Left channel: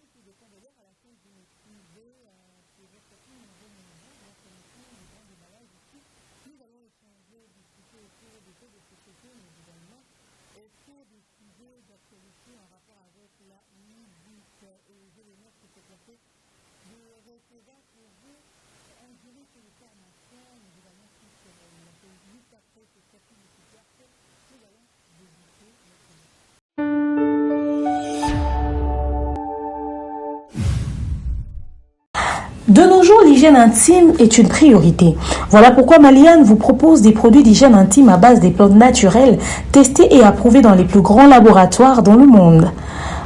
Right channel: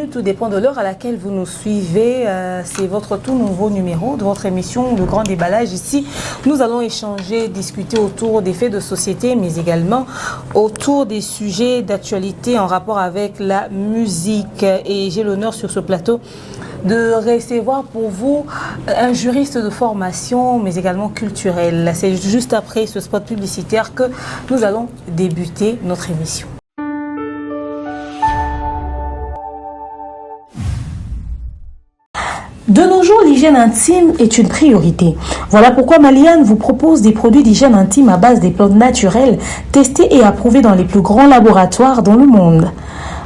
bienvenue, tout dépend de l'heure à laquelle vous nous suivez. C'est votre tout nouveau numéro de votre émission, Le Grand Déballage. Ici, nous allons échanger, discuter autour des faits de société, mais également autour des sujets d'actualité en rapport avec la musique. Et j'ai l'honneur sur ce plateau de recevoir pour vous un juriste de formation, mais également culturel. C'est juste après ce spot publicitaire que nous allons débuter notre émission. De nos jours, l'hygiène intime est une priorité. Voilà pourquoi Maliane vous propose des produits d'hygiène intime à base des plantes naturelles, testés et approuvés dans les plus grands laboratoires dans le monde.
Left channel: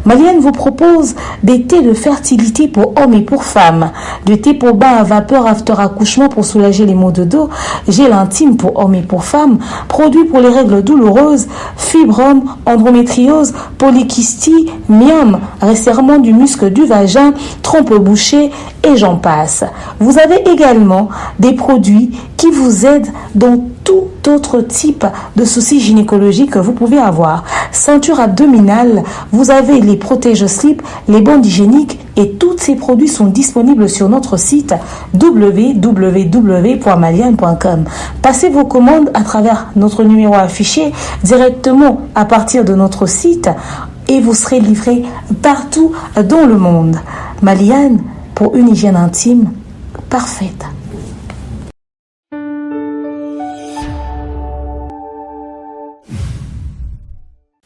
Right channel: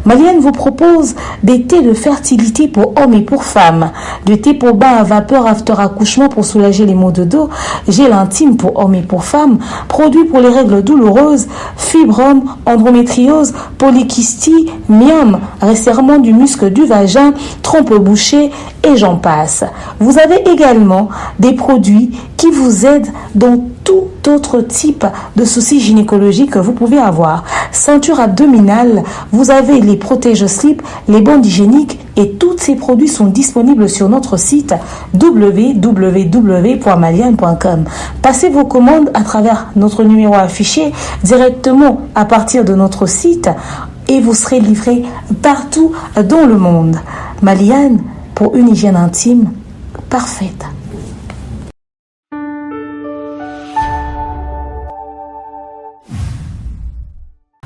Maliane vous propose des thés de fertilité pour hommes et pour femmes, de thé pour bain à vapeur after accouchement pour soulager les maux de dos, gel intime pour hommes et pour femmes, produits pour les règles douloureuses, fibrome, endométriose, polykystie, myome, resserrement du muscle du vagin, trompe bouchée et j'en passe. Vous avez également des produits qui vous aident dans tout autre type de soucis gynécologiques que vous pouvez avoir. Ceinture abdominale, vous avez les protège-slip, les bandes hygiéniques et tous ces produits sont disponibles sur notre site www.maliane.com. Passez vos commandes à travers notre numéro affiché directement à partir de notre site et vous serez livré partout dans le monde. Maliane, pour une hygiène intime parfaite.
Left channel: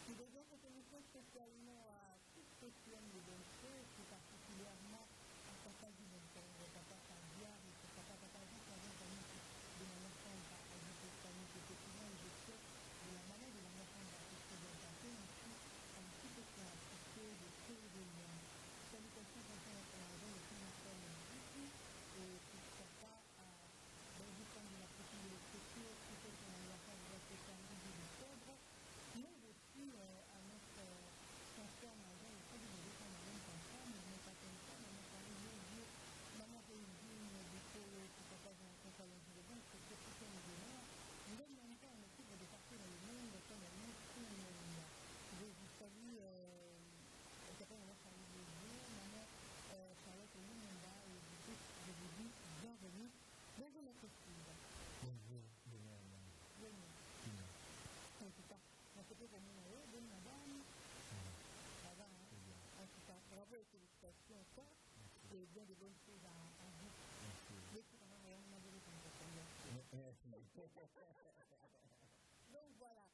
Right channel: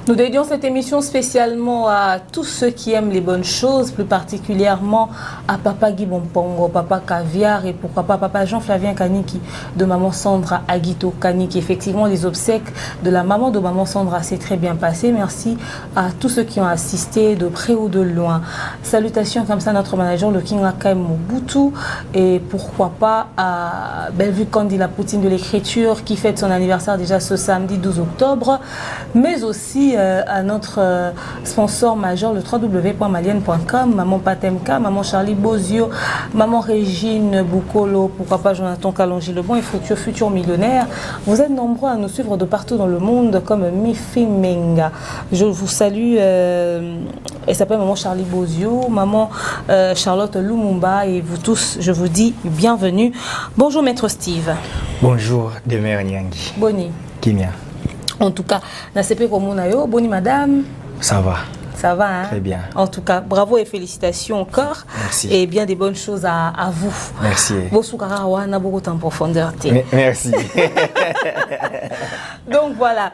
Nous dédions cette émission spécialement à tous ceux qui aiment les bonnes choses, plus particulièrement à Papa Guy Bompongo, Papa Caviar et pourquoi pas Papa Jean-Flavien Kaniki de Maman Sandra Aguito Kaniki. Effectivement, les obsèques de la maman de Maman Sandra s'est très bien passé. Merci à tous ceux qui ont assisté de près ou de loin. Salutations comme ça à notre manager, le King Lakaim Mobutu, et pourquoi pas à Bellevue Kandi, la poutine de l'écriture, qui fête son anniversaire déjà ce samedi 12 octobre, mais aussi à notre sponsor majeur, le www.maliane.com, Maman Patemka, Maman Charlie Bozio, Maman Régine Boukolo, pourquoi pas Jonathan Kalonji Lebon et futur millionnaire. Vous êtes nombreux à nous suivre de partout dans le monde comme Mifi Menga. Je vous salue, elle s'appelle Maman Charlie Bozio, Maman Charlotte Lumumba et vous tous, je vous dis bienvenue. Bonjour Maître Steve. Bonjour Demer Nyangi. Boni. Kimia. En tout cas, Nasepe Komunayo, Boni madame. Ça va. Ça va, hein? Très bien. En tout cas, bravo et félicitations encore. Merci. Et bien des bonnes choses à vous. Merci. Bosukara n'a beaucoup en profondeur. Merci. Donc voilà.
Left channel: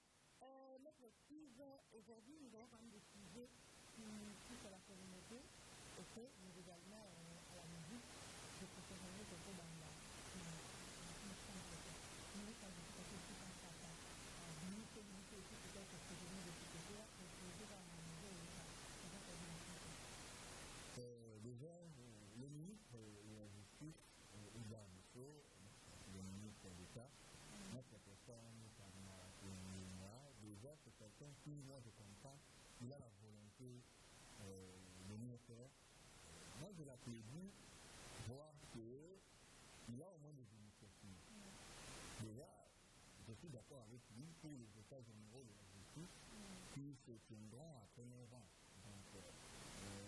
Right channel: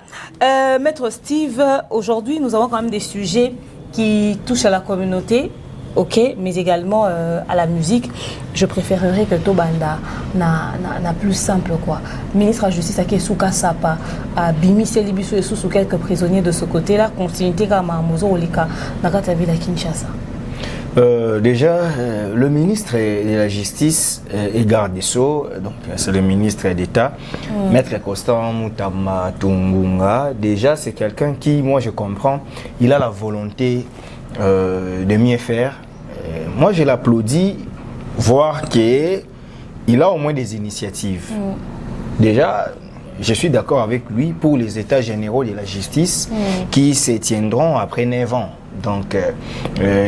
Maître Steve, aujourd'hui, nous avons quand même des sujets qui touchent à la communauté. Ok, mais également à la musique. Je préférerais que Tobanda n'a plus simple quoi. Ministre de la Justice à Kesuka Sapa, à Bimi Selibiso et sous quelques prisonniers de ce côté-là, continuité comme à Mozo Olika, Nakata Villa Kinshasa. Déjà, le ministre de la Justice et garde des Sceaux, donc c'est le ministre d'État, Maître Constant Moutama Tungunga. Déjà, c'est quelqu'un qui, moi je comprends, il a la volonté de mieux faire. Moi, je l'applaudis, voir qu'il a au moins des initiatives. Déjà, je suis d'accord avec lui pour les états généraux de la justice qui se tiendront après 9 ans. Donc,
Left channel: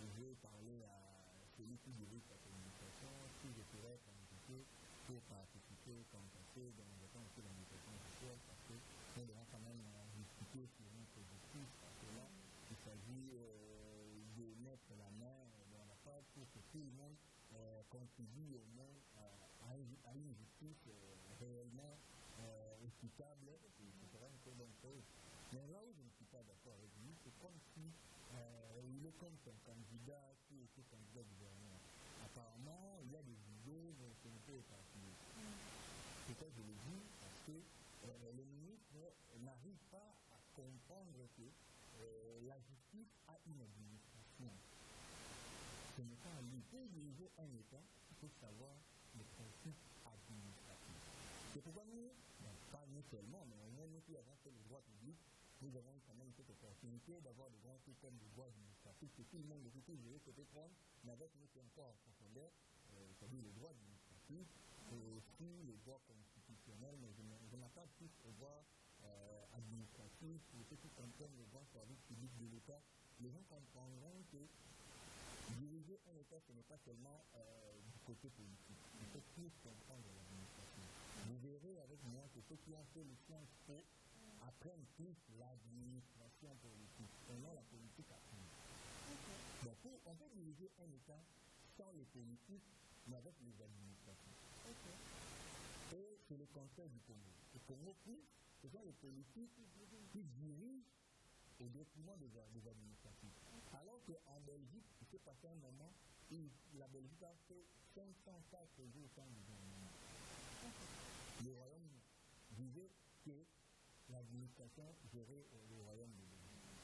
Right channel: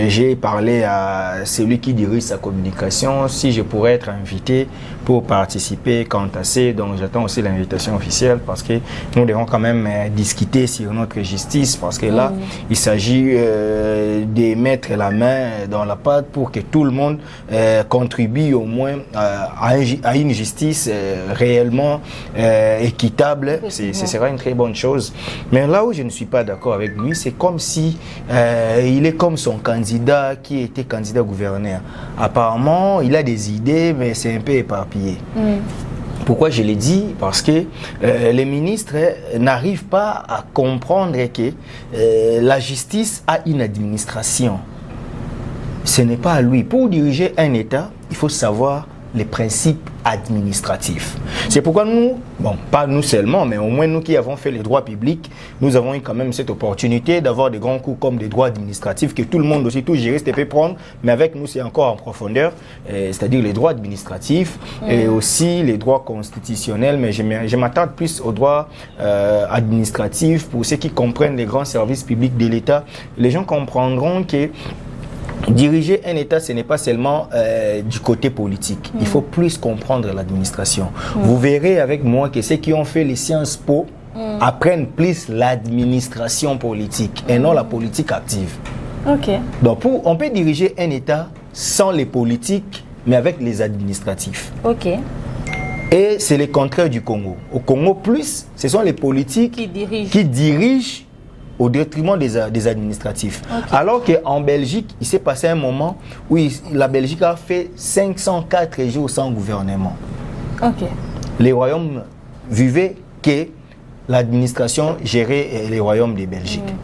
j'ai parlé à celui qui dirige sa communication, si je pourrais être invité pour participer quant à ça. Donc, j'attends aussi l'invitation officielle parce que nous devons quand même discuter sur notre justice parce que là, il s'agit de mettre la main dans la pâte pour que tout le monde contribue au moins à une justice réellement équitable. Ce sera une très bonne chose. Mais là où je ne suis pas d'accord avec lui, c'est comme si il est comme son candidat qui était candidat gouverneur. Apparemment, il a des idées, mais c'est un peu éparpillé. Pourquoi je l'ai dit? Parce que les ministres n'arrivent pas à comprendre que la justice a une administration. Ce n'est pas à lui. Pour diriger un État, il faut savoir les principes administratifs. C'est pourquoi nous, bon, pas nous seulement, mais au moins nous qui avons fait les droits publics, nous avons eu quand même cette opportunité d'avoir des grands cours comme des droits administratifs que tout le monde aussi, tout juriste peut prendre, mais avec nous c'est encore en profondeur, c'est-à-dire les droits administratifs et aussi les droits constitutionnels, mais je m'attarde plus aux droits administratifs pour ceux qui comprennent les grands services publics de l'État. Les gens comprendront que Diriger un État, ce n'est pas seulement du côté politique. Il faut plus comprendre l'administration. Vous verrez avec moi que ceux qui ont fait les Sciences Po apprennent plus l'administration politique et non la politique active. Donc, on peut diriger un État sans les politiques, mais avec les administratifs. Et c'est le contraire du Congo. Au Congo, plus, ce sont les politiques qui dirigent au détriment des administratifs. Alors qu'en Belgique, il s'est passé un moment où la Belgique a fait 504 jours sans gouvernement. Les royaumes vivaient que l'administration gérait les royaumes de Belgique.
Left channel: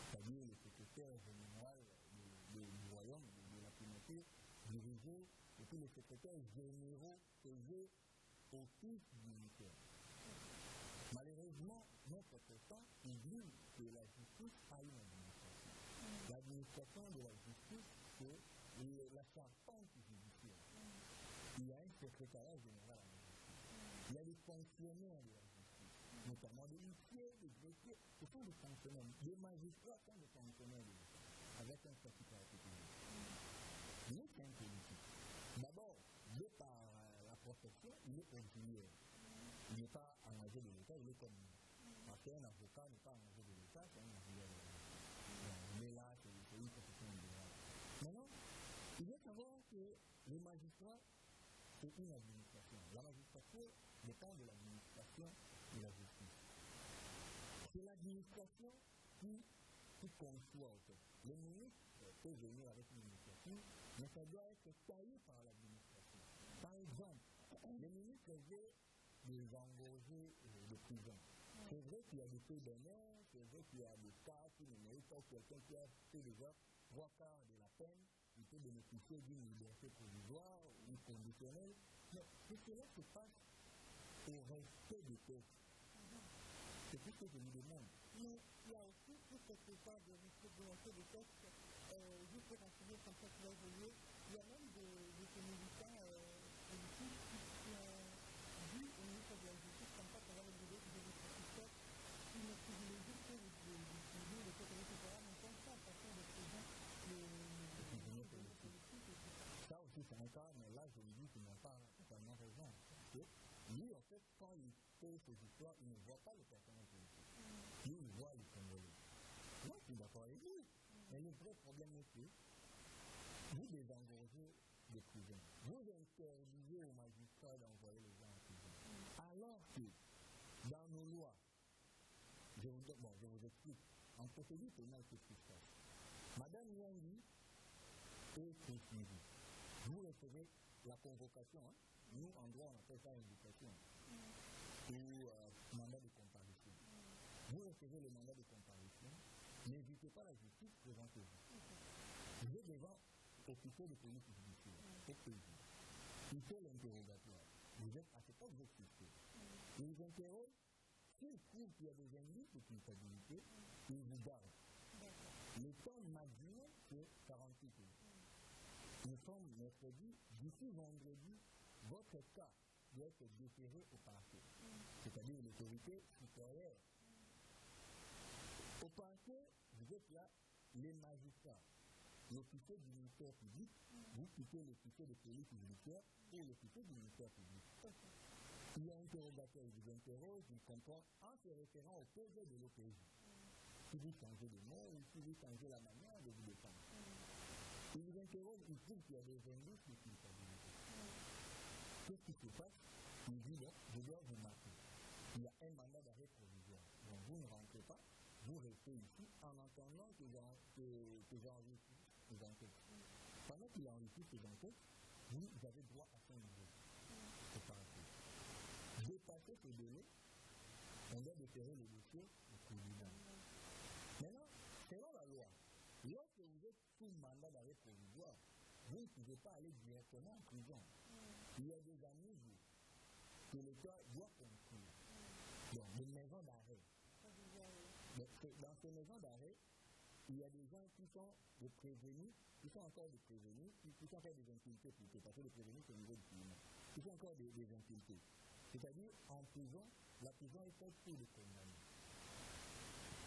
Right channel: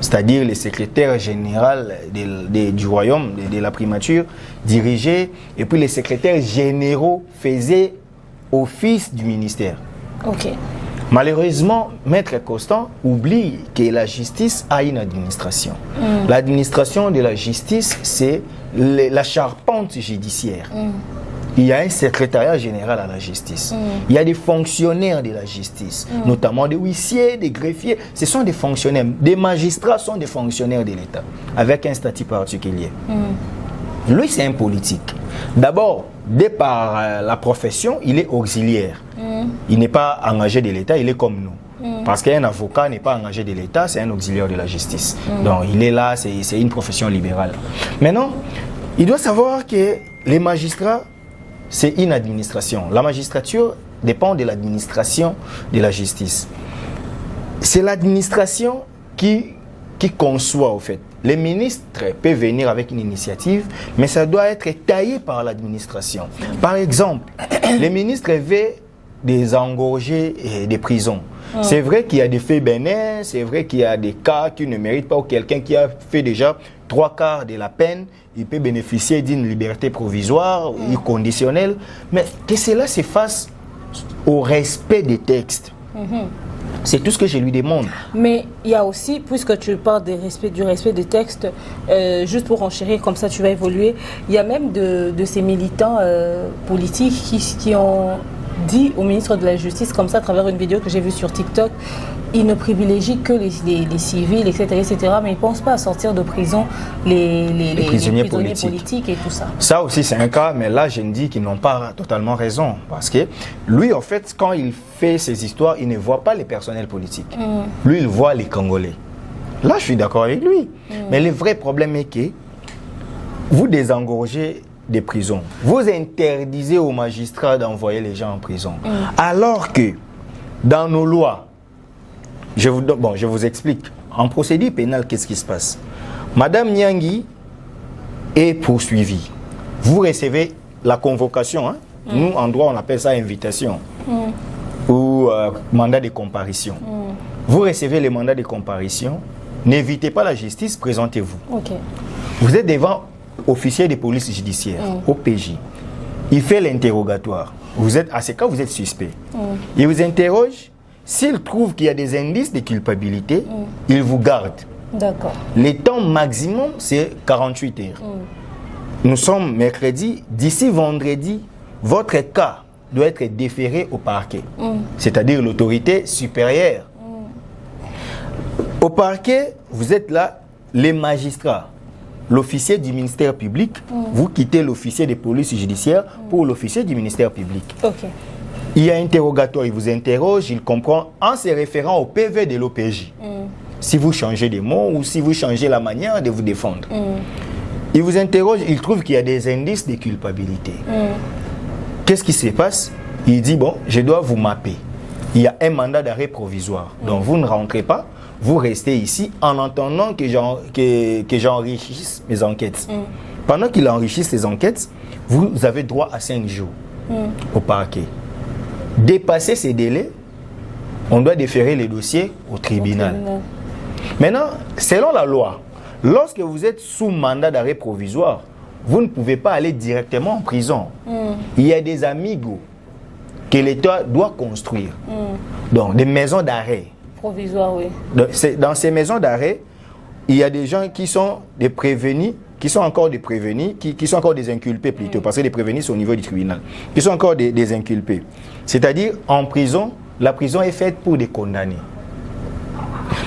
C'est-à-dire le secrétaire général du royaume, de la primature, dirigeait, et puis les secrétaires généraux faisaient office du ministère. Malheureusement, Maître Constant oublie que la justice a une administration. L'administration de la justice, c'est la charpente judiciaire. Il y a un secrétariat général à la justice. Il y a des fonctionnaires de la justice, notamment des huissiers, des greffiers. Ce sont des fonctionnaires. Des magistrats sont des fonctionnaires de l'État, avec un statut particulier. Lui, c'est un politique. D'abord, dès par la profession, il est auxiliaire. Il n'est pas engagé de l'État, il est comme nous. Parce qu'un avocat n'est pas engagé de l'État, c'est un auxiliaire de la justice. Donc, il est là, c'est une profession libérale. Maintenant, il doit savoir que les magistrats, c'est une administration. La magistrature dépend de l'administration de la justice. C'est l'administration qui conçoit, au fait. Les ministres peuvent venir avec une initiative, mais ça doit être taillé par l'administration. Par exemple, les ministres veulent désengorger des prisons. C'est vrai qu'il y a des faits bénins, c'est vrai qu'il y a des cas qui ne méritent pas, ou quelqu'un qui a fait déjà 3/4 de la peine, il peut bénéficier d'une liberté provisoire ou conditionnelle, mais que cela se fasse au respect des textes. C'est tout ce que je lui demande. Mais il y a aussi, puisque tu parles du respect des textes, juste pour enchérir, comme ça tu vas évoluer, il y a même de ces militants politiques qui ont dit au ministre de la Justice, comme ça à travers une vidéo que j'ai vue sur TikTok, ils ne privilégient que les civils, etc., mais ils ne pensent pas à sortir de prison les prisonniers politiques et tout ça. Ça aussi, c'est un cas, mais là, je me dis qu'ils n'ont pas totalement raison. Parce que lui, en fait, quand il fait ses histoires, il ne voit pas les personnels politiques. Lui, il voit les Congolais. Là, je suis d'accord avec lui. Mais le vrai problème est que vous désengorgez des prisons. Vous interdisez aux magistrats d'envoyer les gens en prison. Alors que, dans nos lois, je vous explique. En procédure pénale, qu'est-ce qui se passe? Madame Nyangui est poursuivie. Vous recevez la convocation. Nous, en droit, on appelle ça invitation ou mandat de comparution. Vous recevez les mandats de comparution. N'évitez pas la justice, présentez-vous. Vous êtes devant officier de police judiciaire, OPJ. Il fait l'interrogatoire. À ce cas, vous êtes suspect. Il vous interroge. S'il trouve qu'il y a des indices de culpabilité, il vous garde. D'accord. Le temps maximum, c'est 48 heures. Nous sommes mercredi. D'ici vendredi, votre cas doit être déféré au parquet, c'est-à-dire l'autorité supérieure. Au parquet, vous êtes là, les magistrats, l'officier du ministère public, vous quittez l'officier de police judiciaire pour l'officier du ministère public. Il y a interrogatoire, il vous interroge, il comprend en se référant au PV de l'OPJ. Si vous changez des mots ou si vous changez la manière de vous défendre. Il vous interroge, il trouve qu'il y a des indices de culpabilité. Qu'est-ce qui se passe? Il dit, bon, je dois vous mapper. Il y a un mandat d'arrêt provisoire. Donc vous ne rentrez pas, vous restez ici en attendant que j'enrichisse mes enquêtes. Pendant qu'il enrichisse ses enquêtes, vous avez droit à 5 jours au parquet. Dépasser ces délais, on doit déférer les dossiers au tribunal. Maintenant, selon la loi, lorsque vous êtes sous mandat d'arrêt provisoire, vous ne pouvez pas aller directement en prison. Il y a des amigos que l'État doit construire. Donc, des maisons d'arrêt. Provisoires, oui. Dans ces maisons d'arrêt, il y a des gens qui sont des prévenus, qui sont encore des prévenus, qui sont encore des inculpés plutôt, parce que les prévenus sont au niveau du tribunal, qui sont encore des inculpés. C'est-à-dire, en prison, la prison est faite pour des condamnés.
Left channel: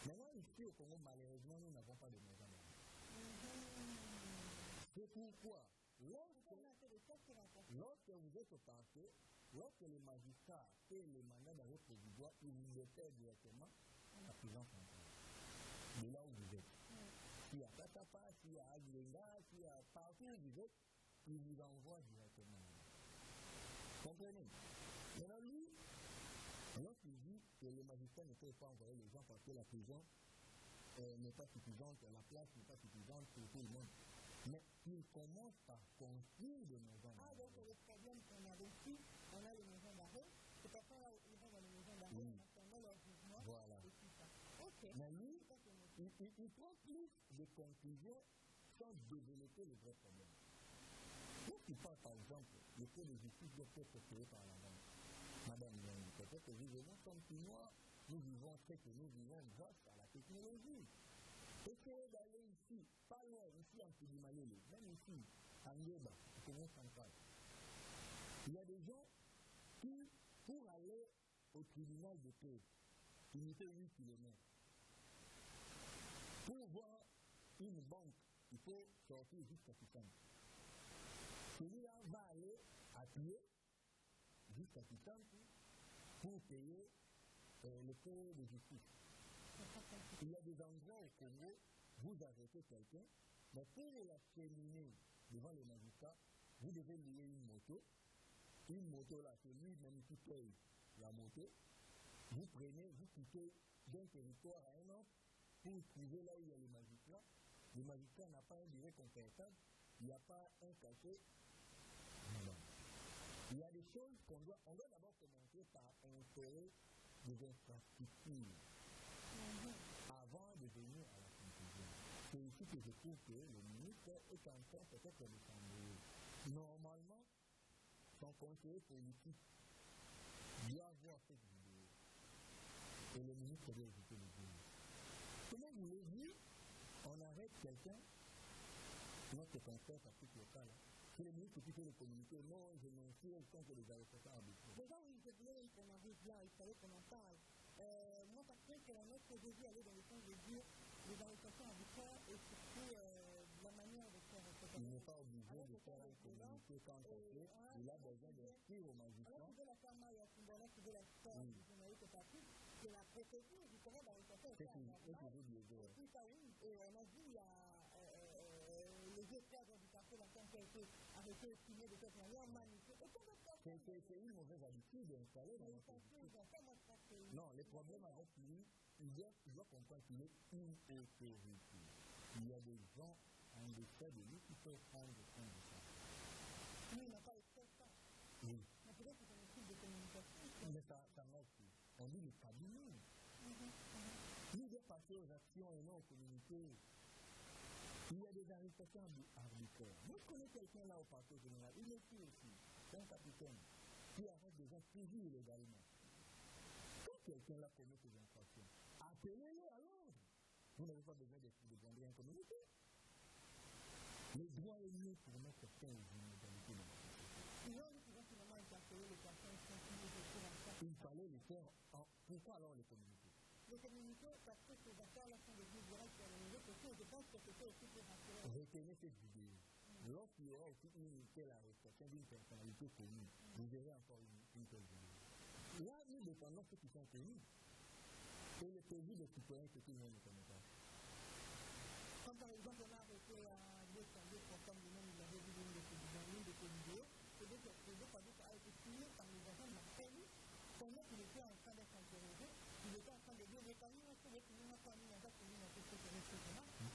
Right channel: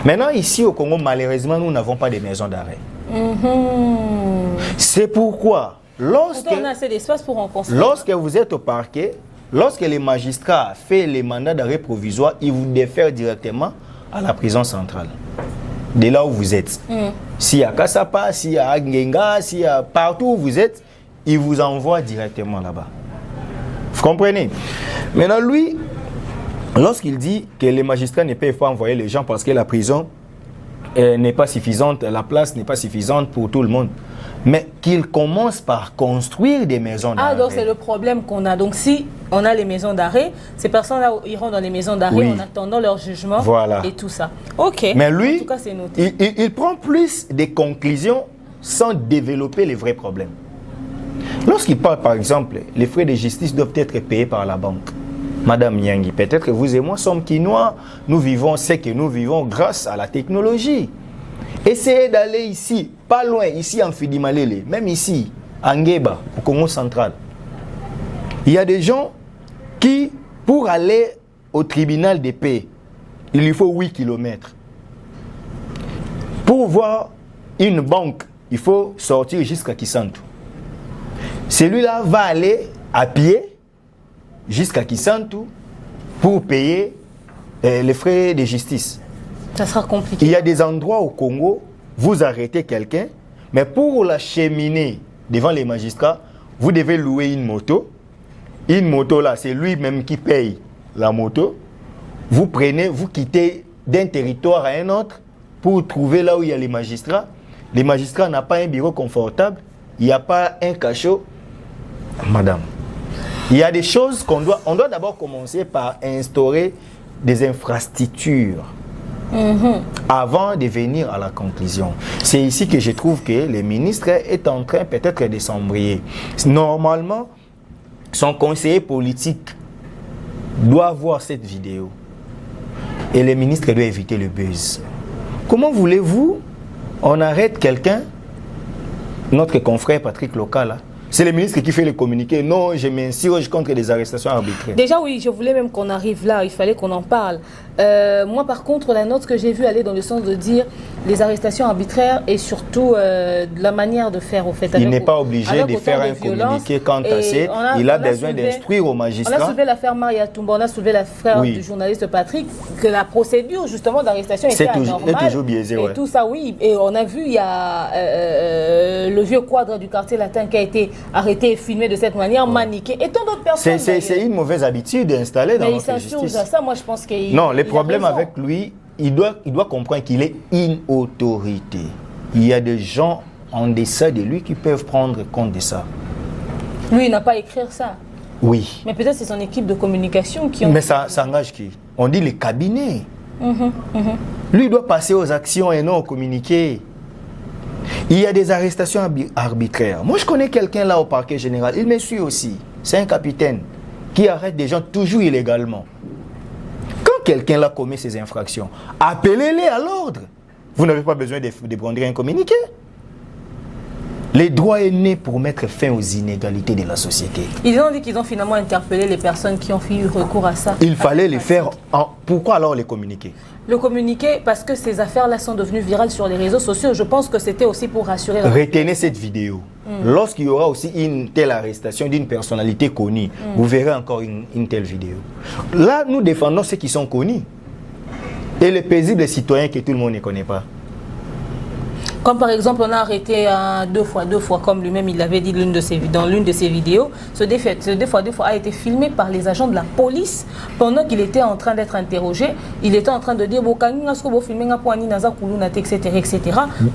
Maintenant, ici au Congo, malheureusement, nous n'avons pas de maisons d'arrêt. C'est pourquoi, lorsque on a assez d'espace pour en construire. Lorsque vous êtes au parquet, lorsque les magistrats font les mandats d'arrêt provisoire, ils vous défèrent directement à la prison centrale. De là où vous êtes. S'il y a Kassapa, s'il y a Ngenga, s'il y a partout où vous êtes, ils vous envoient directement là-bas. Vous comprenez? Maintenant, lui, lorsqu'il dit que les magistrats ne peuvent pas envoyer les gens parce que la prison n'est pas suffisante, la place n'est pas suffisante pour tout le monde, mais qu'il commence par construire des maisons d'arrêt. Ah, donc c'est le problème qu'on a. Donc si on a les maisons d'arrêt, ces personnes-là iront dans les maisons d'arrêt en attendant leur jugement et tout ça. Ok. Mais lui, en tout cas, c'est noté. Il prend plus des conclusions sans développer les vrais problèmes. Lorsqu'il parle, par exemple, les frais de justice doivent être payés par la banque. Madame Nyangi, peut-être que vous et moi sommes Quinois, nous vivons ce que nous vivons grâce à la technologie. Essayez d'aller ici, pas loin, ici en Fidimalele, même ici, en Ngeba, au Congo central. Il y a des gens qui, pour aller au tribunal de paix, il lui faut 8 km. Pour voir une banque, il faut sortir jusqu'à Kisantu. Celui-là va aller à pied jusqu'à Kisantu pour payer les frais de justice. Ça sera compliqué. Il y a des endroits au Congo, vous arrêtez quelqu'un, mais pour l'acheminer devant les magistrats, vous devez louer une moto. Une moto là, c'est lui-même qui paye la moto. Vous prenez, vous quittez d'un territoire à un autre pour trouver là où il y a les magistrats. Les magistrats n'ont pas un bureau confortable, il n'y a pas un cachot. Madame, il y a des choses on doit d'abord commencer par instaurer des infrastructures avant de venir à la conclusion. C'est ici que je trouve que le ministre est en train peut-être de s'embrouiller. Normalement, son conseiller politique doit voir cette vidéo et le ministre doit éviter le buzz. Comment voulez-vous on arrête quelqu'un, notre confrère Patrick Local, c'est le ministre qui fait le communiqué. Non, je m'insurge contre des arrestations arbitraires. Déjà, oui, je voulais même qu'on arrive là. Il fallait qu'on en parle. Moi, par contre, la note que j'ai vue aller dans le sens de dire les arrestations arbitraires et surtout la manière de faire au fait. Il n'est pas obligé de faire un communiqué quant à ça. Il a besoin d'instruire aux magistrats. On a soulevé l'affaire Maria Toumba, on a soulevé l'affaire du journaliste Patrick, que la procédure justement d'arrestation était anormale. C'est toujours biaisé, et tout ça, oui. Et on a vu, il y a le vieux quadre du quartier latin qui a été arrêté et filmé de cette manière, maniqué. Et tant d'autres personnes. C'est une mauvaise habitude installée dans notre justice. Mais il s'insurge à ça, moi je pense qu'il. Non, le problème avec lui, il doit comprendre qu'il est une autorité. Il y a des gens en deçà de lui qui peuvent prendre compte de ça. Lui, il n'a pas à écrire ça. Oui. Mais peut-être c'est son équipe de communication qui... Mais ça engage qui? On dit les cabinets. Lui, il doit passer aux actions et non aux communiqués. Il y a des arrestations arbitraires. Moi, je connais quelqu'un là au parquet général. Il me suit aussi. C'est un capitaine qui arrête des gens toujours illégalement. Quand quelqu'un là commet ces infractions, appelez-les à l'ordre. Vous n'avez pas besoin de prendre un communiqué. Le droit est né pour mettre fin aux inégalités de la société. Ils ont dit qu'ils ont finalement interpellé les personnes qui ont eu recours à ça. Il fallait les faire. Pourquoi alors les communiquer? Le communiquer parce que ces affaires-là sont devenues virales sur les réseaux sociaux. Je pense que c'était aussi pour rassurer la Retenez cette vidéo. Lorsqu'il y aura aussi une telle arrestation d'une personnalité connue, vous verrez encore une telle vidéo. Là, nous défendons ceux qui sont connus. Et les paisibles citoyens que tout le monde ne connaît pas. Comme par exemple, on a arrêté deux fois, comme lui-même il l'avait dit dans l'une de ses vidéos. Ce deux fois a été filmé par les agents de la police pendant qu'il était en train d'être interrogé. Il était en train de dire etc.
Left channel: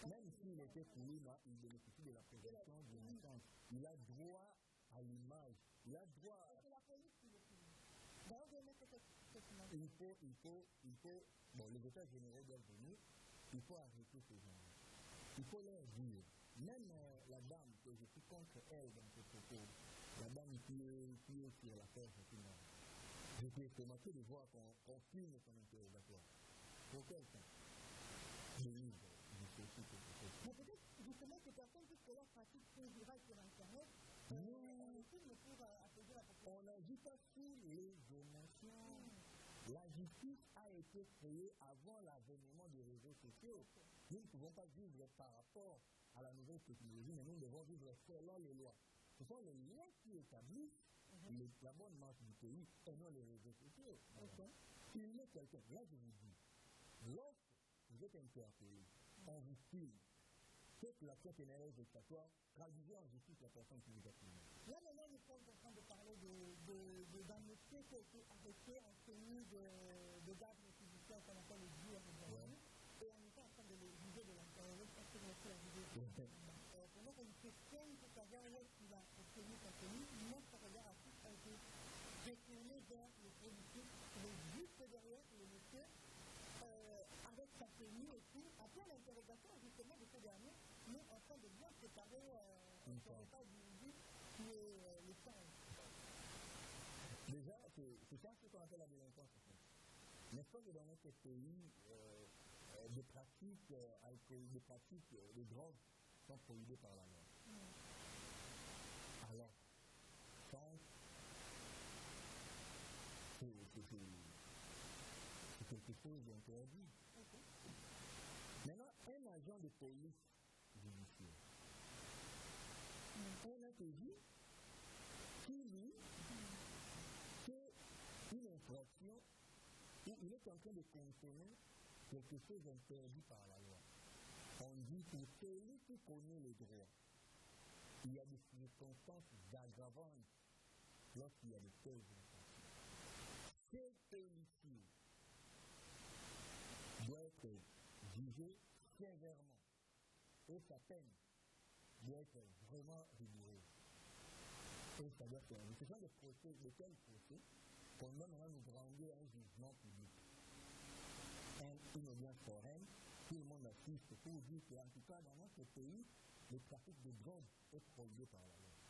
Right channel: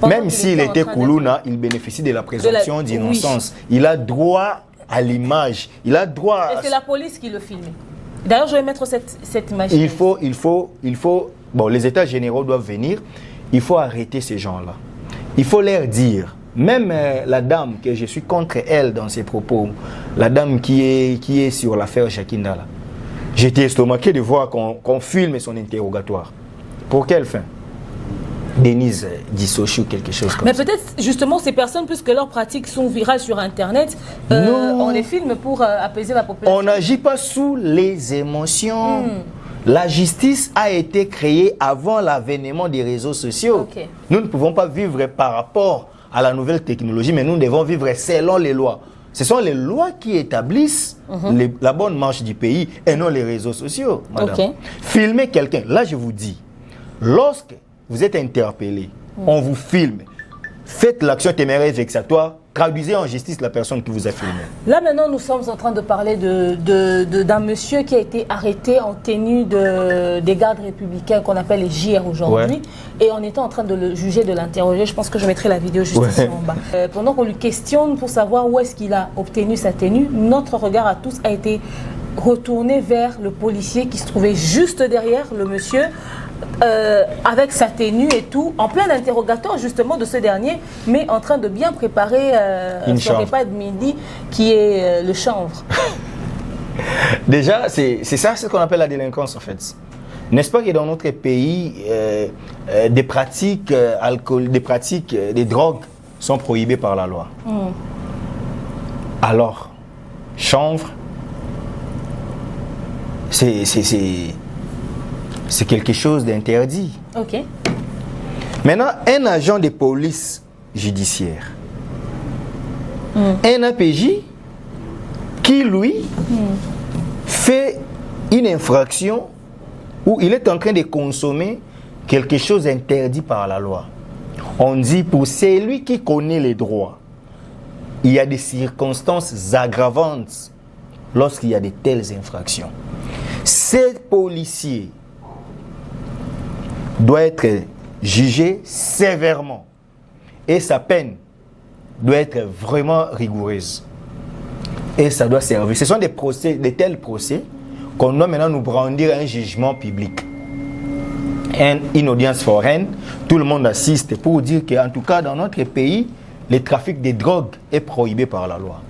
Même s'il était Koulouna, il bénéficie de la présomption d'innocence. Oui. Il a droit à l'image. Il a droit. Et c'est la police qui le filme. D'ailleurs, je vais mettre cette image. Il faut. Bon, les états généraux doivent venir. Il faut arrêter ces gens-là. Il faut leur dire, même la dame que je suis contre elle dans ses propos, la dame qui est sur l'affaire Jakinda, j'étais estomaqué de voir qu'on filme son interrogatoire. Pour quelle fin? Denise Dissochi ou quelque chose comme ça. Mais peut-être justement ces personnes, puisque leurs pratiques sont virales sur Internet, on les filme pour apaiser la population. On n'agit pas sous les émotions. La justice a été créée avant l'avènement des réseaux sociaux. Nous ne pouvons pas vivre par rapport à la nouvelle technologie, mais nous devons vivre selon les lois. Ce sont les lois qui établissent la bonne marche du pays et non les réseaux sociaux, madame. Okay. Filmer quelqu'un, là je vous dis, lorsque vous êtes interpellé, on vous filme, faites l'action téméraire vexatoire, traduisez en justice la personne qui vous a filmé. Là maintenant, nous sommes en train de parler d'un monsieur qui a été arrêté en tenue des gardes républicains qu'on appelle les JR aujourd'hui. Et on était en train de le juger, de l'interroger. Je pense que je mettrai la vidéo juste ici en bas. Pendant qu'on lui questionne pour savoir où est-ce qu'il a obtenu sa tenue, notre regard à tous a été retourné vers le policier qui se trouvait juste derrière le monsieur. Avec sa tenue et tout, en plein interrogatoire justement de ce dernier, mais en train de bien préparer son repas de midi qui est le chanvre. Déjà, c'est ça ce qu'on appelle la délinquance en fait. N'est-ce pas que dans notre pays, des pratiques des drogues sont prohibées par la loi. Alors, chanvre, c'est quelque chose d'interdit. Ok. Maintenant, un agent de police judiciaire, un APJ qui, lui, fait une infraction où il est en train de consommer quelque chose d'interdit par la loi. On dit pour celui qui connaît les droits, il y a des circonstances aggravantes lorsqu'il y a de telles infractions. Ces policiers doit être jugé sévèrement et sa peine doit être vraiment rigoureuse et ça doit servir. Ce sont de tels procès qu'on doit maintenant nous brandir un jugement public, une audience foraine, tout le monde assiste pour dire qu'en tout cas dans notre pays, le trafic de drogue est prohibé par la loi.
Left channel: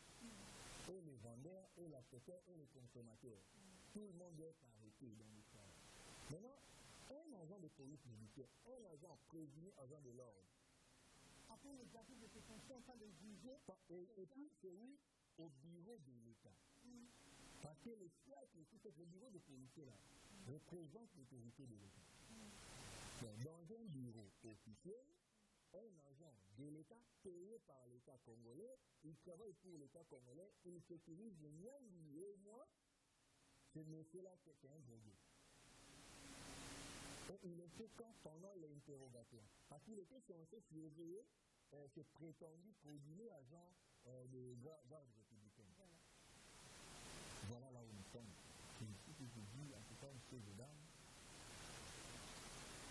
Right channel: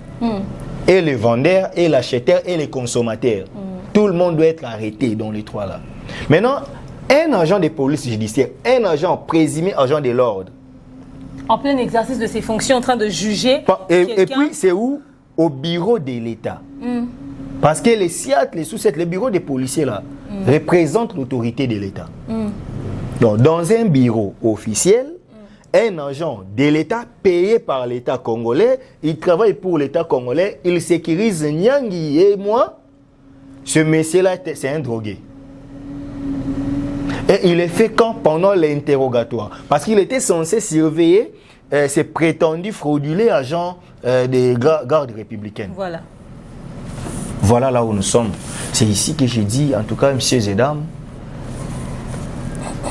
Et les vendeurs, et l'acheteur, et les consommateurs. Tout le monde doit être arrêté dans les trois là. Maintenant, un agent de police judiciaire, un agent présumé agent de l'ordre. En plein exercice de ses fonctions, en train de juger. Et puis, c'est où? Au bureau de l'État. Parce que les SIAT, les sous-SET, les bureaux des policiers là, représentent l'autorité de l'État. Donc, dans un bureau officiel, un agent de l'État payé par l'État congolais, il travaille pour l'État congolais, il sécurise Nyangui et moi. Ce monsieur-là, c'est un drogué. Et il est fait quand? Pendant l'interrogatoire. Parce qu'il était censé surveiller ces prétendus frauduleux agents des gardes républicaines. Voilà. Voilà là où nous sommes. C'est ici que je dis, en tout cas, messieurs et dames,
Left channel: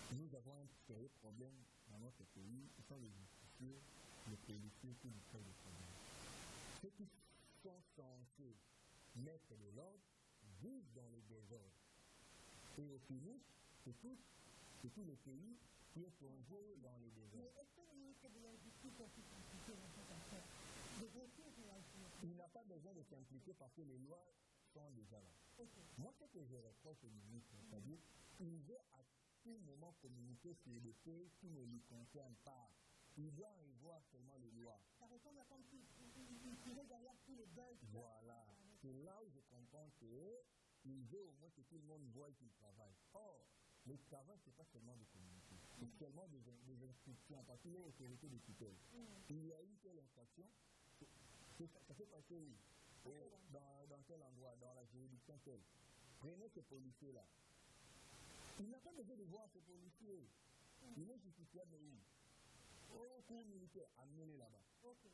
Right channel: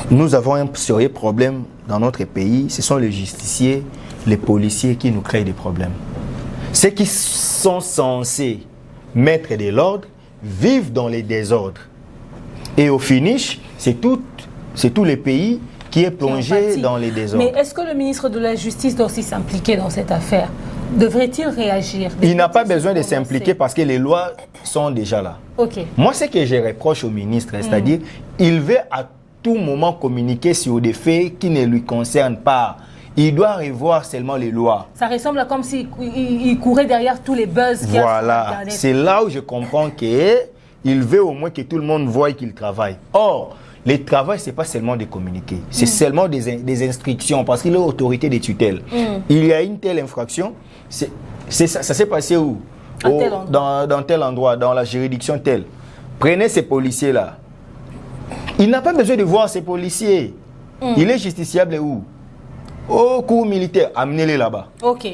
nous avons un sérieux problème dans notre pays. Ce sont les justiciers, les policiers qui nous créent des problèmes. Ceux qui sont censés mettre de l'ordre vivent dans les désordres. Et au finish, c'est tout le pays qui est plongé dans les désordres. Mais est-ce que le ministre de la Justice doit aussi s'impliquer dans cette affaire? Devrait-il réagir? Il n'a pas besoin de s'impliquer parce que les lois sont déjà là. Moi, ce que je reproche au ministre, c'est-à-dire il veut à tout moment communiquer sur des faits qui ne lui concernent pas. Il doit revoir seulement les lois. Ça ressemble à comme s'il courait derrière tous les buzz. Voilà, c'est là où je comprends qu'il veut au moins que tout le monde voie qu'il travaille. Or, le travail, ce n'est pas seulement de communiquer, c'est seulement des instructions, parce qu'il est autorité de tutelle. Il y a une telle infraction, ça s'est passé où? Dans tel endroit, dans la juridiction telle. Prenez ces policiers-là. Il n'a pas besoin de voir ces policiers. Il est justiciable où? Au cours militaire, amenez-les là-bas. Ok.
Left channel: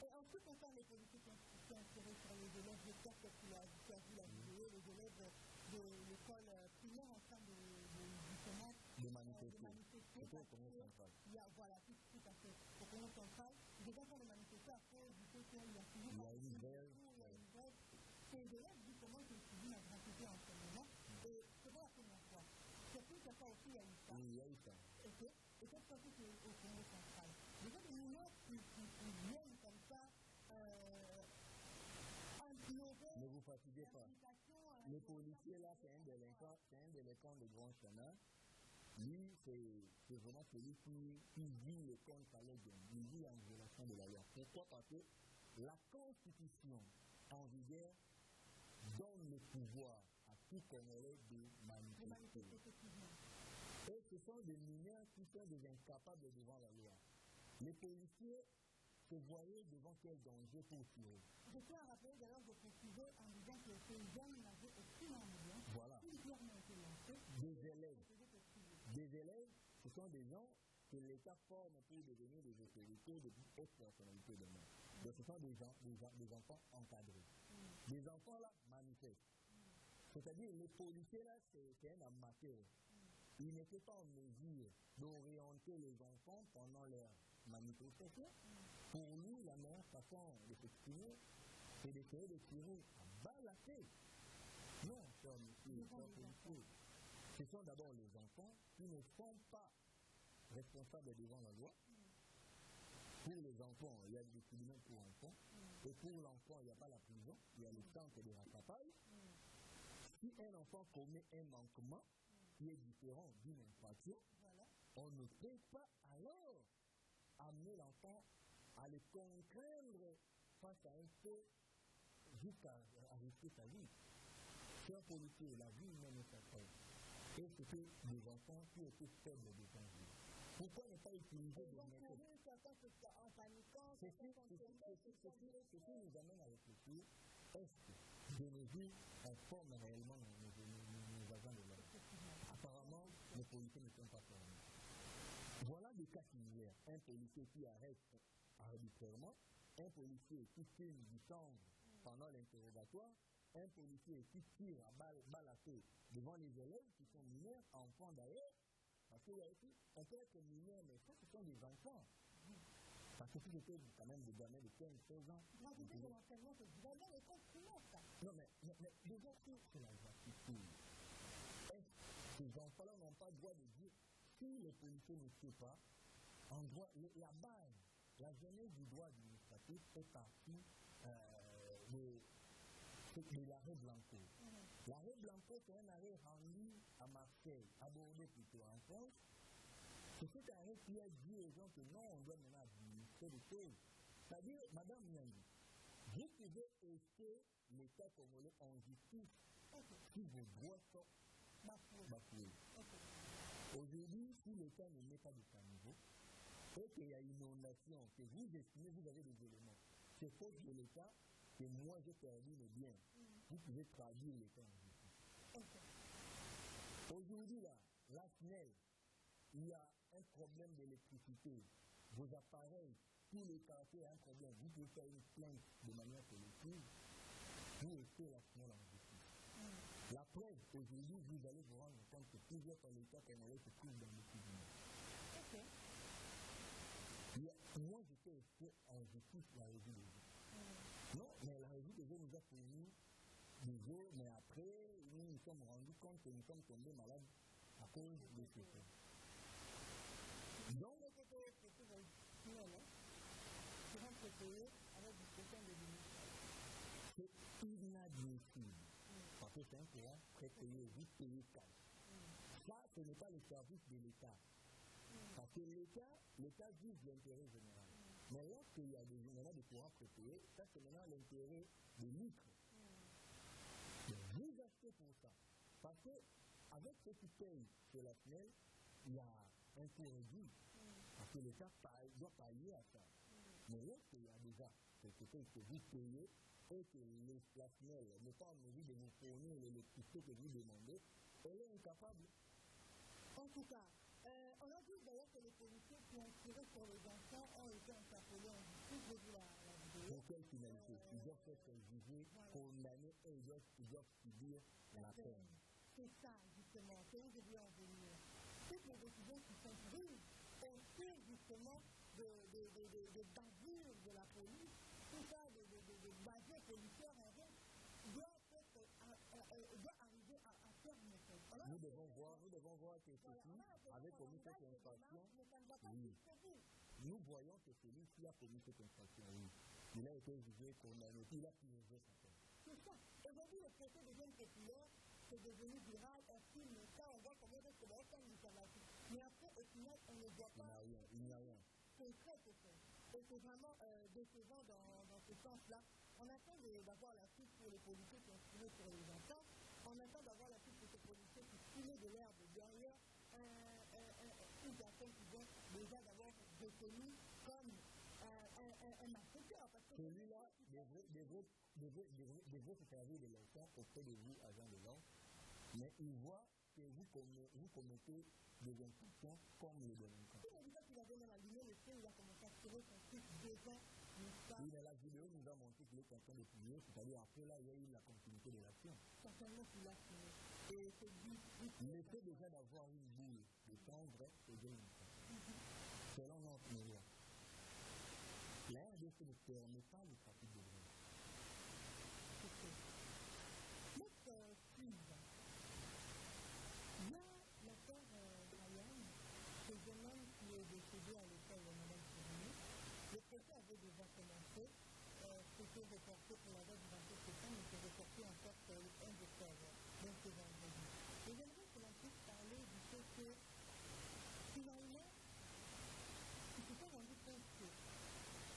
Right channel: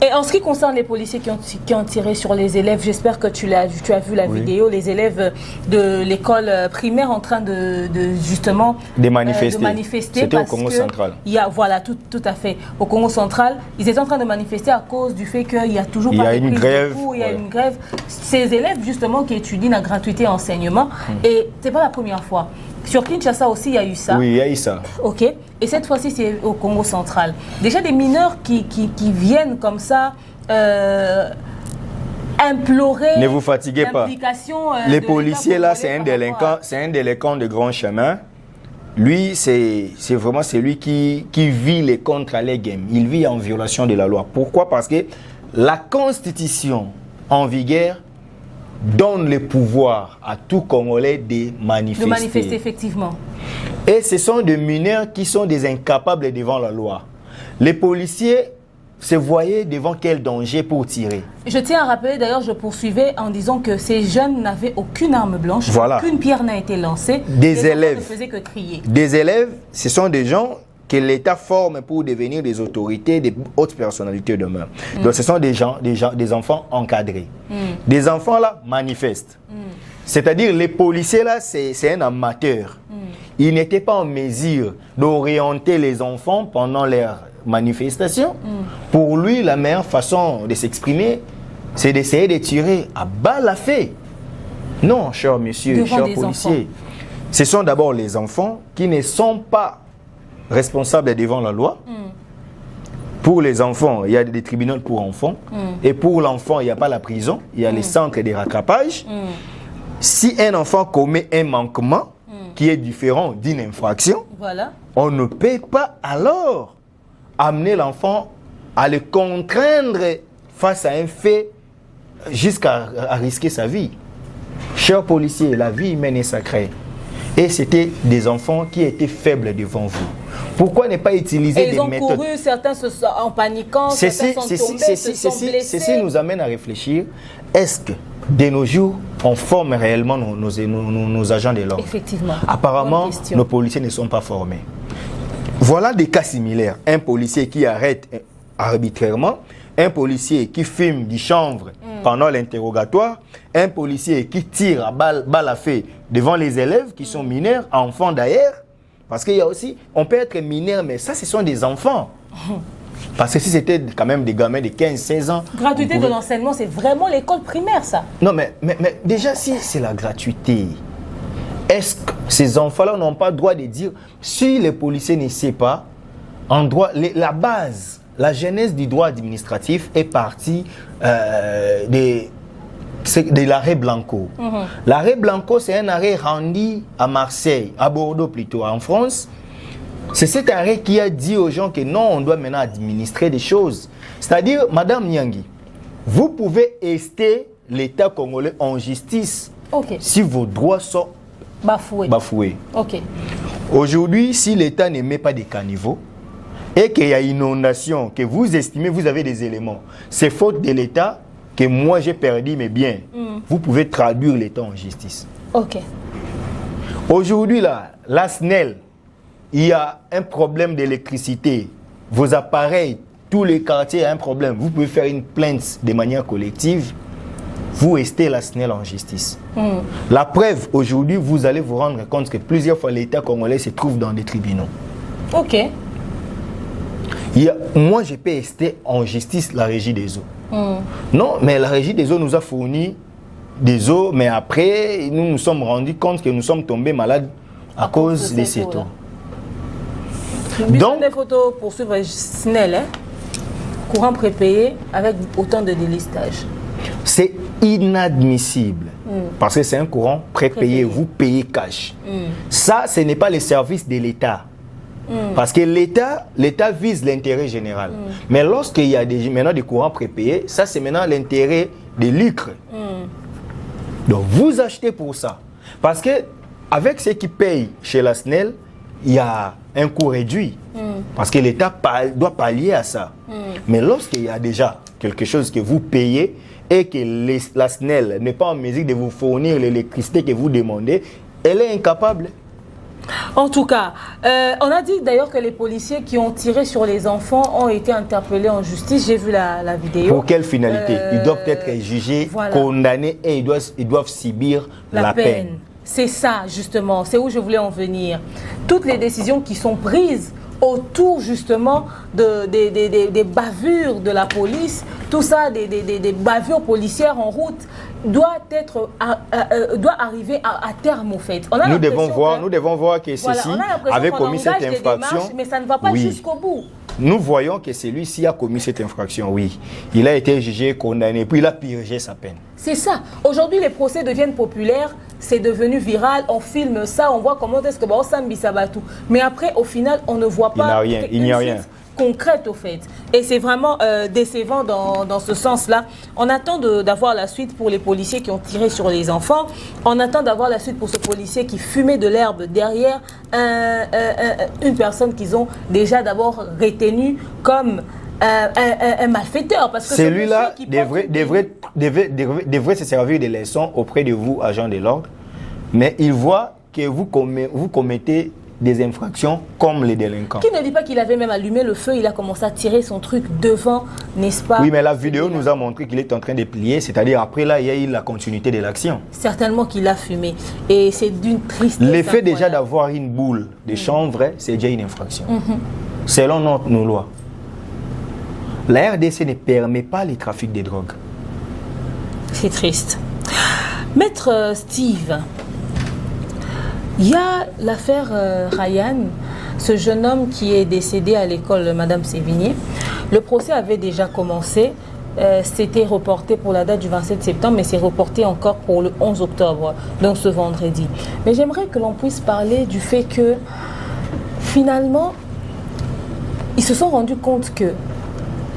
Et en ce qui concerne les policiers qui ont tiré sur les élèves, j'espère que tu as vu la vidéo, les élèves de l'école primaire en train de justement manifester. C'était au Congo central. Voilà, tout à fait. Au Congo central, ils étaient en train de manifester à cause du fait qu'il n'y a toujours pas une grève. Il y a une grève. Ces élèves justement qui étudient la gratuité enseignement, et ce n'est pas la première fois. Sur Kinshasa aussi, il y a eu ça. Oui, il y a eu ça. Ok. Et cette fois-ci, c'est au Congo central. Déjà des mineurs qui viennent comme ça implorer. Ne vous fatiguez pas. Les policiers là, c'est un délinquant de grand chemin. Lui, c'est vraiment celui qui vit les contre les games. Il vit en violation de la loi. Pourquoi? Parce que la Constitution en vigueur donne le pouvoir à tout Congolais de manifester. De manifester, effectivement. Et ce sont des mineurs qui sont des incapables devant la loi. Les policiers se voyaient devant quel danger pour tirer. Je tiens à rappeler, d'ailleurs, je poursuivais en disant que ces jeunes n'avaient aucune arme blanche, Voilà. aucune pierre n'a été lancée. Des élèves ne faisaient que crier. Des élèves, ce sont des gens que l'État forme pour devenir des autorités, des hautes personnalités demain. Donc ce sont des enfants encadrés. Des enfants là manifestent. C'est-à-dire les policiers là, c'est un amateur. Ils n'étaient pas en mesure d'orienter les enfants pendant leurs manifestations. Pour lui, la meilleure façon de s'exprimer, c'est d'essayer de tirer à balles à feu. Non, cher monsieur, cher policier. Ce sont d'abord les enfants qui ne sont pas responsables devant la loi. Pour les enfants, il y a des tribunaux pour enfants. Et pour l'enfant, il n'y a pas la prison, il y a les centres de rattrapage. Si un enfant commet un manquement qui est différent d'une infraction, voilà, on ne peut pas alors amener l'enfant à le contraindre face à un fait jusqu'à risquer sa vie. Chers policiers, la vie humaine est sacrée. Et c'était des enfants qui étaient faibles devant vous. Pourquoi ne pas utiliser des méthodes? Ils ont couru, certains se sont en paniquant, certains sont tombés, se sont blessés. Ceci nous amène à réfléchir. Est-ce que de nos jours, on forme réellement nos agents de l'ordre? Effectivement. Apparemment, nos policiers ne sont pas formés. Voilà des cas similaires. Un policier qui arrête arbitrairement, un policier qui fume du chanvre pendant l'interrogatoire, un policier qui tire à balle à feu devant les élèves qui sont mineurs, enfants d'ailleurs. Parce qu'il y a aussi, on peut être mineur, mais ça, ce sont des enfants. Parce que si c'était quand même des gamins de 15-16 ans... Gratuité de l'enseignement, c'est vraiment l'école primaire, ça. Non, mais déjà, si c'est la gratuité, est-ce que ces enfants-là n'ont pas le droit de dire, si les policiers ne savent pas, en droit, la base, la genèse du droit administratif est partie de l'arrêt Blanco. L'arrêt Blanco, c'est un arrêt rendu à Marseille, à Bordeaux plutôt, en France. C'est cet arrêt qui a dit aux gens que non, on doit maintenant administrer des choses. C'est-à-dire, Madame Nyangi, vous pouvez ester l'État congolais en justice si vos droits sont bafoués. Aujourd'hui, si l'État ne met pas des caniveaux et qu'il y a inondation, que vous estimez, vous avez des éléments, c'est faute de l'État que moi j'ai perdu mes biens. Vous pouvez traduire l'État en justice. Aujourd'hui, là, la SNEL, il y a un problème d'électricité. Vos appareils, tous les quartiers ont un problème. Vous pouvez faire une plainte de manière collective. Vous restez la SNEL en justice. La preuve, aujourd'hui, vous allez vous rendre compte que plusieurs fois l'État congolais se trouve dans des tribunaux. Moi, je peux rester en justice la régie des eaux. Non, mais la régie des eaux nous a fourni des eaux, mais après, nous nous sommes rendus compte que nous sommes tombés malades à cause de ces eaux. Donc, des photos pour suivre SNEL, courant prépayé avec autant de délistage. C'est inadmissible parce que c'est un courant prépayé, vous payez cash. Ça, ce n'est pas le service de l'État. Parce que l'État vise l'intérêt général. Mais lorsqu'il y a maintenant des courants prépayés, ça c'est maintenant l'intérêt des lucres. Donc vous achetez pour ça. Parce que avec ceux qui payent chez la SNEL, il y a un coût réduit. Parce que l'État doit pallier à ça. Mais lorsqu'il y a déjà quelque chose que vous payez et que la SNEL n'est pas en mesure de vous fournir l'électricité que vous demandez, elle est incapable. En tout cas, on a dit d'ailleurs que les policiers qui ont tiré sur les enfants ont été interpellés en justice. J'ai vu la vidéo. Pour quelle finalité? Ils doivent être jugés, condamnés et ils doivent subir la peine. C'est ça, justement. C'est où je voulais en venir. Toutes les décisions qui sont prises autour, justement, des bavures de la police, tout ça, des bavures policières en route, doit arriver à terme, au fait. Nous devons voir que ceci avait commis cette infraction. Mais ça ne va pas jusqu'au bout. Nous voyons que celui-ci a commis cette infraction, oui. Il a été jugé, condamné, puis il a purgé sa peine. C'est ça. Aujourd'hui, les procès deviennent populaires, c'est devenu viral, on filme ça, on voit comment est-ce que Sambi Sabatou. Mais après, au final, on ne voit pas. Il n'y a rien. concrètes au fait. Et c'est vraiment décevant dans ce sens-là. On attend d'avoir la suite pour les policiers qui ont tiré sur les enfants. On attend d'avoir la suite pour ce policier qui fumait de l'herbe derrière une personne qu'ils ont déjà d'abord retenue comme un malfaiteur. Parce que celui-là devrait se servir de leçons auprès de vous, agents de l'ordre, mais il voit que vous commettez des infractions comme les délinquants. Qui ne dit pas qu'il avait même allumé le feu, il a commencé à tirer son truc devant, n'est-ce pas? Oui, mais la vidéo nous a montré qu'il est en train de plier, c'est-à-dire après là, il y a eu la continuité de l'action. Certainement qu'il a fumé. Et c'est d'une tristesse. L'effet déjà d'avoir une boule de chanvre, c'est déjà une infraction. Selon nos lois. La RDC ne permet pas le trafic de drogue. C'est triste. Maître Steve, il y a l'affaire Ryan, ce jeune homme qui est décédé à l'école de Madame Sévigné. Le procès avait déjà commencé. C'était reporté pour la date du 27 septembre, mais c'est reporté encore pour le 11 octobre, donc ce vendredi. Mais j'aimerais que l'on puisse parler du fait que, finalement, ils se sont rendus compte que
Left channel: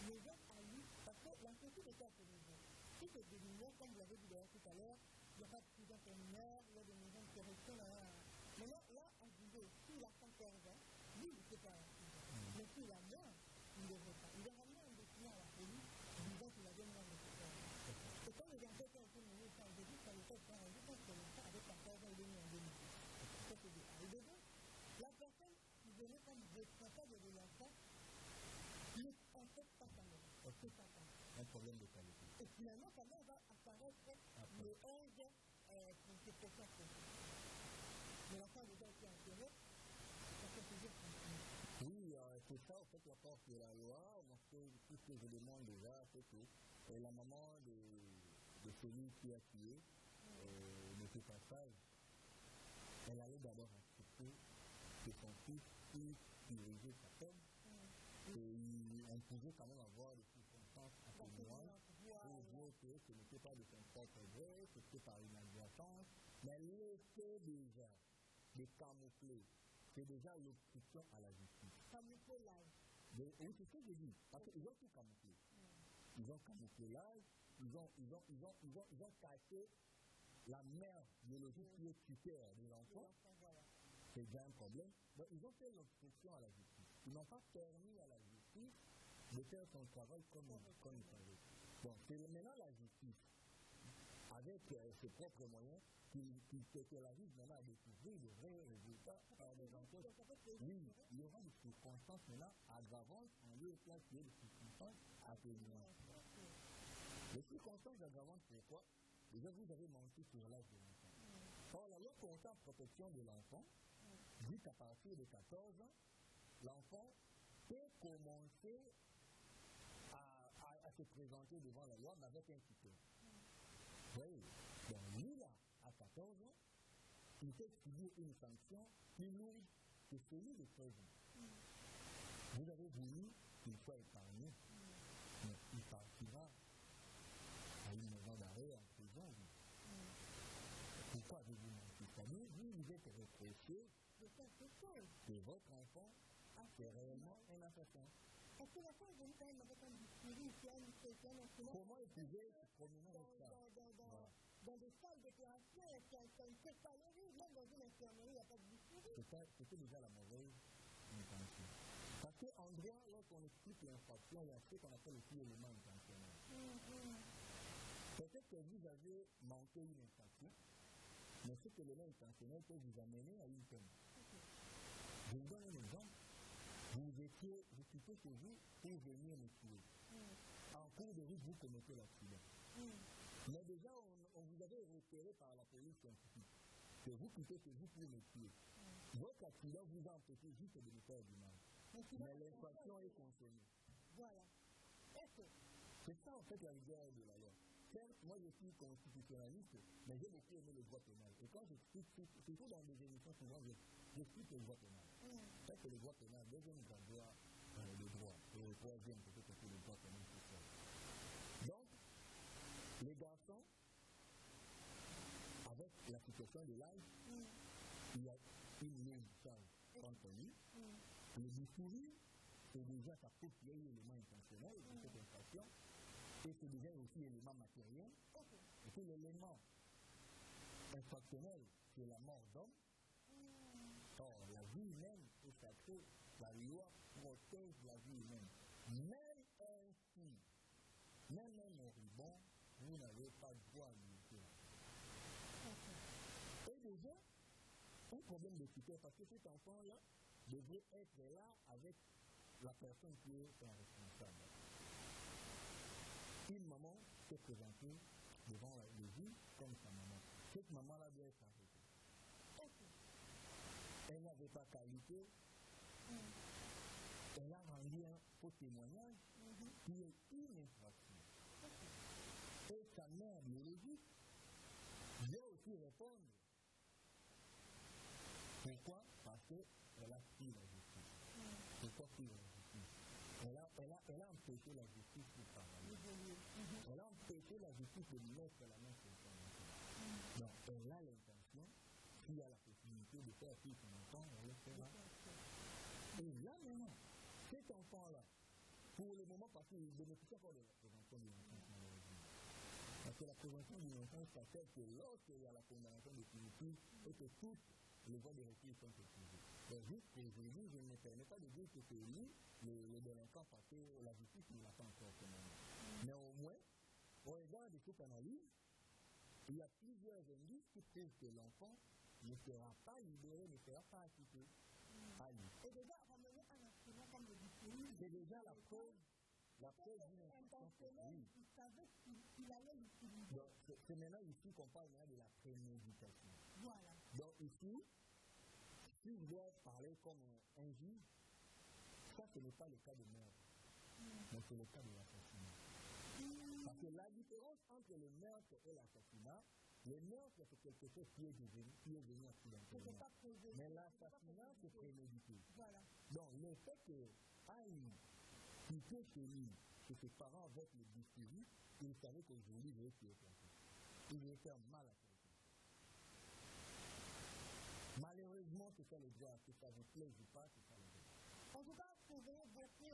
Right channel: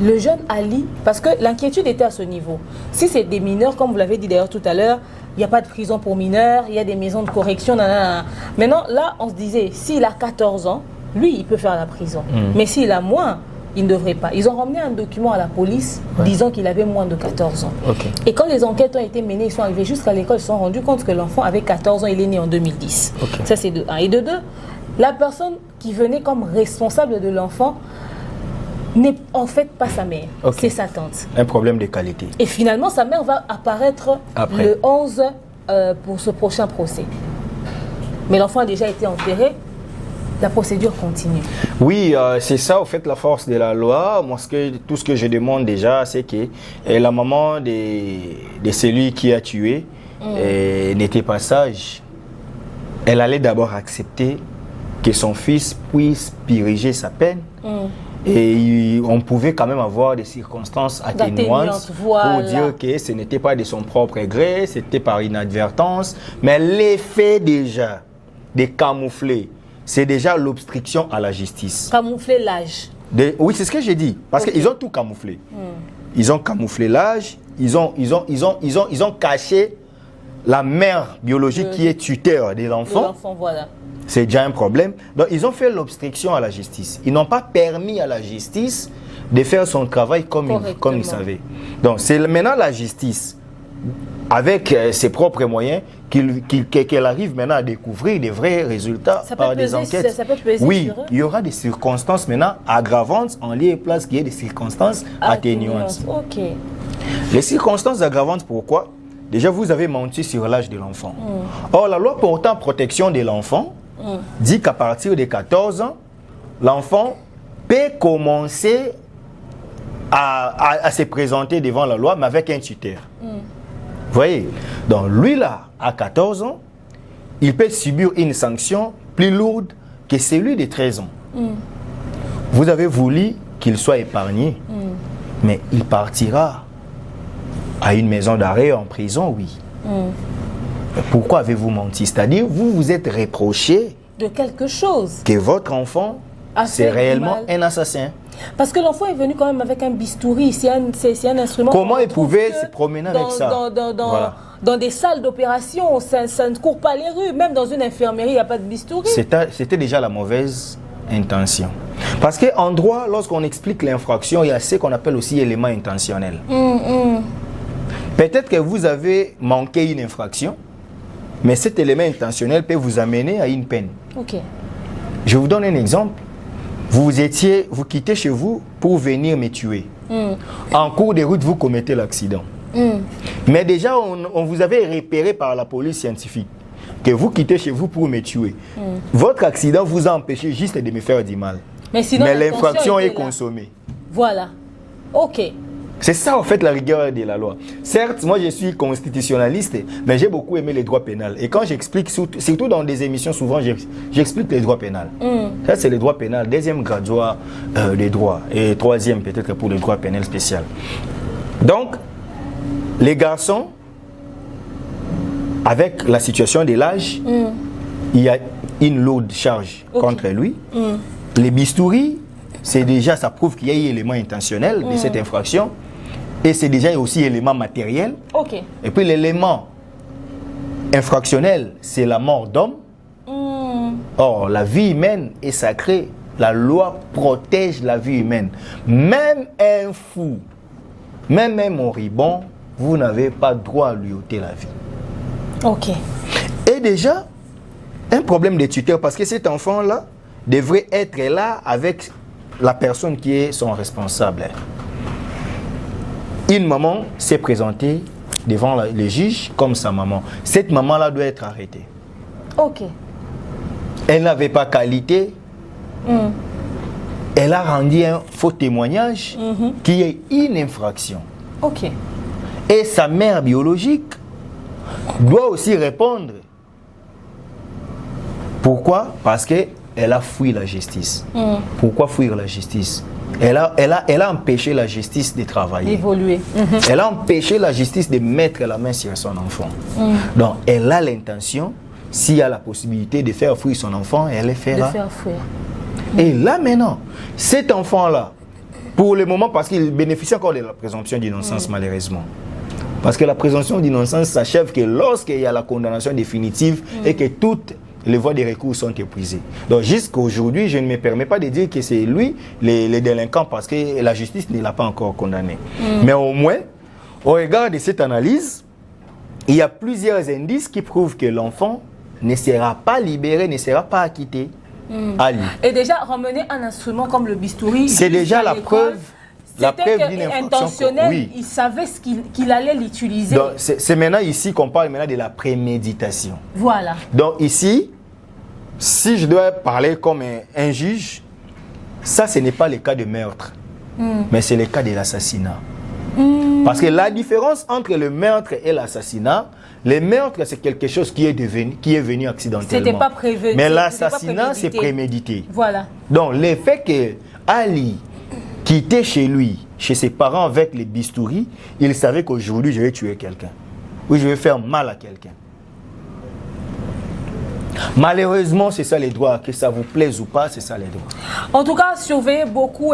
le jeune Ali, parce que l'inquiétude était à ce niveau. Si c'est des mineurs, comme vous l'avez dit d'ailleurs tout à l'heure, il n'y a pas de prison pour mineurs, il y a des maisons de correction, nanana. Maintenant, là, on se disait, s'il a 14 ans, lui, il peut faire la prison. Mais s'il a moins, il ne devrait pas. Ils ont ramené un document à la police disant qu'il avait moins de 14 ans. Et quand les enquêtes ont été menées, ils sont arrivés jusqu'à l'école, ils se sont rendus compte que l'enfant avait 14 ans, il est né en 2010. Ça, c'est de 1. Et de 2, la personne qui venait comme responsable de l'enfant n'est en fait pas sa mère, c'est sa tante. Un problème de qualité. Et finalement, sa mère va apparaître le 11 pour ce prochain procès. Mais l'enfant a déjà été enterré, la procédure continue. Oui, c'est ça, au fait, la force de la loi. Moi, tout ce que je demande déjà, c'est que la maman de celui qui a tué n'était pas sage. Elle allait d'abord accepter que son fils puisse purger sa peine. Et on pouvait quand même avoir des circonstances atténuantes pour dire que ce n'était pas de son propre gré, c'était par inadvertance. Mais l'effet déjà de camoufler, c'est déjà l'obstruction à la justice. Camoufler l'âge. Oui, c'est ce que j'ai dit. Parce qu'ils ont tout camouflé. Ils ont camouflé l'âge, ils ont caché la mère biologique qui est tuteur de l'enfant. Voilà. C'est déjà un problème. Donc, ils ont fait l'obstruction à la justice. Ils n'ont pas permis à la justice de faire son travail comme ils savaient. Donc, c'est maintenant la justice, avec ses propres moyens, qu'elle arrive maintenant à découvrir des vrais résultats par des enquêtes. Ça peut peser oui, sur eux. Il y aura des circonstances maintenant aggravantes en lieu et place qu'il y ait des circonstances atténuantes. Les circonstances aggravantes, pourquoi? Déjà, vous avez menti sur l'âge de l'enfant. Or, la loi portant protection de l'enfant dit qu'à partir de 14 ans, l'enfant peut commencer à se présenter devant la loi, mais avec un tuteur. Vous voyez? Donc, lui là, à 14 ans, il peut subir une sanction plus lourde que celui de 13 ans. Vous avez voulu qu'il soit épargné, mais il partira à une maison d'arrêt, en prison, oui. Pourquoi avez-vous menti? C'est-à-dire, vous vous êtes reproché de quelque chose. Que votre enfant, c'est réellement un assassin. Parce que l'enfant est venu quand même avec un bistouri, c'est un instrument. Comment il pouvait se promener avec ça? Dans des salles d'opération, ça ne court pas les rues. Même dans une infirmerie, il n'y a pas de bistouri. C'était déjà la mauvaise intention. Parce qu'en droit, lorsqu'on explique l'infraction, il y a ce qu'on appelle aussi élément intentionnel. Peut-être que vous avez manqué une infraction, mais cet élément intentionnel peut vous amener à une peine. Je vous donne un exemple. Vous quittez chez vous pour venir me tuer. En cours de route, vous commettez l'accident. Mais déjà, on vous avait repéré par la police scientifique que vous quittez chez vous pour me tuer. Votre accident vous a empêché juste de me faire du mal. Mais l'infraction est consommée. Voilà. C'est ça, en fait, la rigueur de la loi. Certes, moi, je suis constitutionnaliste, mais j'ai beaucoup aimé les droits pénals. Et quand j'explique, surtout dans des émissions, souvent, j'explique les droits pénals. Ça, c'est les droits pénals, deuxième graduat des droits, et troisième, peut-être, pour les droits pénals spéciaux. Donc, les garçons, avec la situation de l'âge, il y a une lourde charge contre lui. Les bistouris, c'est déjà, ça prouve qu'il y a eu élément intentionnel de cette infraction. Et c'est déjà aussi élément matériel. Ok. Et puis l'élément infractionnel, c'est la mort d'homme. Or, la vie humaine est sacrée. La loi protège la vie humaine. Même un fou, même un moribond, vous n'avez pas droit à lui ôter la vie. Ok. Et déjà, un problème de tuteur, parce que cet enfant-là devrait être là avec la personne qui est son responsable. Une maman s'est présentée devant le juge comme sa maman. Cette maman-là doit être arrêtée. Ok. Elle n'avait pas qualité. Elle a rendu un faux témoignage qui est une infraction. Ok. Et sa mère biologique doit aussi répondre. Pourquoi? Parce qu'elle a fui la justice. Pourquoi fuir la justice? Elle a empêché la justice de travailler. D'évoluer. Elle a empêché la justice de mettre la main sur son enfant. Donc, elle a l'intention, s'il y a la possibilité de faire fuir son enfant, elle le fera. De faire fuir. Et là, maintenant, cet enfant-là, pour le moment, parce qu'il bénéficie encore de la présomption d'innocence, malheureusement. Parce que la présomption d'innocence s'achève que lorsqu'il y a la condamnation définitive et que toutes les voies de recours sont épuisées. Donc jusqu'à aujourd'hui, je ne me permets pas de dire que c'est lui le délinquant parce que la justice ne l'a pas encore condamné. Mais au moins, au regard de cette analyse, il y a plusieurs indices qui prouvent que l'enfant ne sera pas libéré, ne sera pas acquitté. Et déjà, ramener un instrument comme le bistouri, c'est déjà la preuve. La preuve d'une infraction. infraction. Intentionnel, Oui. il savait qu'il allait l'utiliser. C'est maintenant ici qu'on parle maintenant de la préméditation. Voilà. Donc ici, si je dois parler comme un juge, ça ce n'est pas le cas de meurtre, mais c'est le cas de l'assassinat. Parce que la différence entre le meurtre et l'assassinat, le meurtre c'est quelque chose qui est venu accidentellement. C'était pas prévu. Mais l'assassinat c'est prémédité. Voilà. Donc le fait que Ali quittait chez lui, chez ses parents avec les bistouris, il savait qu'aujourd'hui je vais tuer quelqu'un. Ou je vais faire mal à quelqu'un. Malheureusement, c'est ça les droits. Que ça vous plaise ou pas, c'est ça les droits. En tout cas, surveillez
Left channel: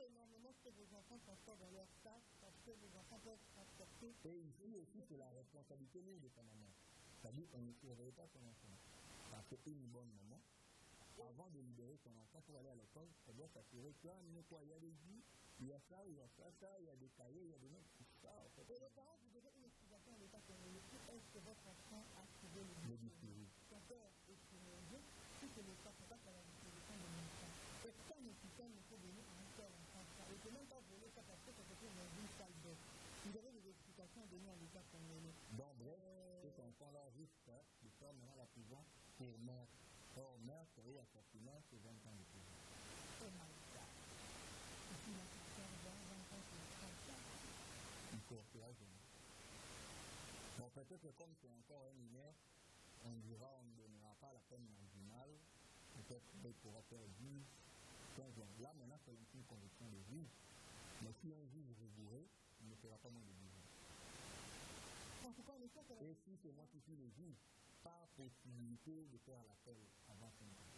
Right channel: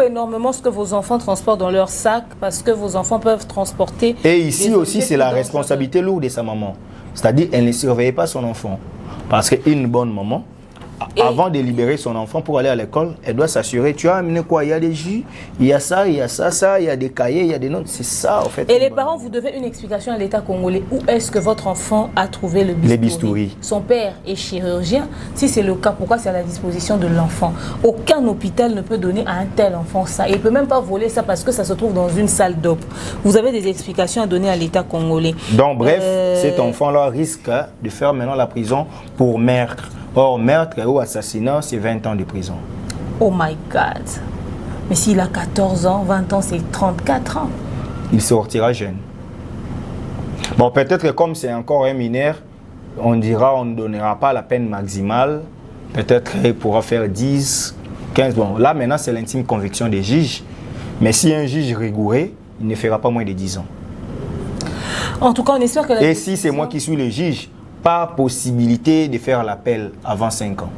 énormément ce que vos enfants transportent dans leur sac parce que vos enfants peuvent transporter. Et ici aussi, c'est la responsabilité lourde de sa maman. C'est-à-dire, elle ne surveille pas son enfant. Parce qu'une bonne maman, avant de libérer son enfant pour aller à l'école, elle doit s'assurer, tu as amené quoi? Il y a des jus, il y a ça, il y a ça, il y a des cahiers, il y a des notes. C'est ça, en fait. Et les parents, vous devez une explication à l'État congolais. Où est-ce que votre enfant a trouvé le bistouri? Les bistouris. Son père est chirurgien. Si c'est le cas, pourquoi c'est à la disposition de l'enfant? Aucun hôpital ne peut donner à un tel enfant ça. Il ne peut même pas voler ça parce que ça se trouve dans une salle d'op. Vous avez des explications à donner à l'État congolais. Donc, bref, cet enfant-là risque de faire maintenant la prison pour meurtre. Or, meurtre ou assassinat, c'est 20 ans de prison. Oh my God. Mais s'il a 14 ans, 20 ans, c'est 34 ans. Il sortira jeune. Bon, peut-être que comme c'est encore un mineur, on dira on ne donnera pas la peine maximale. Peut-être qu'il pourra faire 10, 15. Bon, là, maintenant, c'est l'intime conviction des juges. Mais si un juge rigoureux, il ne fera pas moins de 10 ans. En tout cas, on espère que Et si c'est moi qui suis le juge, pas possibilité de faire l'appel avant 5 ans.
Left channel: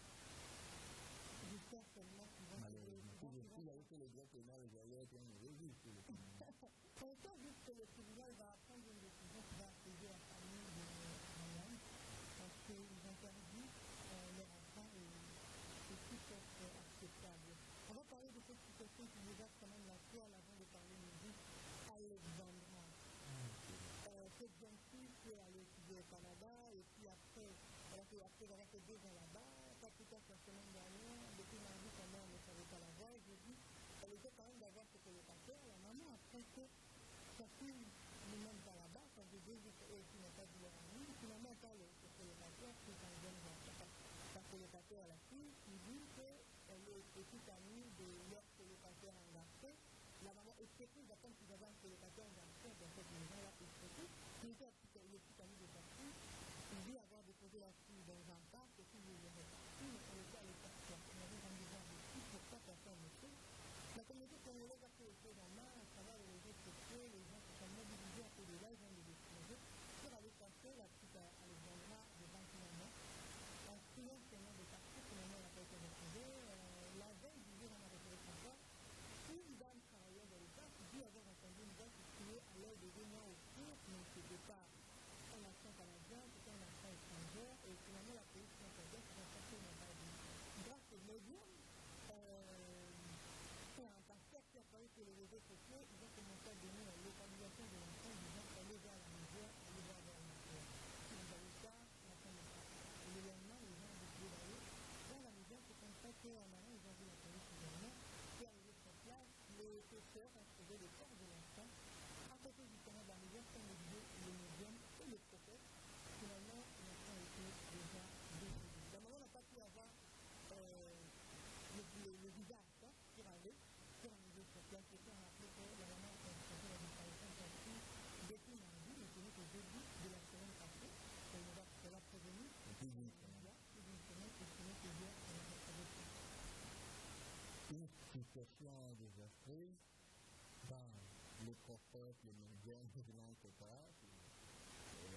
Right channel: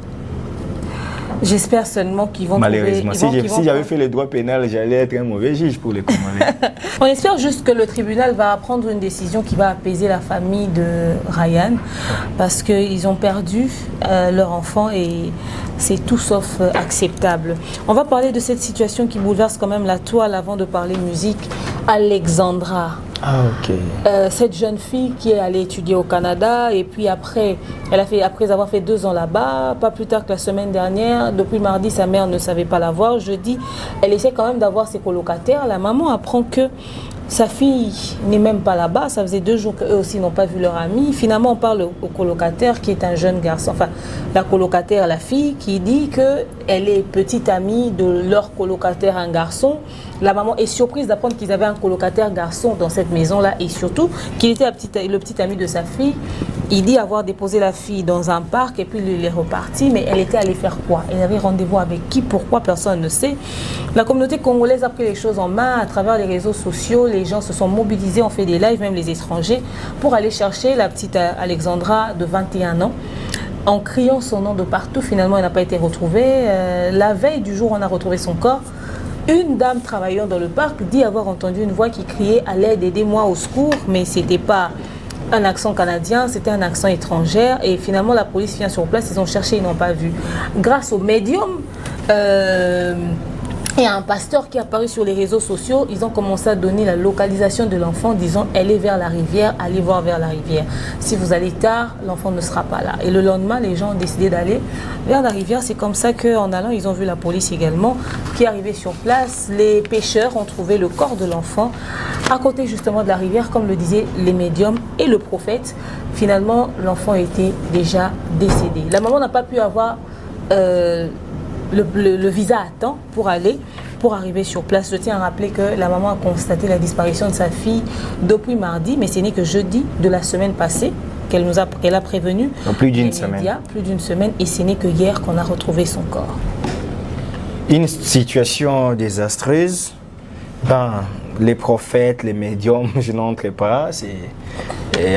J'espère seulement qu'ils vont malheureusement, trouver, si j'avais fait le droit pénal, j'allais être un mauvais juge pour les Congolais. On espère juste que le tribunal va prendre une décision qui va apaiser la famille de Ryan parce qu'ils ont perdu leur enfant et c'est tout sauf acceptable. On va parler de cette situation qui bouleverse quand même la toile avant de parler musique. Alexandra. Ah, ok. Cette jeune fille qui est allée étudier au Canada et puis après avoir fait 2 ans là-bas, pas plus tard que la semaine dernière, depuis mardi, sa mère ne savait pas la voir. Jeudi, elle essaie quand même d'avoir ses colocataires. La maman apprend que sa fille n'est même pas là-bas. Ça faisait 2 jours qu'eux aussi n'ont pas vu leur amie. Finalement, on parle au colocataire qui est un jeune garçon. Enfin, la colocataire, la fille, qui dit qu'elle est petite amie de leur colocataire, un garçon. La maman est surprise d'apprendre qu'ils avaient un colocataire garçon dans cette maison-là et surtout qu'il était le petit ami de sa fille. Il dit avoir déposé la fille dans un parc et puis il est reparti. Mais elle était allée faire quoi? Elle avait rendez-vous avec qui? Pourquoi? Personne ne sait. La communauté congolaise a pris les choses en main à travers les réseaux sociaux. Les gens se sont mobilisés, ont fait des lives, même les étrangers, pour aller chercher la petite Alexandra de 21 ans. En criant son nom de partout, finalement, elle n'a pas été retrouvée. La veille du jour où on a retrouvé son corps, Une dame travaillant dans le parc dit avoir entendu une voix qui criait « à l'aide, aidez-moi, au secours », mais ce n'était pas un accent canadien, c'était un accent étranger. Et finalement, la police vient sur place, ils ont cherché, ils n'ont pas vu. Grâce au médium, et un pasteur qui est apparu sur les réseaux sociaux, ils ont commencé à donner la localisation de l'enfant, disant elle est vers la rivière, allez voir vers la rivière. Si vous allez tard, l'enfant ne sera pas là. Et le lendemain, les gens ont décidé d'aller vers la rivière. C'est comme ça qu'en allant, ils ont vu la police également qui est arrivée sur place. Les pêcheurs ont trouvé le corps de l'enfant à côté justement de la rivière, comme le disaient les médiums et le prophète. Finalement, l'enfant était déjà décédé. La maman n'a pas pu avoir le visa à temps pour arriver sur place. Je tiens à rappeler que la maman a constaté la disparition de sa fille depuis mardi, mais ce n'est que jeudi de la semaine passée qu'elle a prévenu. Donc plus d'une semaine. Plus d'une semaine, et ce n'est que hier qu'on a retrouvé son corps. Une situation désastreuse. Ben, les prophètes, les médiums, je n'entre pas, c'est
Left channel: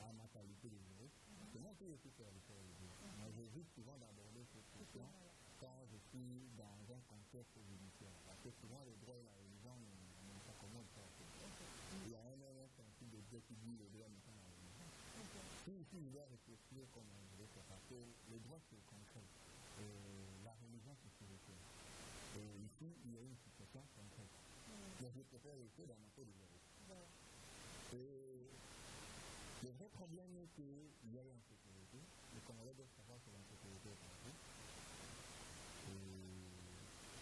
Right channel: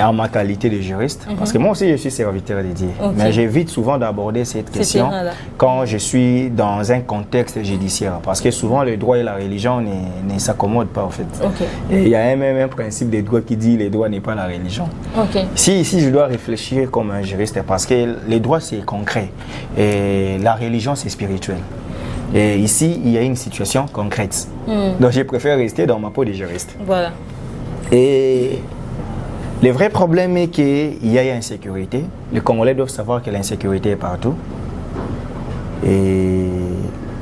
en ma qualité de juriste. Parce que moi aussi, je suis serviteur de Dieu. Okay. Mais j'évite souvent d'aborder cette question quand je suis dans un contexte judiciaire. Parce que souvent, le droit et la religion ne s'accommodent pas, en fait. Okay. Et il y a même un principe des droits qui dit que le droit n'est pas la religion. Okay. Si je dois réfléchir comme un juriste, parce que le droit, c'est concret. Et la religion, c'est spirituel. Et ici, il y a une situation concrète. Donc, je préfère rester dans ma peau de juriste. Voilà. Et le vrai problème est qu'il y a insécurité. Les Congolais doivent savoir que l'insécurité est partout. Et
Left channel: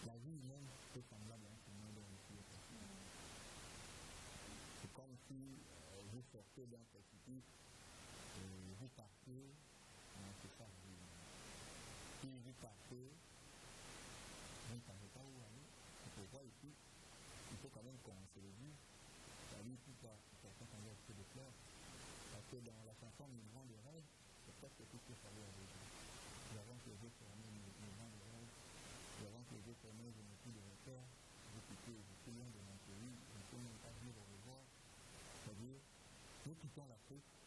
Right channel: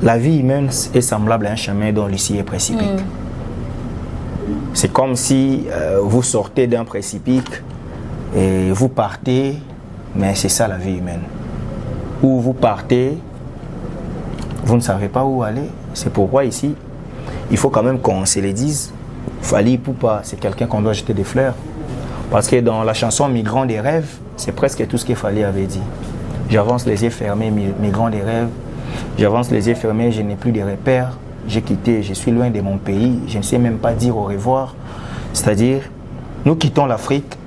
la vie humaine est semblable à un chemin dont l'issue est précipite. C'est comme si vous sortez d'un précipice et vous partez, mais c'est ça la vie humaine. Ou vous partez, vous ne savez pas où aller. C'est pourquoi ici, il faut quand même qu'on se le dise. Fally Ipupa, c'est quelqu'un qu'on doit jeter des fleurs. Parce que dans la chanson Migrant des rêves, c'est presque tout ce que Fally avait dit. J'avance les yeux fermés, migrant des rêves. J'avance les yeux fermés, je n'ai plus de repères. J'ai quitté, je suis loin de mon pays. Je ne sais même pas dire au revoir. C'est-à-dire, nous quittons l'Afrique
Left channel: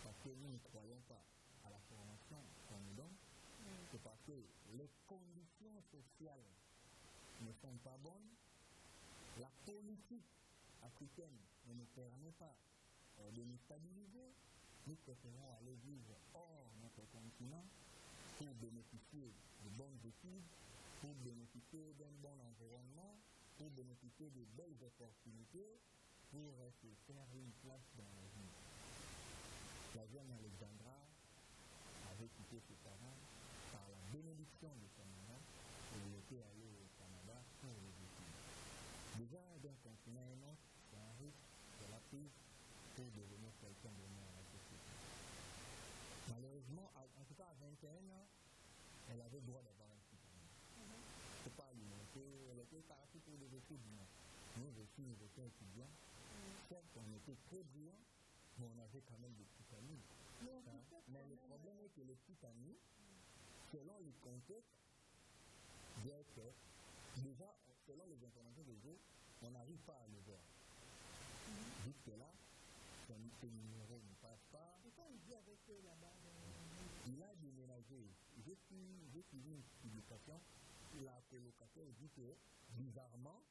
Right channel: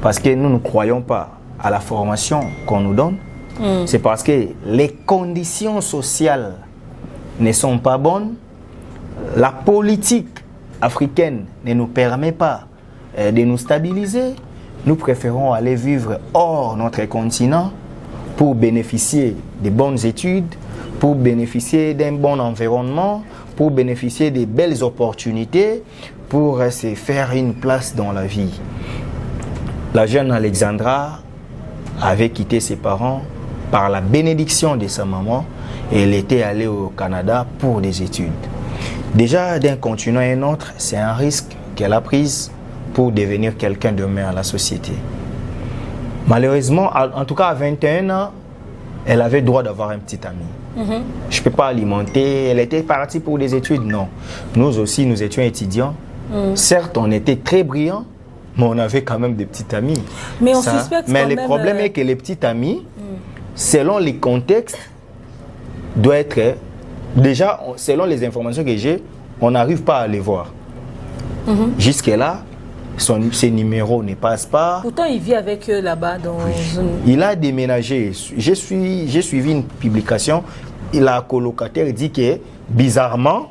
parce que nous ne croyons pas à la formation qu'on nous donne. C'est parce que les conditions sociales ne sont pas bonnes. La politique africaine ne nous permet pas de nous stabiliser. Nous préférons aller vivre hors notre continent pour bénéficier de bonnes études, pour bénéficier d'un bon environnement, pour bénéficier de belles opportunités, pour se faire une place dans la vie. La jeune Alexandra avait quitté ses parents par la bénédiction de sa maman et elle était allée au Canada pour des études. Déjà, d'un continent à un autre, c'est un risque qu'elle a pris pour devenir quelqu'un de demain à la société. Malheureusement, en tout cas à 21 ans, elle avait droit d'avoir un petit ami. Je ne peux pas alimenter, elle était partie pour des études, non. Nous aussi, nous étions étudiants. Certes, on était très brillants, mais on avait quand même des petits amis. Mais on suspecte mais quand le même, problème est que les petits amis, selon les contextes, doivent être... Déjà, selon les informations que j'ai, on n'arrive pas à les voir. Jusque-là, ses numéros ne passent pas. Pourtant, il vit avec eux là-bas. Il a déménagé. J'ai suivi une publication. La colocataire dit que, bizarrement,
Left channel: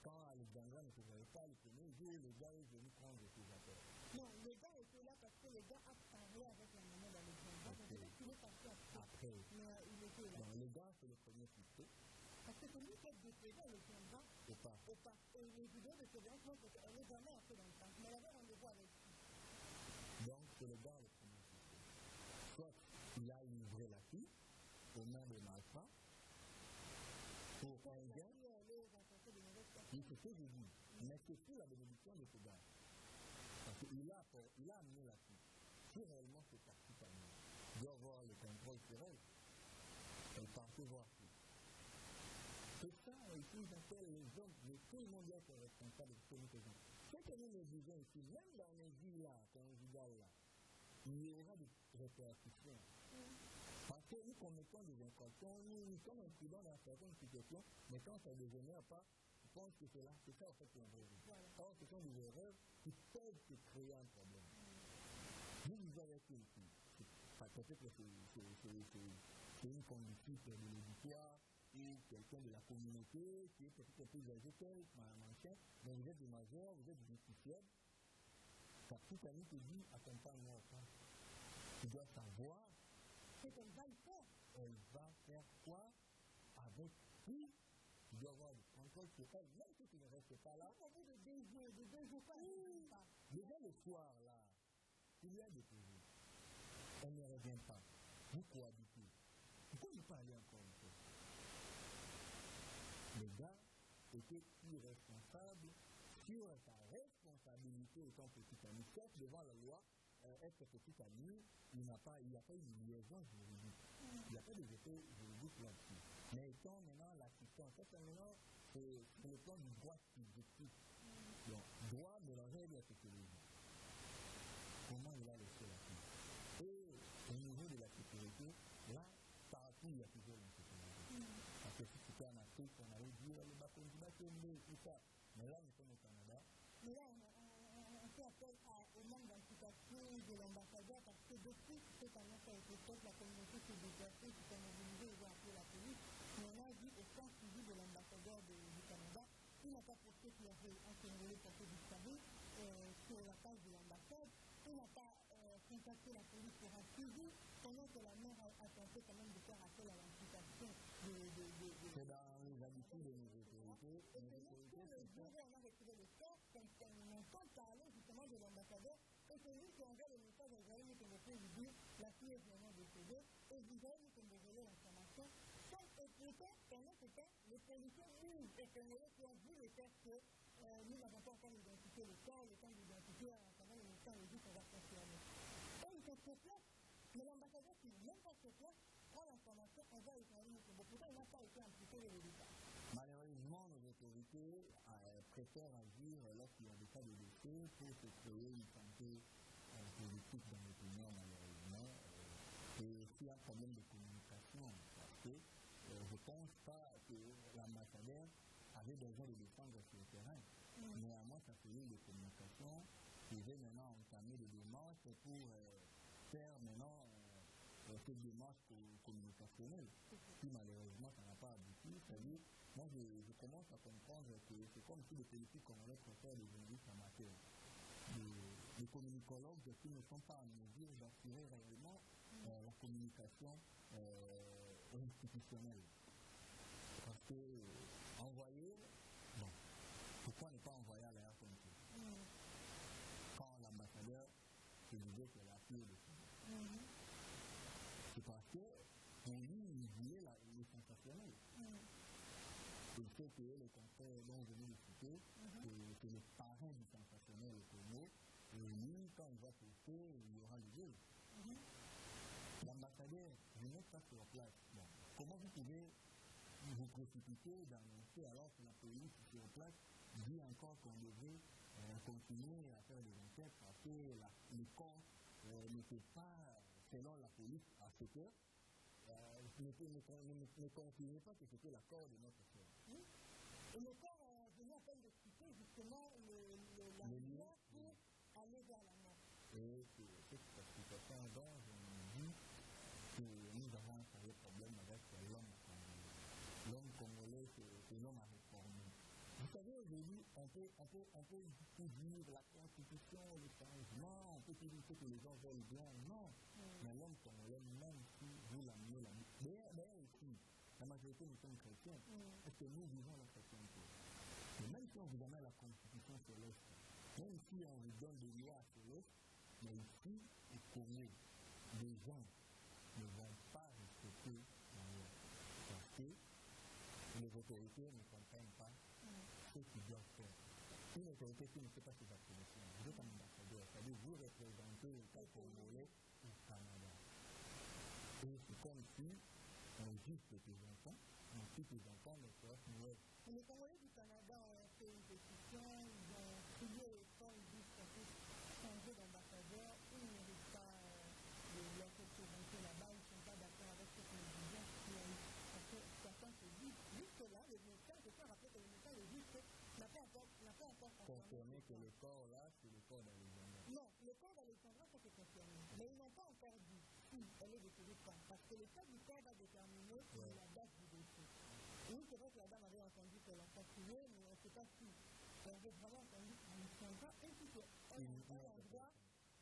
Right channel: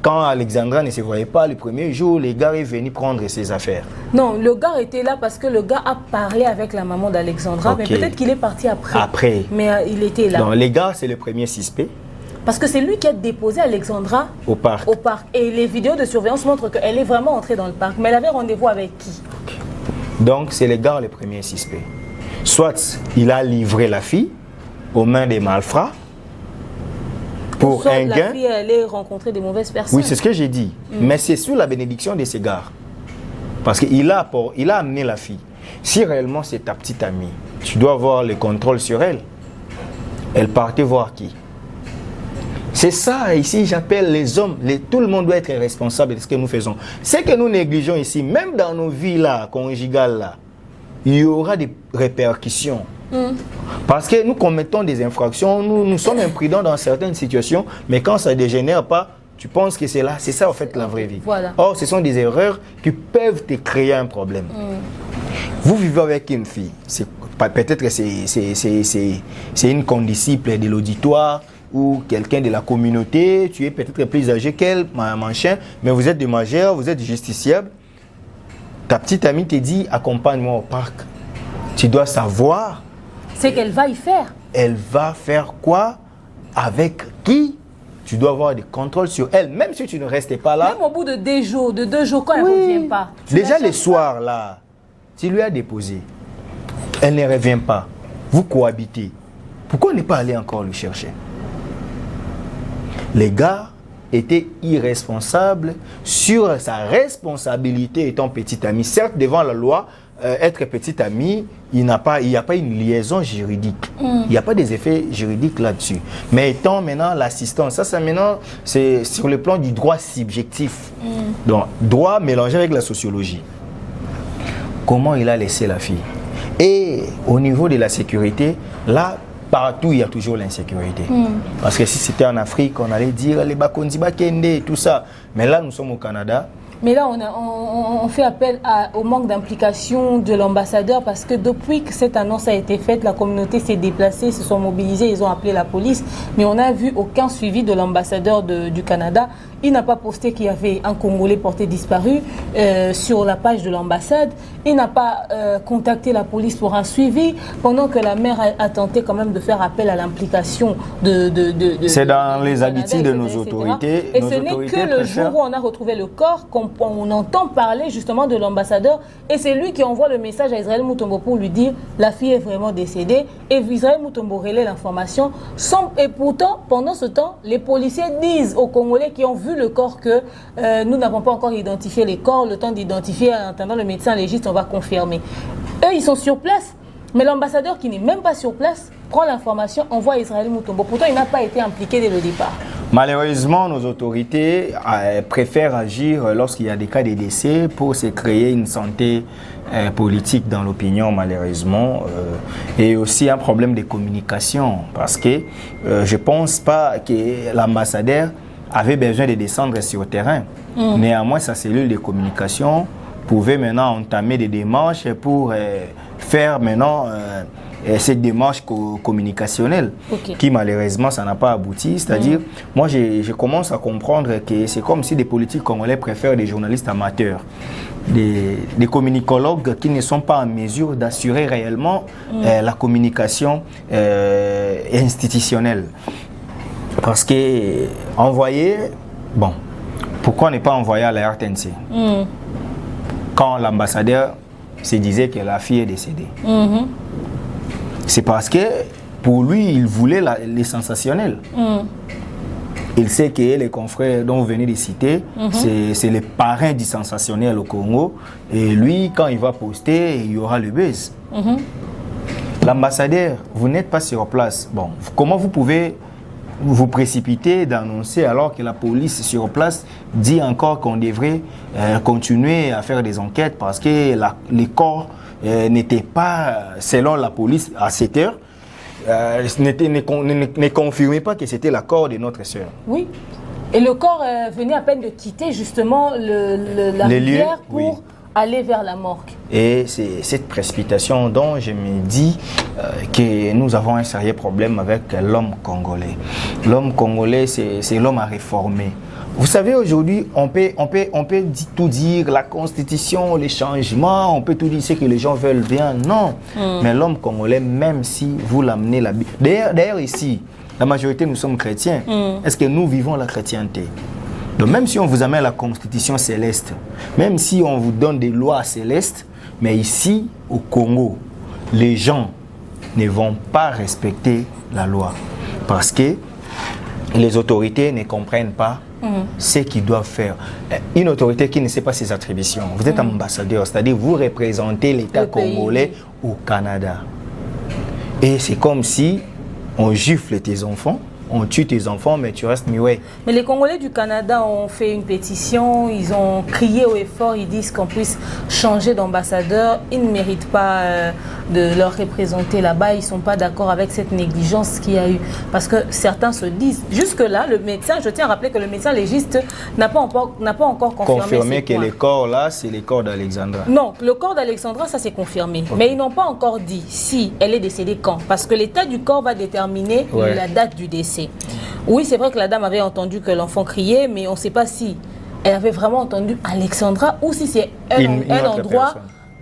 quand Alexandra ne se voyait pas le premier jour, le gars est venu prendre ses affaires. Non, le gars était là parce que le gars a parlé avec la maman d'Alexandra, mais peut-être qu'il est parti après. Après. Mais il était là. Donc, les gars, c'est le premier suspect. Parce que c'est lui qui a déposé Alexandra au parc. Et les vidéos de surveillance montrent qu'elle est vraiment entrée dans le parc. Mais elle avait rendez-vous avec qui? Donc, c'est le gars le premier suspect. Soit il a livré la fille aux mains des malfrats pour un gain. La fille allait rencontrer des mauvaises personnes. Oui, c'est ce que j'ai dit. Mais c'est sous la bénédiction de ces gars. Parce qu'il a amené la fille. Si réellement c'est ta petite amie, tu dois avoir le contrôle sur elle. Elle partait voir qui? C'est ça, ici, j'appelle les hommes. Tout le monde doit être responsable de ce que nous faisons. Ce que nous négligeons ici, même dans nos vies là, conjugales, là, il y aura des répercussions. Parce que nous commettons des infractions, nous sommes imprudents dans certaines situations, mais quand ça ne dégénère pas, tu penses que c'est là. C'est ça, en fait, la vraie vie. Voilà. Or, ce sont des erreurs qui peuvent te créer un problème. Vous vivez avec une fille. Peut-être que c'est une condisciple de l'auditoire, ou quelqu'un de la communauté, tu es peut-être plus âgé qu'elle, machin, mais vous êtes des majeurs, vous êtes justiciable. Ta petite amie te dit, accompagne-moi au parc. Tu dois savoir. C'est qu'elle va y faire. Elle va faire quoi? Avec qui? Tu dois avoir des contrôles sur elle, même si tu ne restais pas là. Même au bout de 2 jours, quand elle ne revient pas. Déjà les soirs là, tu lui as déposé. Elle ne revient pas. Vous cohabitez. Pourquoi ne pas aller encore le chercher? Les gars étaient irresponsables sur sa responsabilité étant petit ami. Certes, devant la loi, être petit ami, il n'y a pas une liaison juridique. Il n'y a pas des effets juridiques là-dessus. Mais étant maintenant l'assistance, ça maintenant, c'est sur le plan du droit subjectif. Donc, droit mélangé avec la sociologie. Comment il a laissé la fille? Et au niveau de la sécurité, là, partout, il y a toujours l'insécurité. Parce que si c'était en Afrique, on allait dire les Bakondi Bakende, tout ça. Mais là, nous sommes au Canada. Mais là, on fait appel au manque d'implication de l'ambassadeur parce que depuis que cette annonce a été faite, la communauté s'est déplacée, se sont mobilisés, ils ont appelé la police. Mais on n'a vu aucun suivi de l'ambassadeur du Canada. Il n'a pas posté qu'il y avait un Congolais porté disparu sur la page de l'ambassade. Il n'a pas contacté la police pour un suivi, pendant que la mère a tenté quand même de faire appel à l'implication de c'est dans les habitudes de nos autorités. Et ce n'est que le jour où on a retrouvé le corps qu'on entend parler justement de l'ambassadeur. Et c'est lui qui envoie le message à Israël Mutombo pour lui dire la fille est vraiment décédée. Et Israël Mutombo relaie l'information. Et pourtant, pendant ce temps, les policiers disent aux Congolais qui ont vu le corps que nous n'avons pas encore identifié les corps. Le temps d'identifier, en attendant le médecin légiste, on va confirmer. Eux, ils sont sur place. Mais l'ambassadeur qui n'est même pas sur place prend l'information, envoie Israël Mutombo. Pourtant, il n'a pas été impliqué dès le départ. Malheureusement, nos autorités préfèrent agir lorsqu'il y a des cas de décès pour se créer une santé politique dans l'opinion, malheureusement. Et aussi un problème de communication. Parce que je ne pense pas que l'ambassadeur avait besoin de descendre sur le terrain. Néanmoins, sa cellule de communication pouvait maintenant entamer des démarches pour faire maintenant cette démarche communicationnelle qui malheureusement ça n'a pas abouti. C'est-à-dire, moi je commence à comprendre que c'est comme si des politiques congolais préfèrent des journalistes amateurs, des communicologues qui ne sont pas en mesure d'assurer réellement la communication institutionnelle. Parce que envoyer, bon, pourquoi ne pas envoyer à la RTNC quand l'ambassadeur se disait que la fille est décédée? C'est parce que pour lui, il voulait les sensationnels. Il sait que les confrères dont vous venez de citer, c'est les parrains du sensationnel au Congo. Et lui, quand il va poster, il y aura le buzz. L'ambassadeur, vous n'êtes pas sur place. Bon, comment vous pouvez vous précipiter d'annoncer alors que la police sur place dit encore qu'on devrait continuer à faire des enquêtes parce que les corps n'étaient pas, selon la police, à 7 heures, ne confirmait pas que c'était l'accord de notre sœur. Oui. Et le corps venait à peine de quitter justement la rivière pour aller vers la morgue. Et c'est cette précipitation dont je me dis que nous avons un sérieux problème avec l'homme congolais. L'homme congolais, c'est l'homme à réformer. Vous savez, aujourd'hui, on peut tout dire, la constitution, les changements, on peut tout dire ce que les gens veulent bien. Non. Mais l'homme congolais, même si vous l'amenez la Bible. D'ailleurs, ici, la majorité, nous sommes chrétiens. Est-ce que nous vivons la chrétienté? Donc, même si on vous amène la constitution céleste, même si on vous donne des lois célestes, mais ici, au Congo, les gens ne vont pas respecter la loi. Parce que les autorités ne comprennent pas ce qu'ils doivent faire. Une autorité qui ne sait pas ses attributions. Vous êtes ambassadeur, c'est-à-dire vous représentez l'État congolais au Canada. Et c'est comme si on gifle tes enfants, on tue tes enfants, mais tu restes muet. Mais les Congolais du Canada ont fait une pétition, ils ont crié au effort, ils disent qu'on puisse changer d'ambassadeur. Ils ne méritent pas de leur représenter là-bas, ils ne sont pas d'accord avec cette négligence qu'il y a eu. Parce que certains se disent, jusque-là, le médecin, je tiens à rappeler que le médecin légiste n'a pas encore confirmé que les corps là, c'est les corps d'Alexandra. Non, le corps d'Alexandra, ça c'est confirmé. Mais ils n'ont pas encore dit si elle est décédée quand. Parce que l'état du corps va déterminer la date du décès. passé. Oui, c'est vrai que la dame avait entendu que l'enfant criait, mais on ne sait pas si elle avait vraiment entendu Alexandra ou si c'est un endroit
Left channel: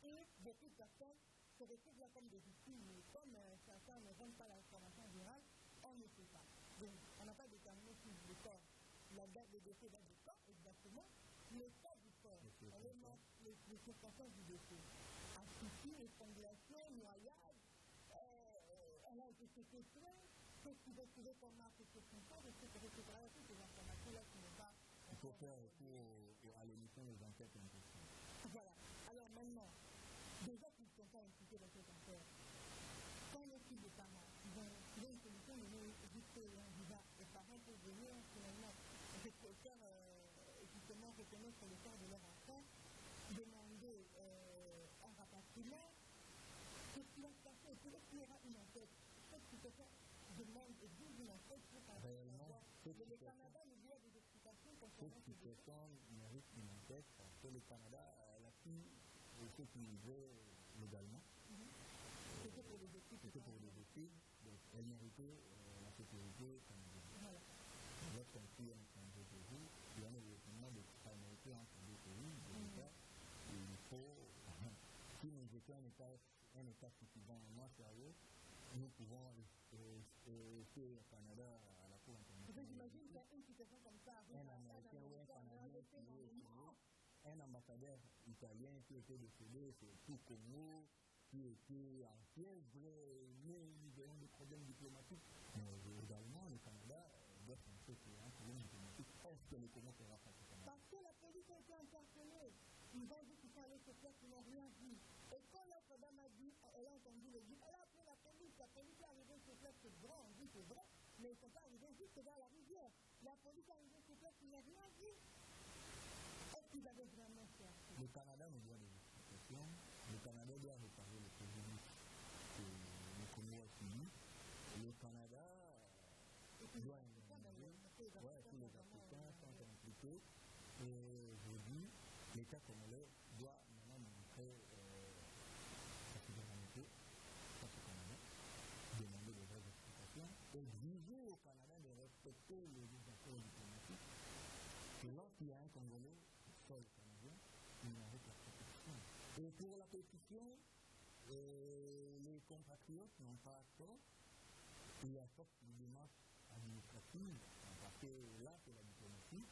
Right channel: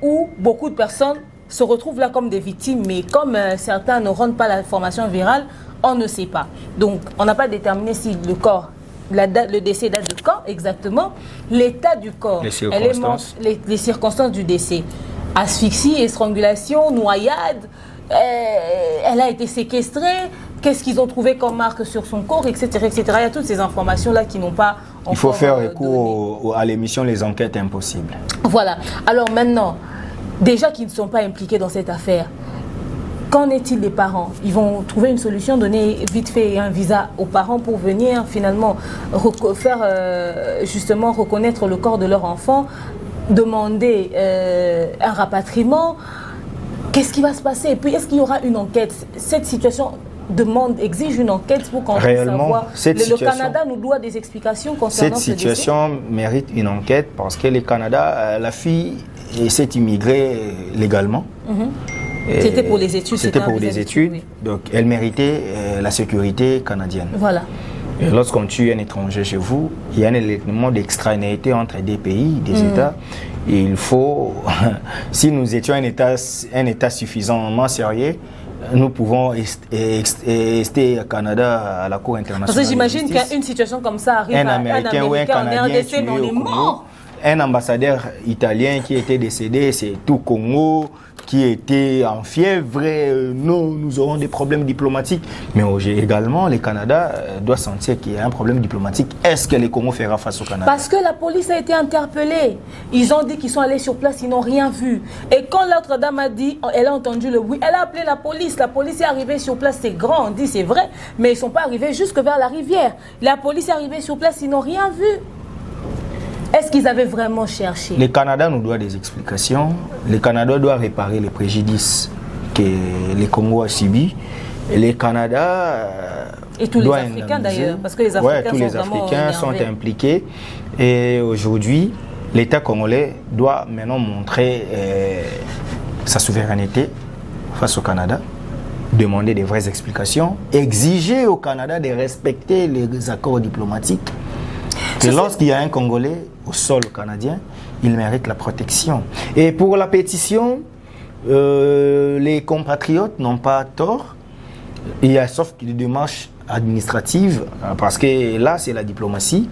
où beaucoup de personnes se retrouvent là comme des victimes, mais comme certains ne rendent pas l'information virale, on ne sait pas. Donc, on n'a pas déterminé si le corps, le décès date de quand exactement, l'état du corps, les circonstances du décès, asphyxie, estrangulation, noyade, elle a été séquestrée, qu'est-ce qu'ils ont trouvé comme marque sur son corps, etc., etc. Il y a toutes ces informations-là qui n'ont pas encore... Il faut faire recours à l'émission Les Enquêtes Impossibles. Voilà. Alors maintenant, déjà qu'ils ne sont pas impliqués dans cette affaire, qu'en est-il des parents? Ils vont trouver une solution, donner vite fait un visa aux parents pour venir finalement faire justement reconnaître le corps de leur enfant, demander un rapatriement. Qu'est-ce qui va se passer? Et puis est-ce qu'il y aura une enquête? Cette situation exige une enquête pour qu'on puisse savoir. Le Canada nous doit des explications concernant cette situation mérite une enquête parce que le Canada, la fille s'est immigrée légalement. C'était pour les études. C'était pour les études. Oui. Donc, elle méritait la sécurité canadienne. Voilà. Et lorsqu'on tue un étranger chez vous, il y a un élément d'extranéité entre des pays, des États. Et il faut, si nous étions un État suffisamment sérieux, nous pouvons rester au Canada à la Cour internationale. Parce que j'imagine qu'une situation comme ça arrive à un Américain ou un Canadien RDC, mais on est mort. Un ambassadeur italien qui était décédé, c'est tout Congo, qui était en fièvre. Non, nous aurons des problèmes diplomatiques. Mais également, le Canada doit sentir qu'il y a un problème diplomatique. Est-ce que le Congo fera face au Canada? Parce que la police a été interpellée. Ils ont dit qu'ils sont allés sur place, ils n'ont rien vu. Et quand l'autre dame a dit, elle a entendu le bruit, elle a appelé la police. La police est arrivée sur place, c'est grand, on dit c'est vrai, mais ils ne sont pas arrivés jusque vers la rivière. La police est arrivée sur place, ils n'ont rien vu. Est-ce qu'ils avaient vraiment cherché? Le Canada nous doit des explications. Le Canada doit réparer les préjudices que le Congo a subis. Et le Canada et tous les Africains d'ailleurs, parce que les Africains, tous les Africains sont impliqués. Et aujourd'hui, l'État congolais doit maintenant montrer sa souveraineté face au Canada, demander des vraies explications, exiger au Canada de respecter les accords diplomatiques. Et lorsqu'il y a un Congolais au sol canadien, il mérite la protection. Et pour la pétition, les compatriotes n'ont pas tort. Il y a sauf des démarches administratives, parce que là, c'est la diplomatie.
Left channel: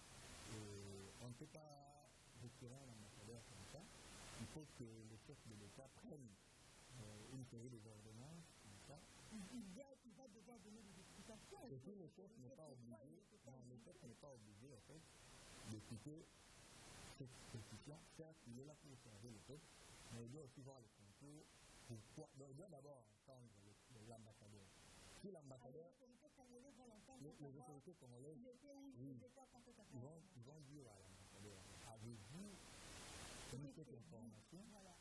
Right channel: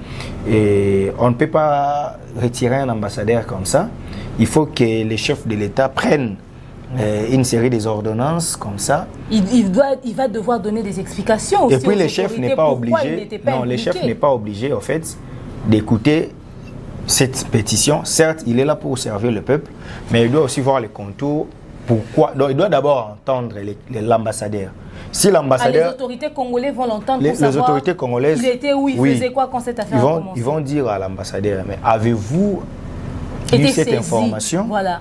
Et on ne peut pas retirer un ambassadeur comme ça. Il faut que les chefs de l'État prennent une série des ordonnances comme ça. Il va devoir donner des explications aussi. Et puis le chef n'est pas obligé, le chef n'est pas obligé en fait d'écouter cette pétition. Certes, il est là pour servir le peuple, mais il doit aussi voir les contours. Pourquoi? Donc, il doit d'abord entendre l'ambassadeur. Si l'ambassadeur... les autorités congolaises vont l'entendre pour savoir... Les autorités congolaises... Il était où, il faisait quoi quand cette affaire a commencé. Ils vont dire à l'ambassadeur, mais avez-vous eu cette information? Voilà.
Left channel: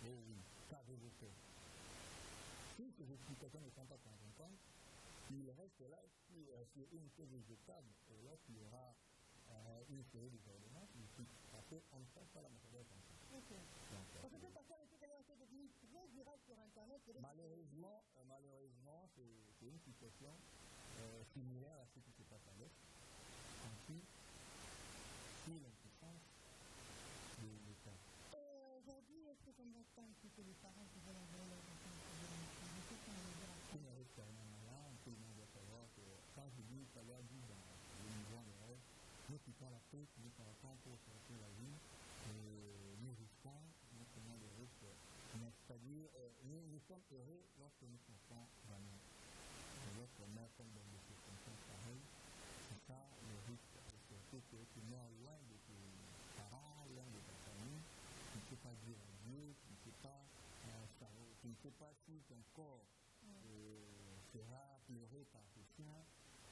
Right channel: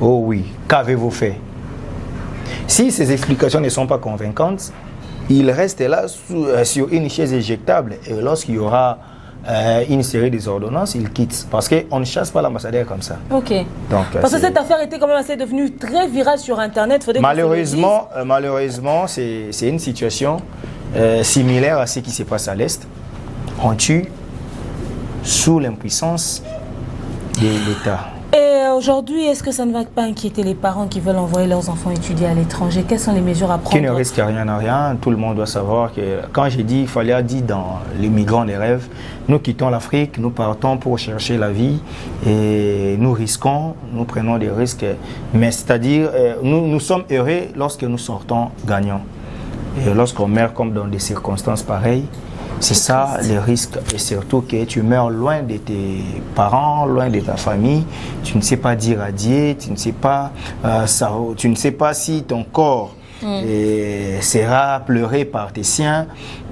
Oh oui, qu'avez-vous fait? Si ces explications ne sont pas convaincantes, il reste là sur une chaise éjectable. Et lorsqu'il y aura une série des ordonnances, il quitte. Parce qu'on ne chasse pas l'ambassadeur comme ça. Ok. Donc, parce que cette affaire était quand même assez devenue très virale sur Internet. Malheureusement, c'est une situation similaire à ce qui se passe à l'Est. On tue sous l'impuissance de l'État. Et aujourd'hui, est-ce que ça ne va pas inquiéter les parents qui veulent envoyer leurs enfants étudier à l'étranger? Quelles sont les mesures à prendre? Qui ne risque rien à rien. Tout le monde doit savoir que quand j'ai dit, il fallait dire dans Les migrants des rêves, nous quittons l'Afrique, nous partons pour chercher la vie et nous risquons, nous prenons des risques. Mais c'est-à-dire, nous sommes heureux lorsque nous sortons gagnants. Et lorsqu'on meurt comme dans des circonstances pareilles, c'est ça le risque, et surtout que tu meurs loin de tes parents, loin de ta famille, tu ne sais pas dire adieu, tu ne sais pas, tu ne sais pas si ton corps sera pleuré par tes siens.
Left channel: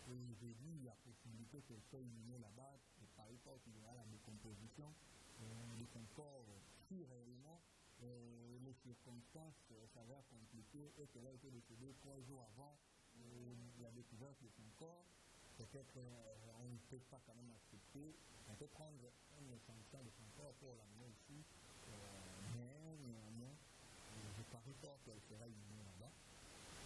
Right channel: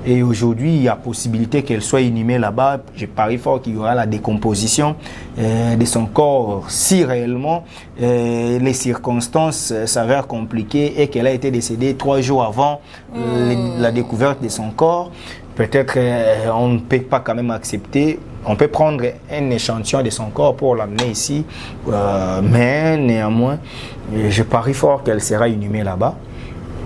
Et aujourd'hui, il y a possibilité qu'elle soit inhumée là-bas. Je parie fort qu'il y aura la décomposition de son corps si réellement les circonstances s'avèrent compliquées et qu'elle a été décédée 3 jours avant la découverte de son corps. Peut-être on ne peut pas quand même accepter. On peut prendre un échantillon de son corps pour l'amener ici, mais néanmoins, je parie fort qu'elle sera inhumée là-bas.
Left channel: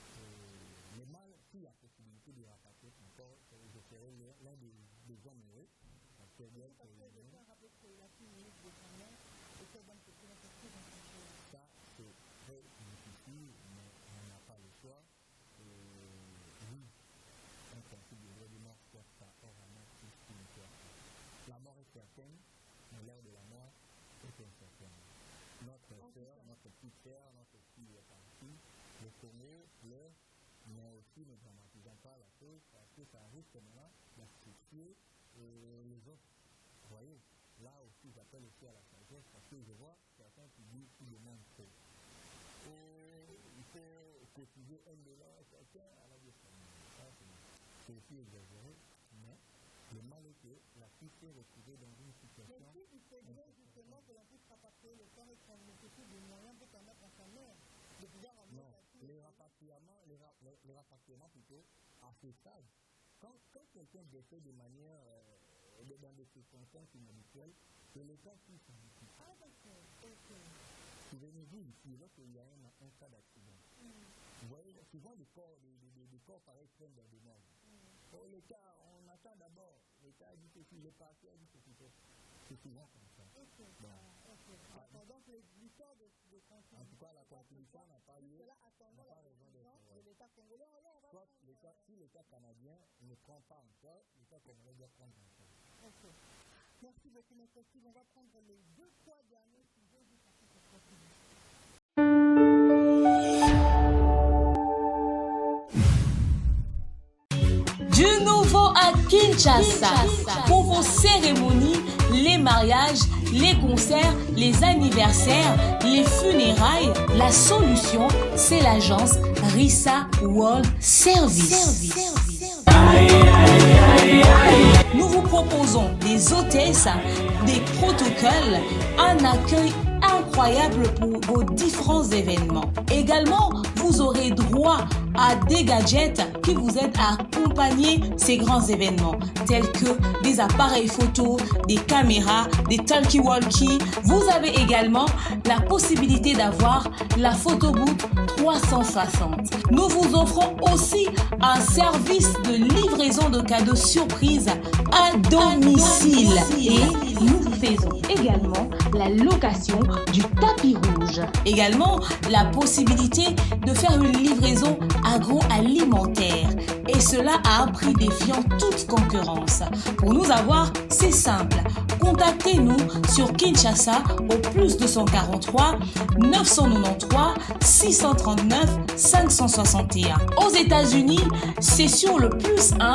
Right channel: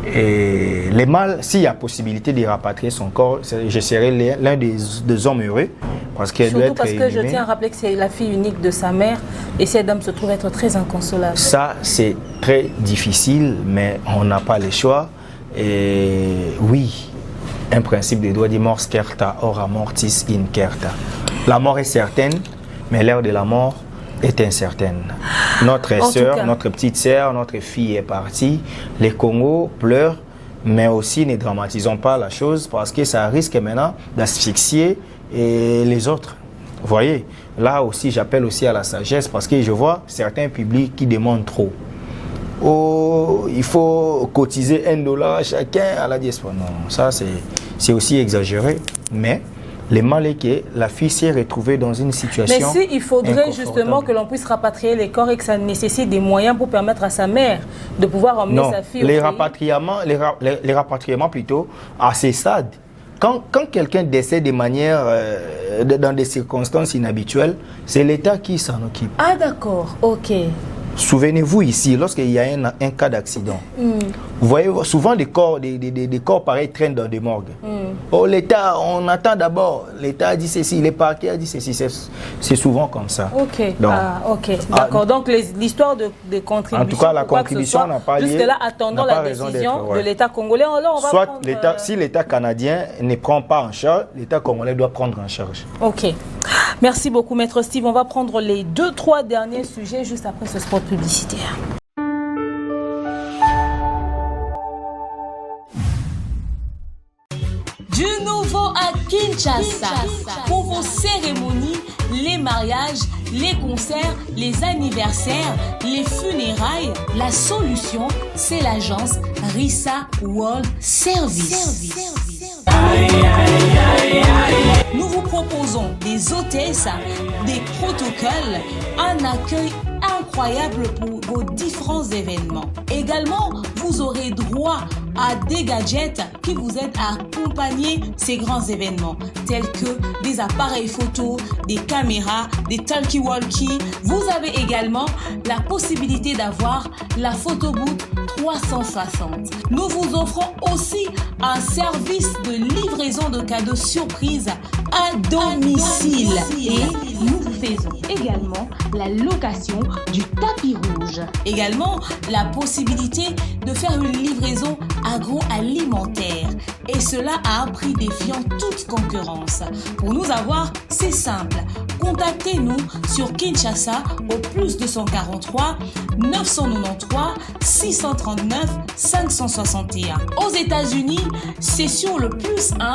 Et les mâles, s'il y a possibilité de rapatrier son corps, je serai l'un des hommes heureux. Parce qu'elle doit être parce que je inhumée. tiens à rappeler que c'est la fille unique de sa mère et cette dame se trouve être très inconsolable. Ça, c'est très difficile, mais on n'a pas le choix. Et oui, un principe de droit dit mors certa, ora mortis incerta. La mort est certaine, mais l'heure de la mort est incertaine. Notre sœur, notre petite sœur, notre fille est partie. Les Congos pleurent, mais aussi ne dramatisons pas la chose parce que ça risque maintenant d'asphyxier les autres. Vous voyez, là aussi, j'appelle aussi à la sagesse parce que je vois certains publics qui demandent trop. Oh, il faut cotiser $1 chacun à la diaspora. Non, ça c'est aussi exagéré. Mais le mal est que la fille s'est retrouvée dans une situation. Mais si il faudrait justement que l'on puisse rapatrier les corps et que ça nécessite des moyens pour permettre à sa mère de pouvoir emmener sa fille au pays. Les rapatriements plutôt à ces stades. Quand quelqu'un décède de manière, dans des circonstances inhabituelles, c'est l'État qui s'en occupe. Ah d'accord, ok. Souvenez-vous ici, lorsqu'il y a un cas d'accident, vous voyez souvent des corps pareils traînent dans des morgues. Oh, l'État, on attend d'abord. L'État a dit ceci, les parquets a dit ceci. C'est souvent comme ça. Ok, d'accord. Donc l'histoire de contribution. En tout cas, la contribution n'a pas lieu. Jusque-là, attendons la décision de l'État congolais. Là, on va soit prendre, si l'État canadien ne prend pas en charge, l'État congolais doit prendre en charge. Ok. Merci beaucoup, Maître Steve. On va prendre les 2-3 derniers sujets juste après ce spot publicitaire. Du nouveau à Kinshasa. Pour vos cérémonies, les mariages, les concerts, les anniversaires, les funérailles, la solution, c'est l'agence Rissa World Service. Nous vous proposons des hôtesses, des protocoles, un accueil incroyable pour vos différents événements. Également, vous aurez droit à des gadgets qui vous aident à accompagner ces grands événements, tels que des appareils photo, des caméras, des talkie-walkie. Vous avez également la possibilité d'avoir la photo booth 360. Nous vous offrons aussi un service de livraison de cadeaux surprises à domicile. Et nous faisons également la location du tapis rouge. Également, la possibilité de faire une livraison agroalimentaire. Et cela à un prix défiant toute concurrence. Pour nous avoir, c'est simple. Contactez-nous sur Kinshasa au +243 993 639 561. Aux États-Unis, c'est sur le +1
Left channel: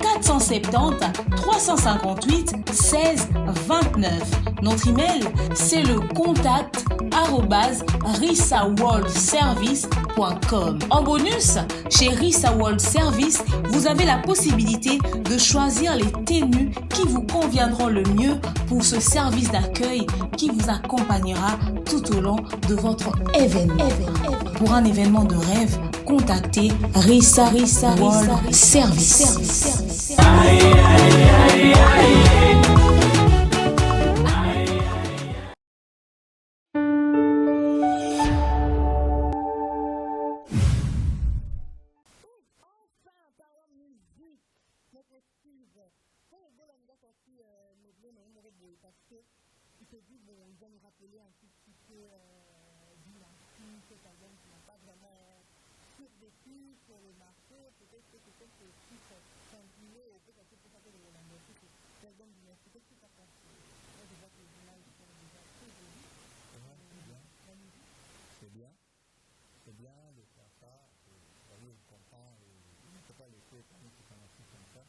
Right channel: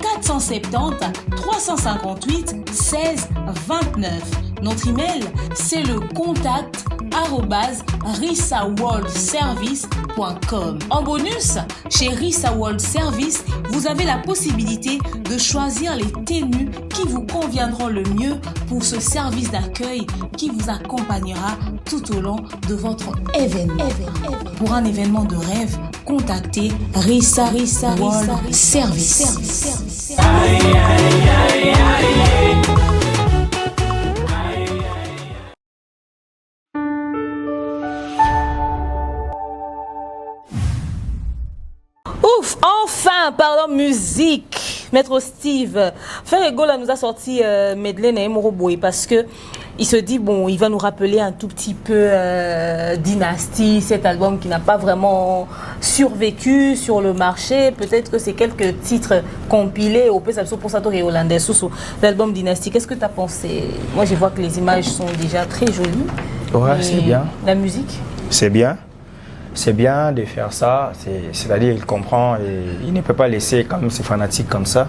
470 358 16 29. Notre email, c'est le contact@rissaworldservice.com. En bonus, chez Rissa World Service, vous avez la possibilité de choisir les tenues qui vous conviendront le mieux pour ce service d'accueil qui vous accompagnera tout au long de votre événement. Pour un événement de rêve, contactez Rissa World Service. Ouf, enfin, parlons musique. Maître Steve, Ferrego là nous a sorti Medley et Moroboy parce que il se dit bon, il va nous rappeler un tout petit peu Dynasty, cet album qui n'a pas vraiment survécu sur le marché. Peut-être que c'est quelques titres compilés au PSAPSO pour Sato et Hollandais sous l'album Dynasty. Qu'est-ce que tu as pensé? Moi, je vois que les images sont déjà très jolies. Ouais, c'est bien. La musique? C'est bien. C'est bien de faire ça, c'est-à-dire il comprend et il ne peut pas laisser quand même ses fanatiques comme ça.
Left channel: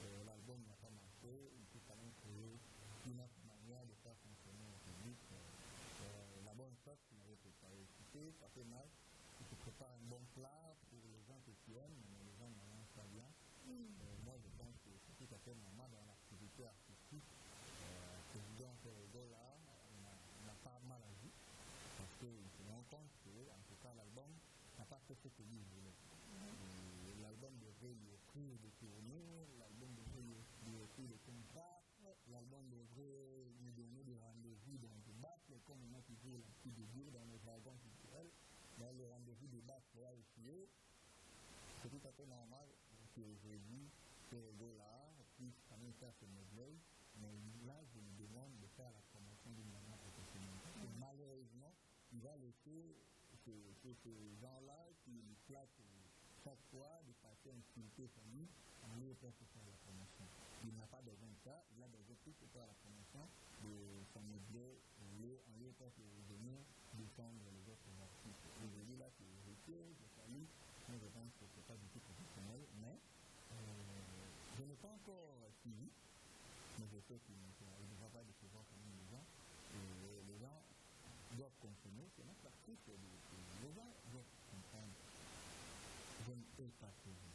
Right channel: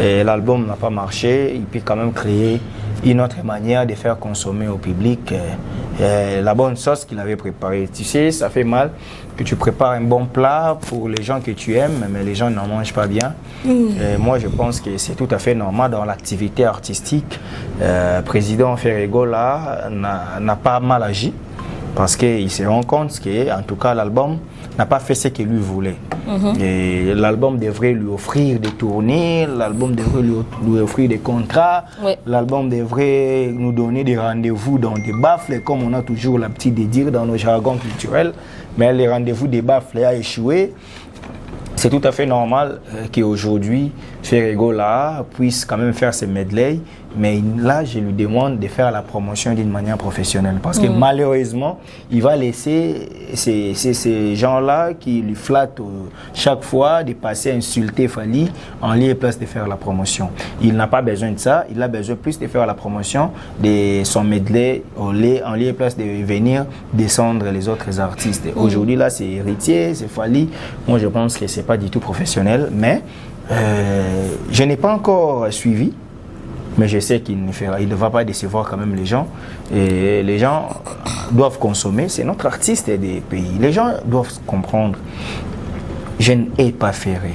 Et l'album n'a pas marché, il peut quand même créer une autre manière de faire consommer au public la bonne sauce qu'il avait préparée. Tu sais, ça fait mal que tu prépares un bon plat pour les gens que tu aimes, mais les gens n'en mangent pas bien. Et moi, je pense que c'est tout à fait normal dans l'activité artistique. Président Ferrego là n'a pas mal agi. Parce qu'il se rend compte qu'en tout cas, l'album n'a pas fait ce qu'il lui voulait. Et l'album devrait lui offrir des tournées, l'album devrait lui offrir des contrats, l'album devrait nous donner des rendez-vous dans des baffles, comme on a toujours l'habitude de dire dans nos jargons culturels. Mais les rendez-vous des baffles a échoué. C'est tout à fait normal qu'aujourd'hui, Ferrego là puisse quand même faire ses medleys, mais là, je lui demande de faire la promotion d'une manière professionnelle. Parce que malheureusement, il va laisser ces gens-là qui lui flattent chaque fois de passer à insulter Fally en lieu et place de faire la promotion. Il n'a pas besoin de ça, il a besoin plus de faire la promotion de son medley en lieu et place de venir descendre les autres artistes. Aujourd'hui, là, c'est Héritier, c'est Fally. Moi, je pense que ce n'est pas du tout professionnel, mais je n'ai pas encore suivi. Mais je sais qu'il ne va pas décevoir quand même les gens. Et les gens doivent consommer. C'est notre artiste des pays. Les gens doivent comprendre. Je n'ai pas Ferré.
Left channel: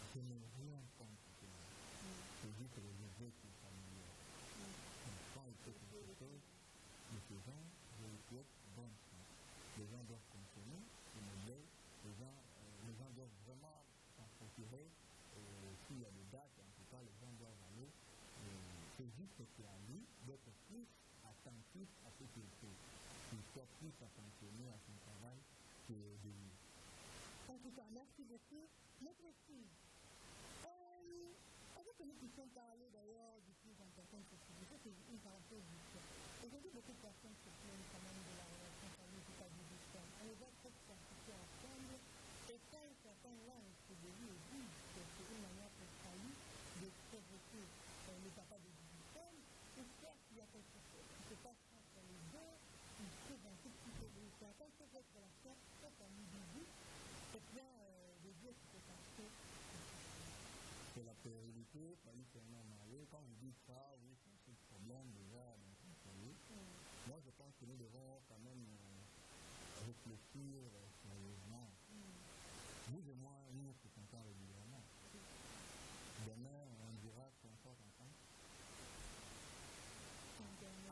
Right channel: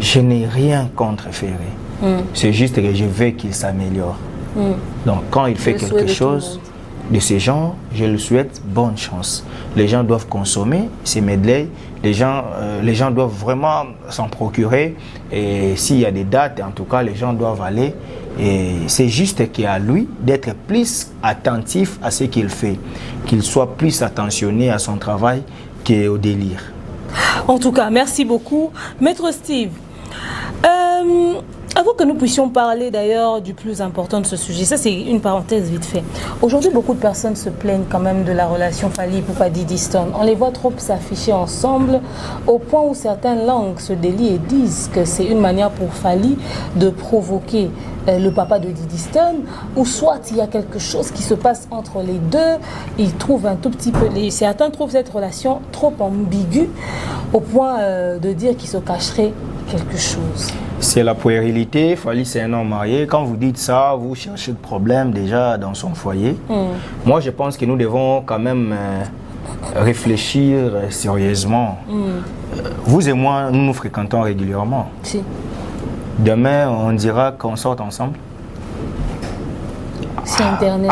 Je n'ai rien contre Ferré. C'est juste que je veux qu'il s'améliore. Donc quand il fait quelque chose de ce genre, je lui souhaite bonne chance. Les gens doivent consommer ces medleys. Les gens doivent vraiment s'en procurer. Et s'il y a des dates, en tout cas, les gens doivent aller. Et c'est juste qu'à lui d'être plus attentif à ce qu'il fait. Qu'il soit plus attentionné à son travail qu'au délire. En tout cas, merci beaucoup. Maître Steve, avant que nous puissions parler d'ailleurs du plus important de ce sujet, ça c'est une parenthèse vite fait. Aujourd'hui, beaucoup de personnes se plaignent quand même de la relation Fally Ipupa Diddy Stone. On les voit trop s'afficher ensemble au point où certaines langues se délient et disent que c'est une manière pour Fally de provoquer le papa de Diddy Stone, ou soit il y a quelque chose qui se passe entre les deux. Ils trouvent un tout petit peu, certains trouvent cette relation trop ambiguë au point de dire qu'il se cacherait quelque chose. C'est la puérilité. Fally, c'est un homme marié. Quand vous dites ça, vous cherchez le problème déjà dans son foyer. Moi, je pense que nous devons quand même réfléchir sérieusement. Vous et moi, nous nous fréquentons régulièrement. Si. Demain, on dira qu'on sort ensemble. C'est Internet.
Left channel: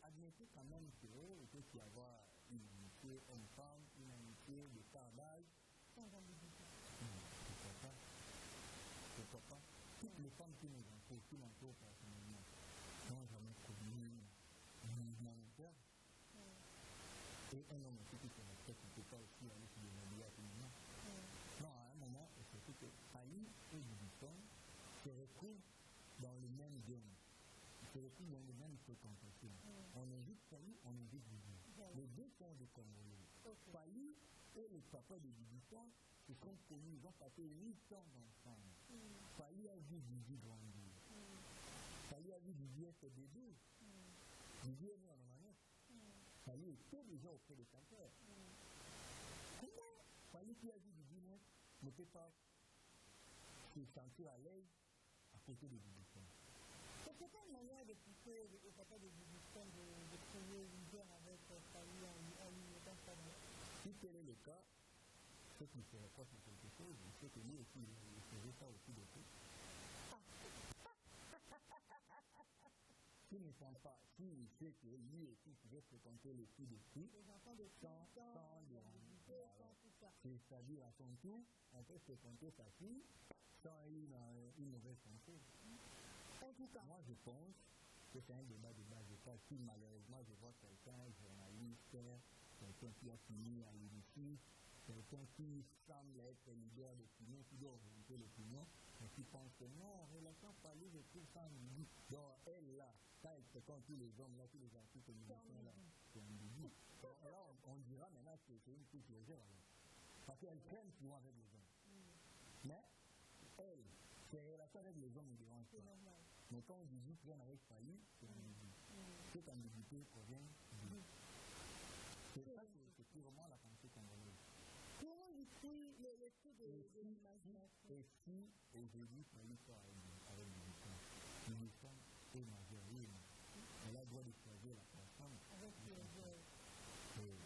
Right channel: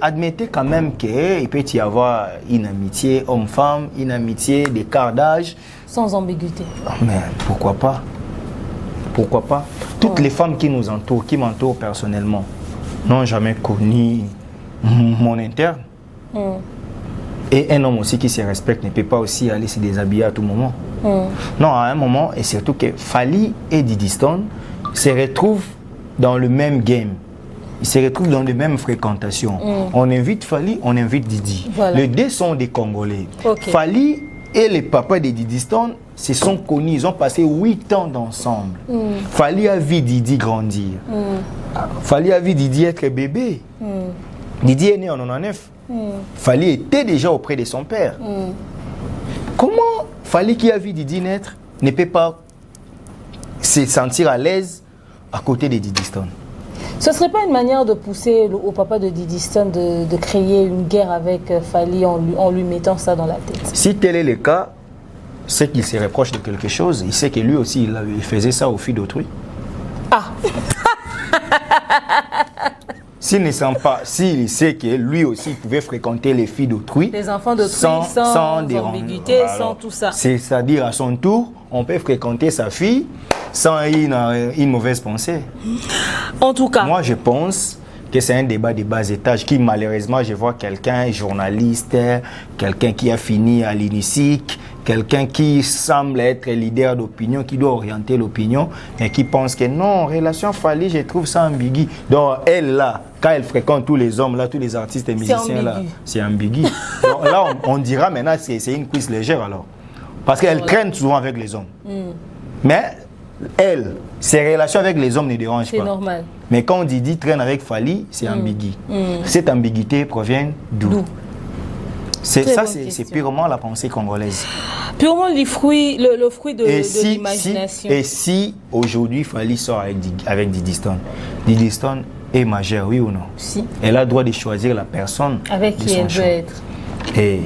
Admettez quand même qu'il peut y avoir une amitié homme-femme, une amitié d'écart d'âge. Sans ambiguïté. Mais pourquoi pas? Pourquoi pas? Toutes les femmes qui nous entourent, qui m'entourent personnellement, n'ont jamais connu mon interne. Et un homme aussi qui se respecte ne peut pas aussi aller se déshabiller à tout moment. Non, à un moment, et surtout que Fally et Diddy Stone se retrouvent dans le même game. Ils se retrouvent dans les mêmes fréquentations. On invite Fally, on invite Diddy. Voilà. Les deux sont des Congolais. Fally et les papas de Diddy Stone se sont connus, ils ont passé 8 ans ensemble. Fally a vu Diddy grandir. Fally a vu Diddy être bébé. Diddy est né en 99. Fally était déjà auprès de son père. Comment Fally qui a vu Diddy naître ne peut pas se sentir à l'aise à côté de Diddy Stone? Ce ne serait pas une manière de pousser au papa de Diddy Stone de créer une guerre avec Fally en lui mettant ça dans la tête? Si tel est le cas, c'est qu'il se reproche de quelque chose. Il sait que lui aussi, il faisait ça aux filles d'autrui. Ah. S'il sait que lui aussi pouvait fréquenter les filles d'autrui, les enfants d'autrui sans ambiguïté, sans tout ça. C'est-à-dire à son tour, on peut fréquenter sa fille sans une mauvaise pensée. En tout cas, moi je pense que c'est un débat de bas étage qui malheureusement je vois quelqu'un, journaliste, quelqu'un qui a fini à l'UNICIC, quelqu'un qui semble être leader d'opinion, qui doit orienter l'opinion, mais qui pense que non, relation Fally, je trouve ça ambigu. Donc elle là, quand elle fréquente tous les hommes là, tous les artistes et musiciens là, c'est ambigu. Donc là on dira maintenant c'est une cuisse légère alors. Parce qu'elle traîne souvent avec les hommes. Mais elle, ses relations avec les hommes ne dérangent pas. C'est normal. Mais quand on dit traîne avec Fally, c'est ambigu. Cette ambiguïté provient d'où? C'est purement la pensée congolaise. Purement le fruit de l'imagination. Et si aujourd'hui Fally sort avec Diddy Stone, Diddy Stone est majeure, oui ou non? Si. Elle a le droit de choisir la personne avec qui elle veut être. Et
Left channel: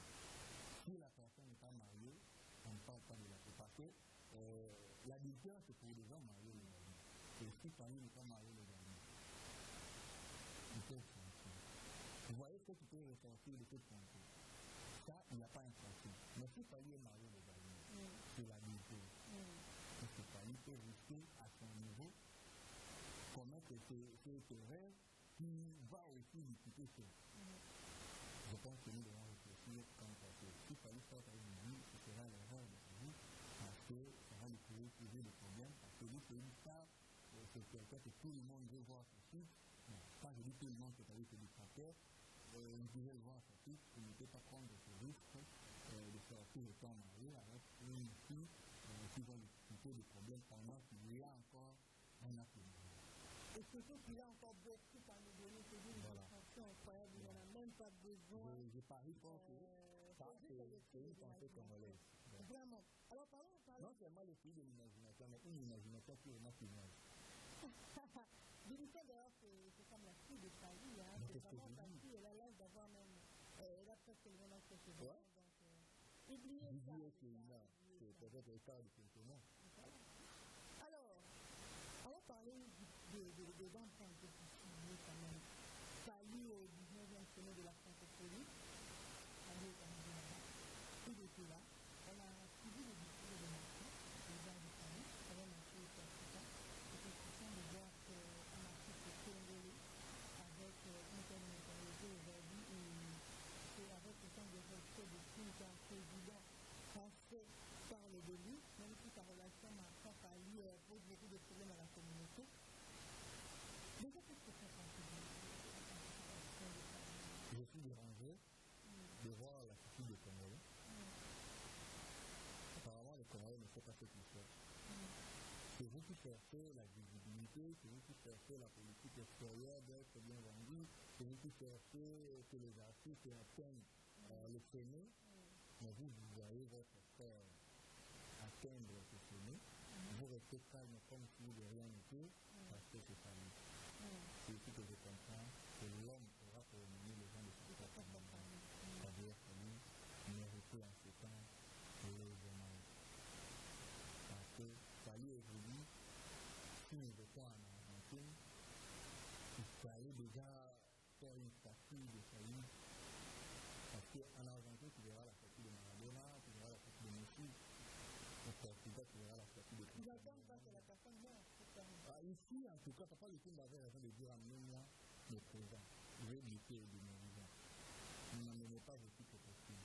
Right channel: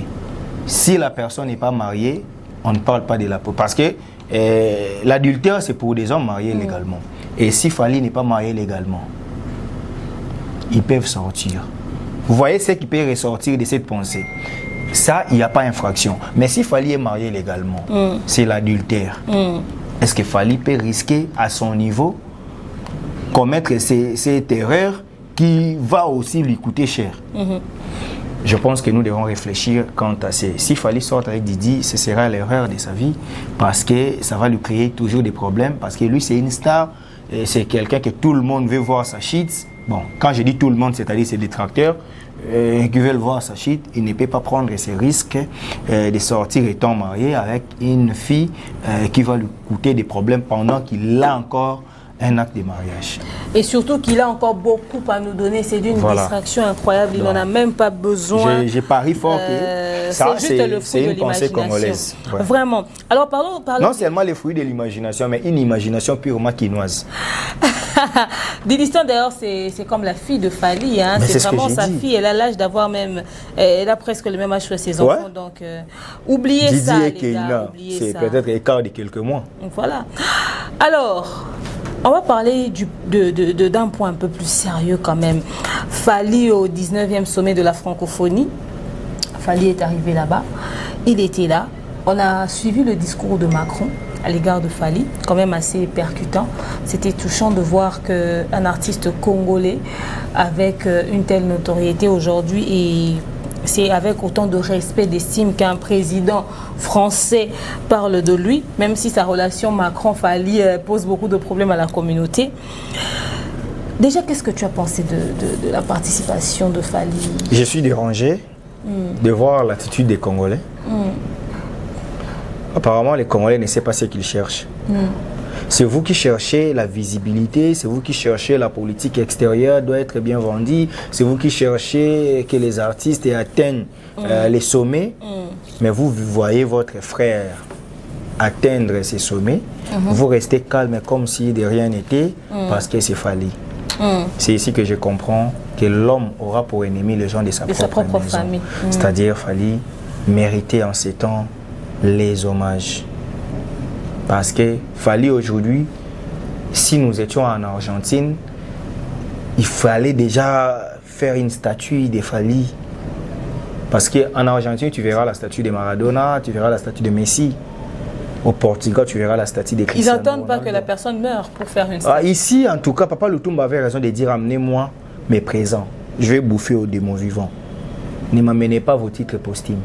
si la personne n'est pas mariée, on ne parle pas de la peau. Parce que l'adultère, c'est pour des hommes mariés légalement. Et si Fally n'est pas marié légalement, ils peuvent sortir. Vous voyez ce qui peut ressortir de cette pensée. Ça, il n'y a pas infraction. Mais si Fally est marié légalement, c'est l'adultère. Est-ce que Fally peut risquer à son niveau commettre cette erreur qui va aussi lui coûter cher? Je pense que nous devons réfléchir quant à ça. Si Fally sort avec Didi, ce sera l'erreur de sa vie parce que ça va lui créer toujours des problèmes parce que lui, c'est une star, c'est quelqu'un que tout le monde veut voir sa shit. Bon, quand je dis tout le monde, c'est-à-dire ses détracteurs qui veulent voir sa shit, il ne peut pas prendre ces risques de sortir étant marié avec une fille qui va lui coûter des problèmes pendant qu'il a encore un acte de mariage. Et surtout qu'il a encore beaucoup à nous donner. C'est d'une distraction incroyable. Il n'en a même pas besoin. J'ai pari fort que ça, c'est une pensée congolaise. Ouais. Vraiment. Alors, parlons non seulement les fruits de l'imagination, mais une imagination purement quinoise. Dilistan, d'ailleurs, c'est comme la fille de Fally. Hein. C'est vraiment sa fille. Elle a l'âge d'avoir même... Elle a presque le même âge que ses enfants. Donc, oubliez Didi ça, et les gars. C'est peut-être écart de quelques mois. Voilà. Alors... On va parler d'un point un peu plus sérieux quand même. Fally au 19e sommet de la francophonie. Fally est arrivé là-bas. Il était là. On a suivi le discours de Macron à l'égard de Fally, quand même assez percutant. C'était touchant de voir qu'un artiste congolais avec une telle notoriété aujourd'hui et c'est avec autant de respect, d'estime qu'un président français parle de lui, même si sa relation Macron-Fally pose beaucoup de problèmes à la communauté. Déjà, qu'est-ce que tu as pensé de la participation de Fally? Je suis dérangé de voir l'attitude des Congolais. Apparemment, les Congolais ne savent pas ce qu'ils cherchent. C'est vous qui cherchez la visibilité, c'est vous qui cherchez la politique extérieure doit être bien vendue, c'est vous qui cherchez que les artistes atteignent les sommets, mais vous voyez votre frère atteindre ces sommets, vous restez calme comme si de rien n'était parce que c'est Fally. C'est ici que je comprends que l'homme aura pour ennemi les gens de sa propre maison. Famille. C'est-à-dire Fally méritait en ces temps les hommages. Parce que Fally aujourd'hui, si nous étions en Argentine, il fallait déjà faire une statue de Fally. Parce qu'en Argentine, tu verras la statue de Maradona, tu verras la statue de Messi. Au Portugal, tu verras la statue de Cristiano Ils n'attendent pas que la personne meure pour faire une statue. Ici, en tout cas, Papa Lutumba avait raison de dire « Amenez-moi mes présents. Je vais bouffer aux démons vivants. Ne m'amenez pas vos titres posthumes. »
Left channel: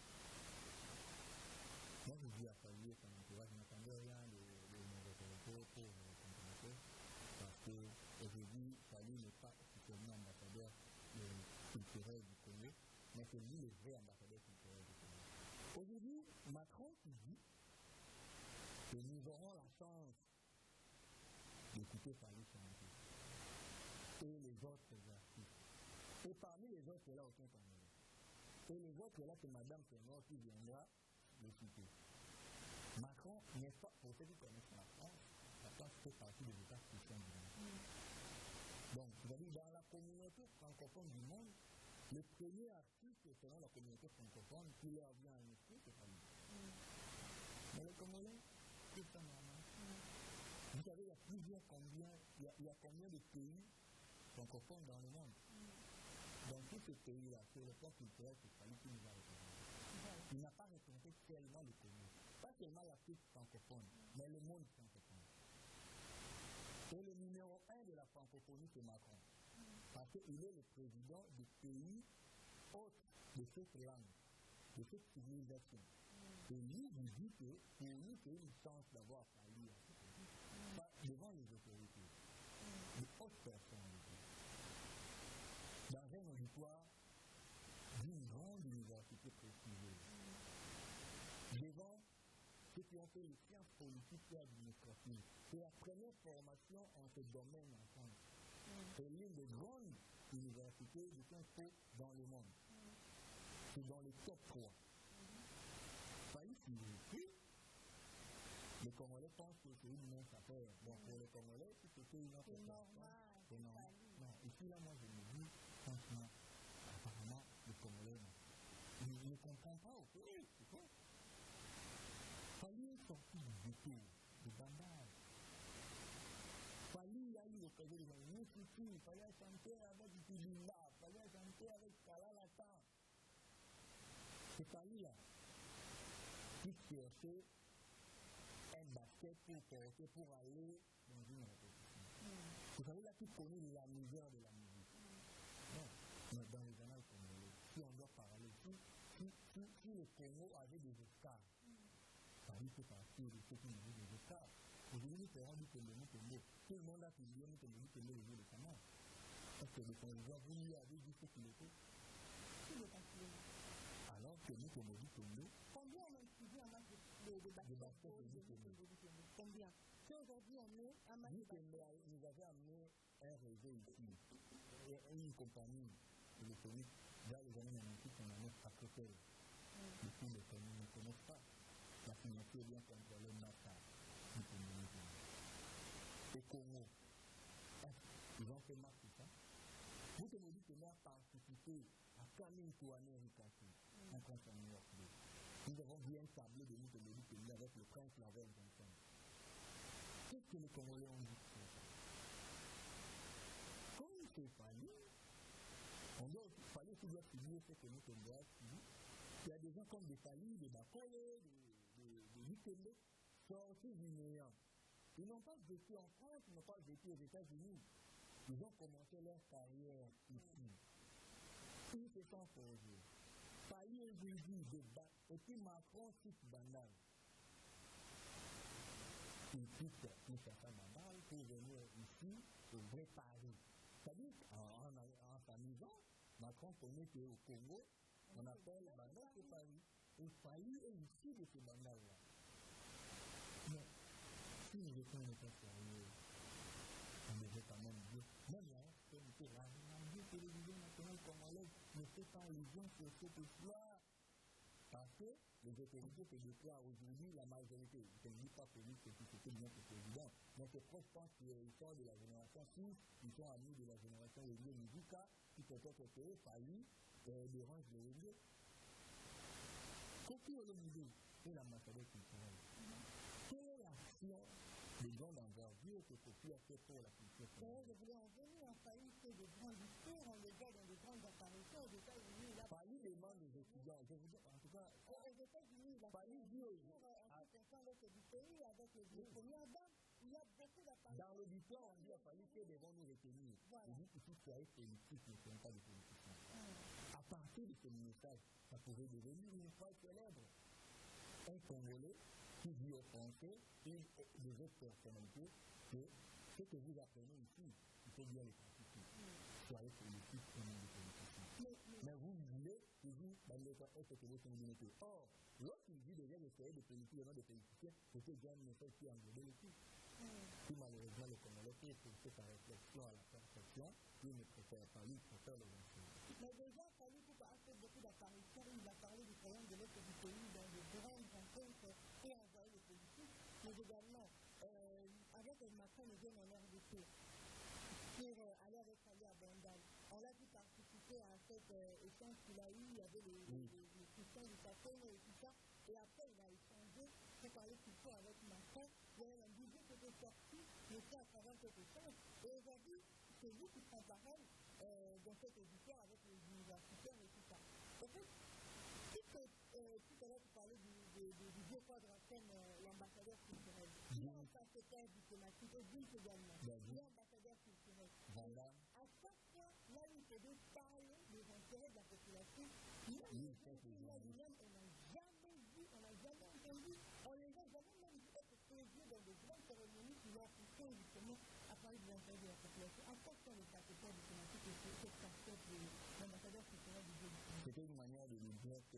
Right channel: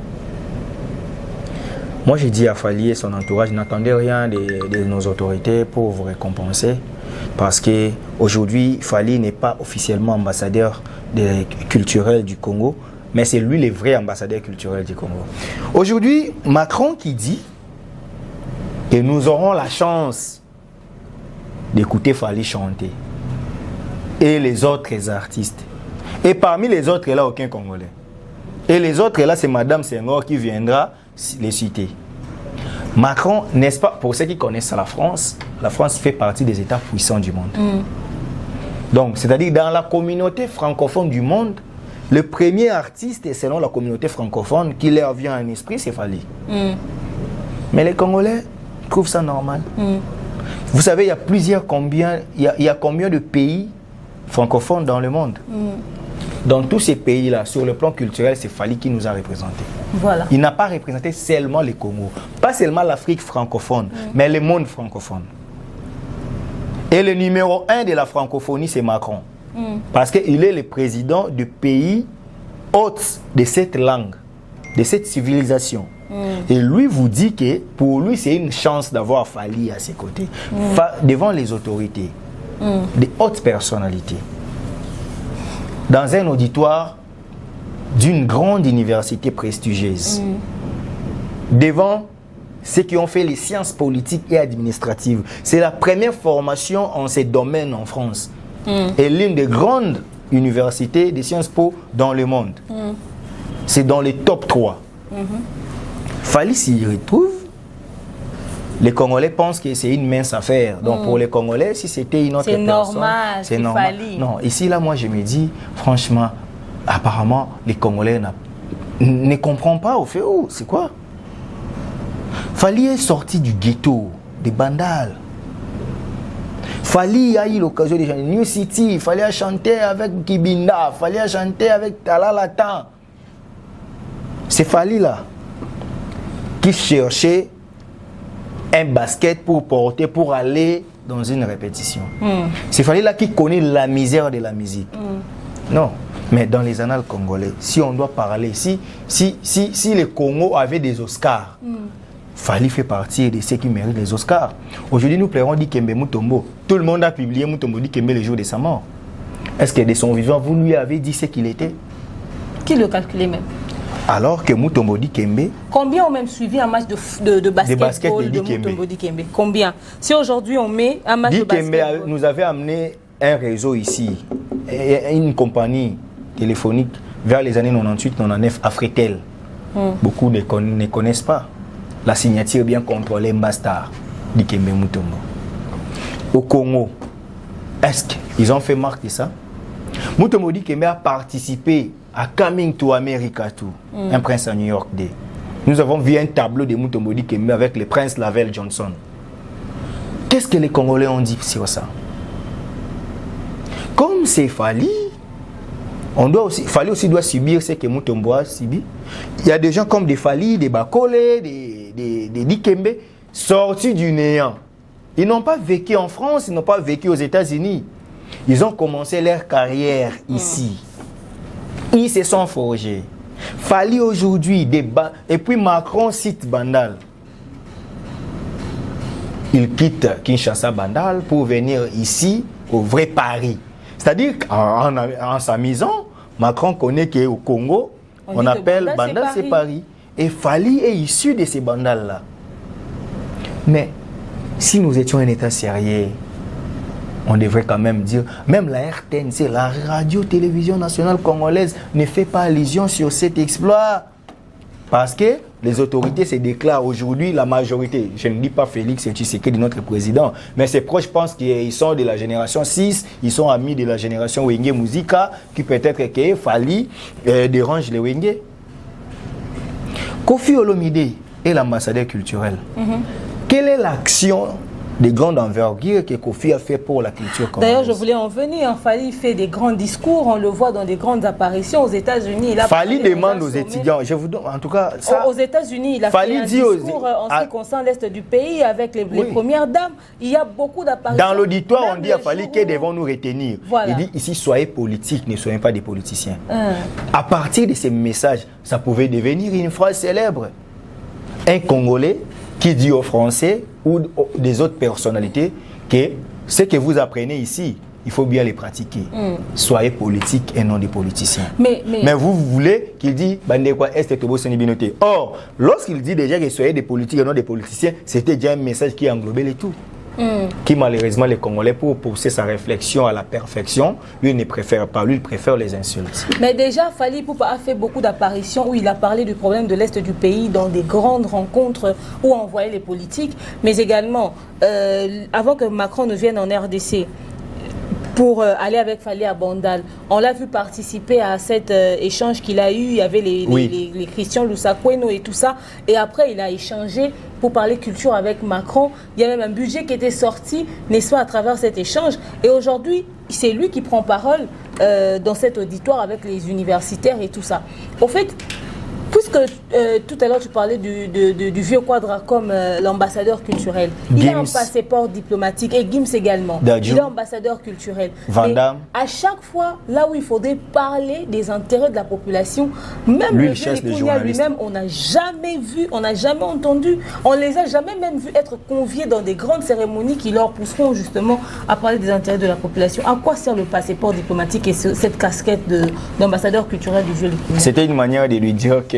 Moi, j'ai dit à Fally et son entourage, n'attendez rien de nos autorités pour vous récompenser. Parce qu'aujourd'hui, Fally n'est pas officiellement ambassadeur culturel du Congo, mais c'est lui le vrai ambassadeur culturel du Congo. Aujourd'hui, Macron qui dit que nous aurons la chance d'écouter Fally chanter et les autres artistes. Et parmi les autres, là, aucun Congolais. Et les autres, là, c'est Madame Senghor qui viendra les citer. Macron, n'est-ce pas, pour ceux qui connaissent la France fait partie des États puissants du monde. Donc, c'est-à-dire dans la communauté francophone du monde, le premier artiste, selon la communauté francophone, qui leur vient à l'esprit, c'est Fally. Mais les Congolais trouvent ça normal. Vous savez, il y a combien de pays francophones dans le monde? Dans tous ces pays-là, sur le plan culturel, c'est Fally qui nous a représentés. Voilà. Il n'a pas représenté seulement les Congo, pas seulement l'Afrique francophone, mais le monde francophone. Et le numéro 1 de la francophonie, c'est Macron. Parce qu'il est le président du pays hôte de cette langue, de cette civilisation. Et lui vous dit que pour lui, c'est une chance d'avoir Fally à ses côtés, devant les autorités, des hautes personnalités. Dans un auditoire d'une grande université prestigieuse, devant ceux qui ont fait les sciences politiques et administratives. C'est la première formation en ces domaines en France. Et l'une des grandes universités de Sciences Po dans le monde. C'est dans les top 3. Fally s'y retrouve. Les Congolais pensent que c'est une mince affaire. Donc pour les Congolais, si c'était une autre personne, c'est normal. Non, ici, là, moi, je me dis, franchement, apparemment, les Congolais ne comprennent pas au fait. Oh, c'est quoi? Fally est sorti du ghetto, des Bandal. Fali a eu l'occasion de chanter New City, il fallait chanter avec Kibinda, il fallait chanter avec Talalatan. C'est Fali là qui cherchait un basket pour porter, pour aller dans une répétition. C'est Fali là qui connaît la misère de la musique. Non, mais dans les annales congolais, si on doit parler, si le Congo avait des Oscars, Fali fait partie de ceux qui méritent les Oscars. Aujourd'hui, nous pleurons Dikembe Mutombo. Tout le monde a publié Mutombo Dikembe le jour de sa mort. Est-ce que de son vivant, vous lui avez dit ce qu'il était? Qui le calculait même? Alors que Mutombo Dikembe... Combien ont même suivi un match de basketball de Mutombo Dikembe? Combien? Si aujourd'hui on met un match de basketball... Dikembe nous avait amené un réseau ici, une compagnie téléphonique vers les années 98-99, Afritel. Beaucoup ne connaissent pas. La signature bien contrôlée Mbastar, Dikembe Mutombo. Au Congo, est-ce qu'ils ont fait marque de ça? Mutombo Dikembe a participé à Coming to America, un prince à New York Day. Nous avons vu un tableau de Mutombo Dikembe avec le prince Lavelle Johnson. Qu'est-ce que les Congolais ont dit sur ça? Comme c'est Fali, Fali aussi doit subir ce que Mutombo a subi. Il y a des gens comme des Fali, des Bakole, des Dikembe, sortis du néant. Ils n'ont pas vécu en France, ils n'ont pas vécu aux États-Unis. Ils ont commencé leur carrière ici. Ils se sont forgés. Fali aujourd'hui, et puis Macron cite Bandal. Il quitte Kinshasa Bandal pour venir ici, au vrai Paris. C'est-à-dire qu'en s'amusant, Macron connaît qu'au Congo, on appelle Bandal, c'est Paris. Et Fali est issu de ces bandales-là. Mais si nous étions un État sérieux, on devrait quand même dire, même la RTNC, la radio-télévision nationale congolaise, ne fait pas allusion sur cet exploit. Parce que les autorités se déclarent aujourd'hui, la majorité, je ne dis pas Félix et Tshisekedi, notre président, mais ses proches pensent qu'ils sont de la génération 6, ils sont amis de la génération Wenge Muzika, qui peut-être que Fali dérange les Wenge. Kofi Olomide est l'ambassadeur culturel. Quelle est l'action de grande envergure que Kofi a fait pour la culture congolaise? D'ailleurs, je voulais en venir. Fali fait des grands discours, on le voit dans des grandes apparitions aux États-Unis. Fali demande aux étudiants, je vous donne, en tout cas, ça, aux États-Unis, il a fait un discours en ce qui concerne l'Est du pays avec les premières dames. Il y a beaucoup d'apparitions. Dans l'auditoire, on dit à Fali que devons nous retenir. Voilà. Il dit ici, soyez politiques, ne soyez pas des politiciens. À partir de ces messages, ça pouvait devenir une phrase célèbre. Un Congolais qui dit aux Français ou des autres personnalités que ce que vous apprenez ici, il faut bien les pratiquer. Soyez politiques et non des politiciens. Mais vous voulez qu'il dise Or, lorsqu'il dit déjà que soyez des politiques et non des politiciens, c'était déjà un message qui englobait les tout. Qui malheureusement les Congolais, pour pousser sa réflexion à la perfection, lui ne préfère pas, lui il préfère les insultes. Mais déjà, Fali Poupa a fait beaucoup d'apparitions où il a parlé du problème de l'Est du pays dans des grandes rencontres où on voyait les politiques, mais également, avant que Macron ne vienne en RDC, pour aller avec Fali à Bandal. On l'a vu participer à cet échange qu'il a eu. Il y avait les Christian Lusakweno et tout ça. Et après, il a échangé pour parler culture avec Macron. Il y a même un budget qui était sorti, n'est-ce pas, à travers cet échange. Et aujourd'hui, c'est lui qui prend parole dans cet auditoire avec les universitaires et tout ça. Au fait, puisque tout à l'heure tu parlais du vieux quadra comme l'ambassadeur culturel, Gims. Il a un passeport diplomatique et Gims également. Dadju. Il est ambassadeur culturel. Vandam. À chaque fois, là où il faudrait parler des intérêts de la population, même lui, le vieux Likunia lui-même, on n'a jamais vu, on n'a jamais entendu, on les a jamais même vus être conviés dans des grandes cérémonies qui leur pousseront justement à parler des intérêts de la population. À quoi sert le passeport diplomatique et cette casquette d'ambassadeur culturel du vieux Likunia? C'était une manière de lui dire que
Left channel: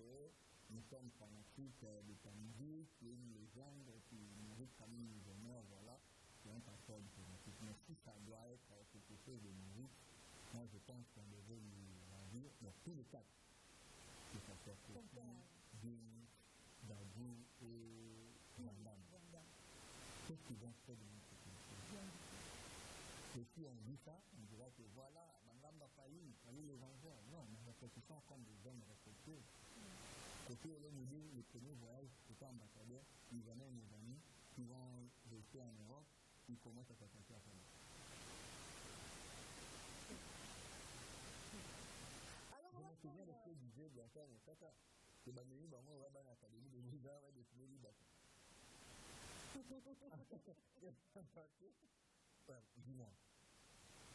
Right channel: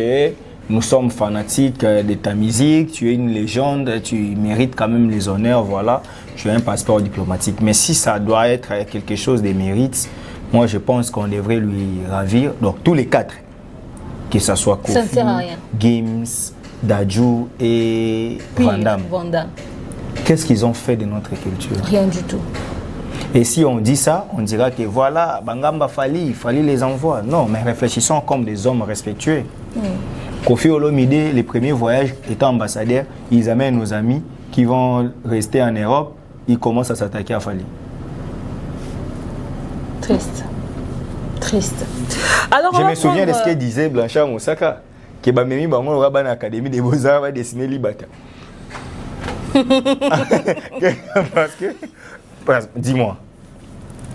nous sommes fanatiques de ta musique, tu es une légende, tu mérites quand même les honneurs, voilà, tu as un passeport diplomatique. Mais si ça doit être quelque chose de mérite, moi je pense qu'on devrait lui ravir, donc tous les quatre, que ce soit Kofi, Gims, Dadju et Vandam. Qu'est-ce qu'ils ont fait de notre culture? Rien du tout. Et si on dit ça, on dira que voilà, Bangamba Fali les envoie. Non, mais réfléchissons comme des hommes respectueux. Kofi Olomide, les premiers voyages étant ambassadeur, ils amènent nos amis qui vont rester en Europe, ils commencent à s'attaquer à Fali. Triste. Triste. Alors, je me souviens de ce que disait Blanchard Moussaka, que Bamemi Bango aura dans l'Académie des Beaux-Arts va dessiner Libata. Dis-moi,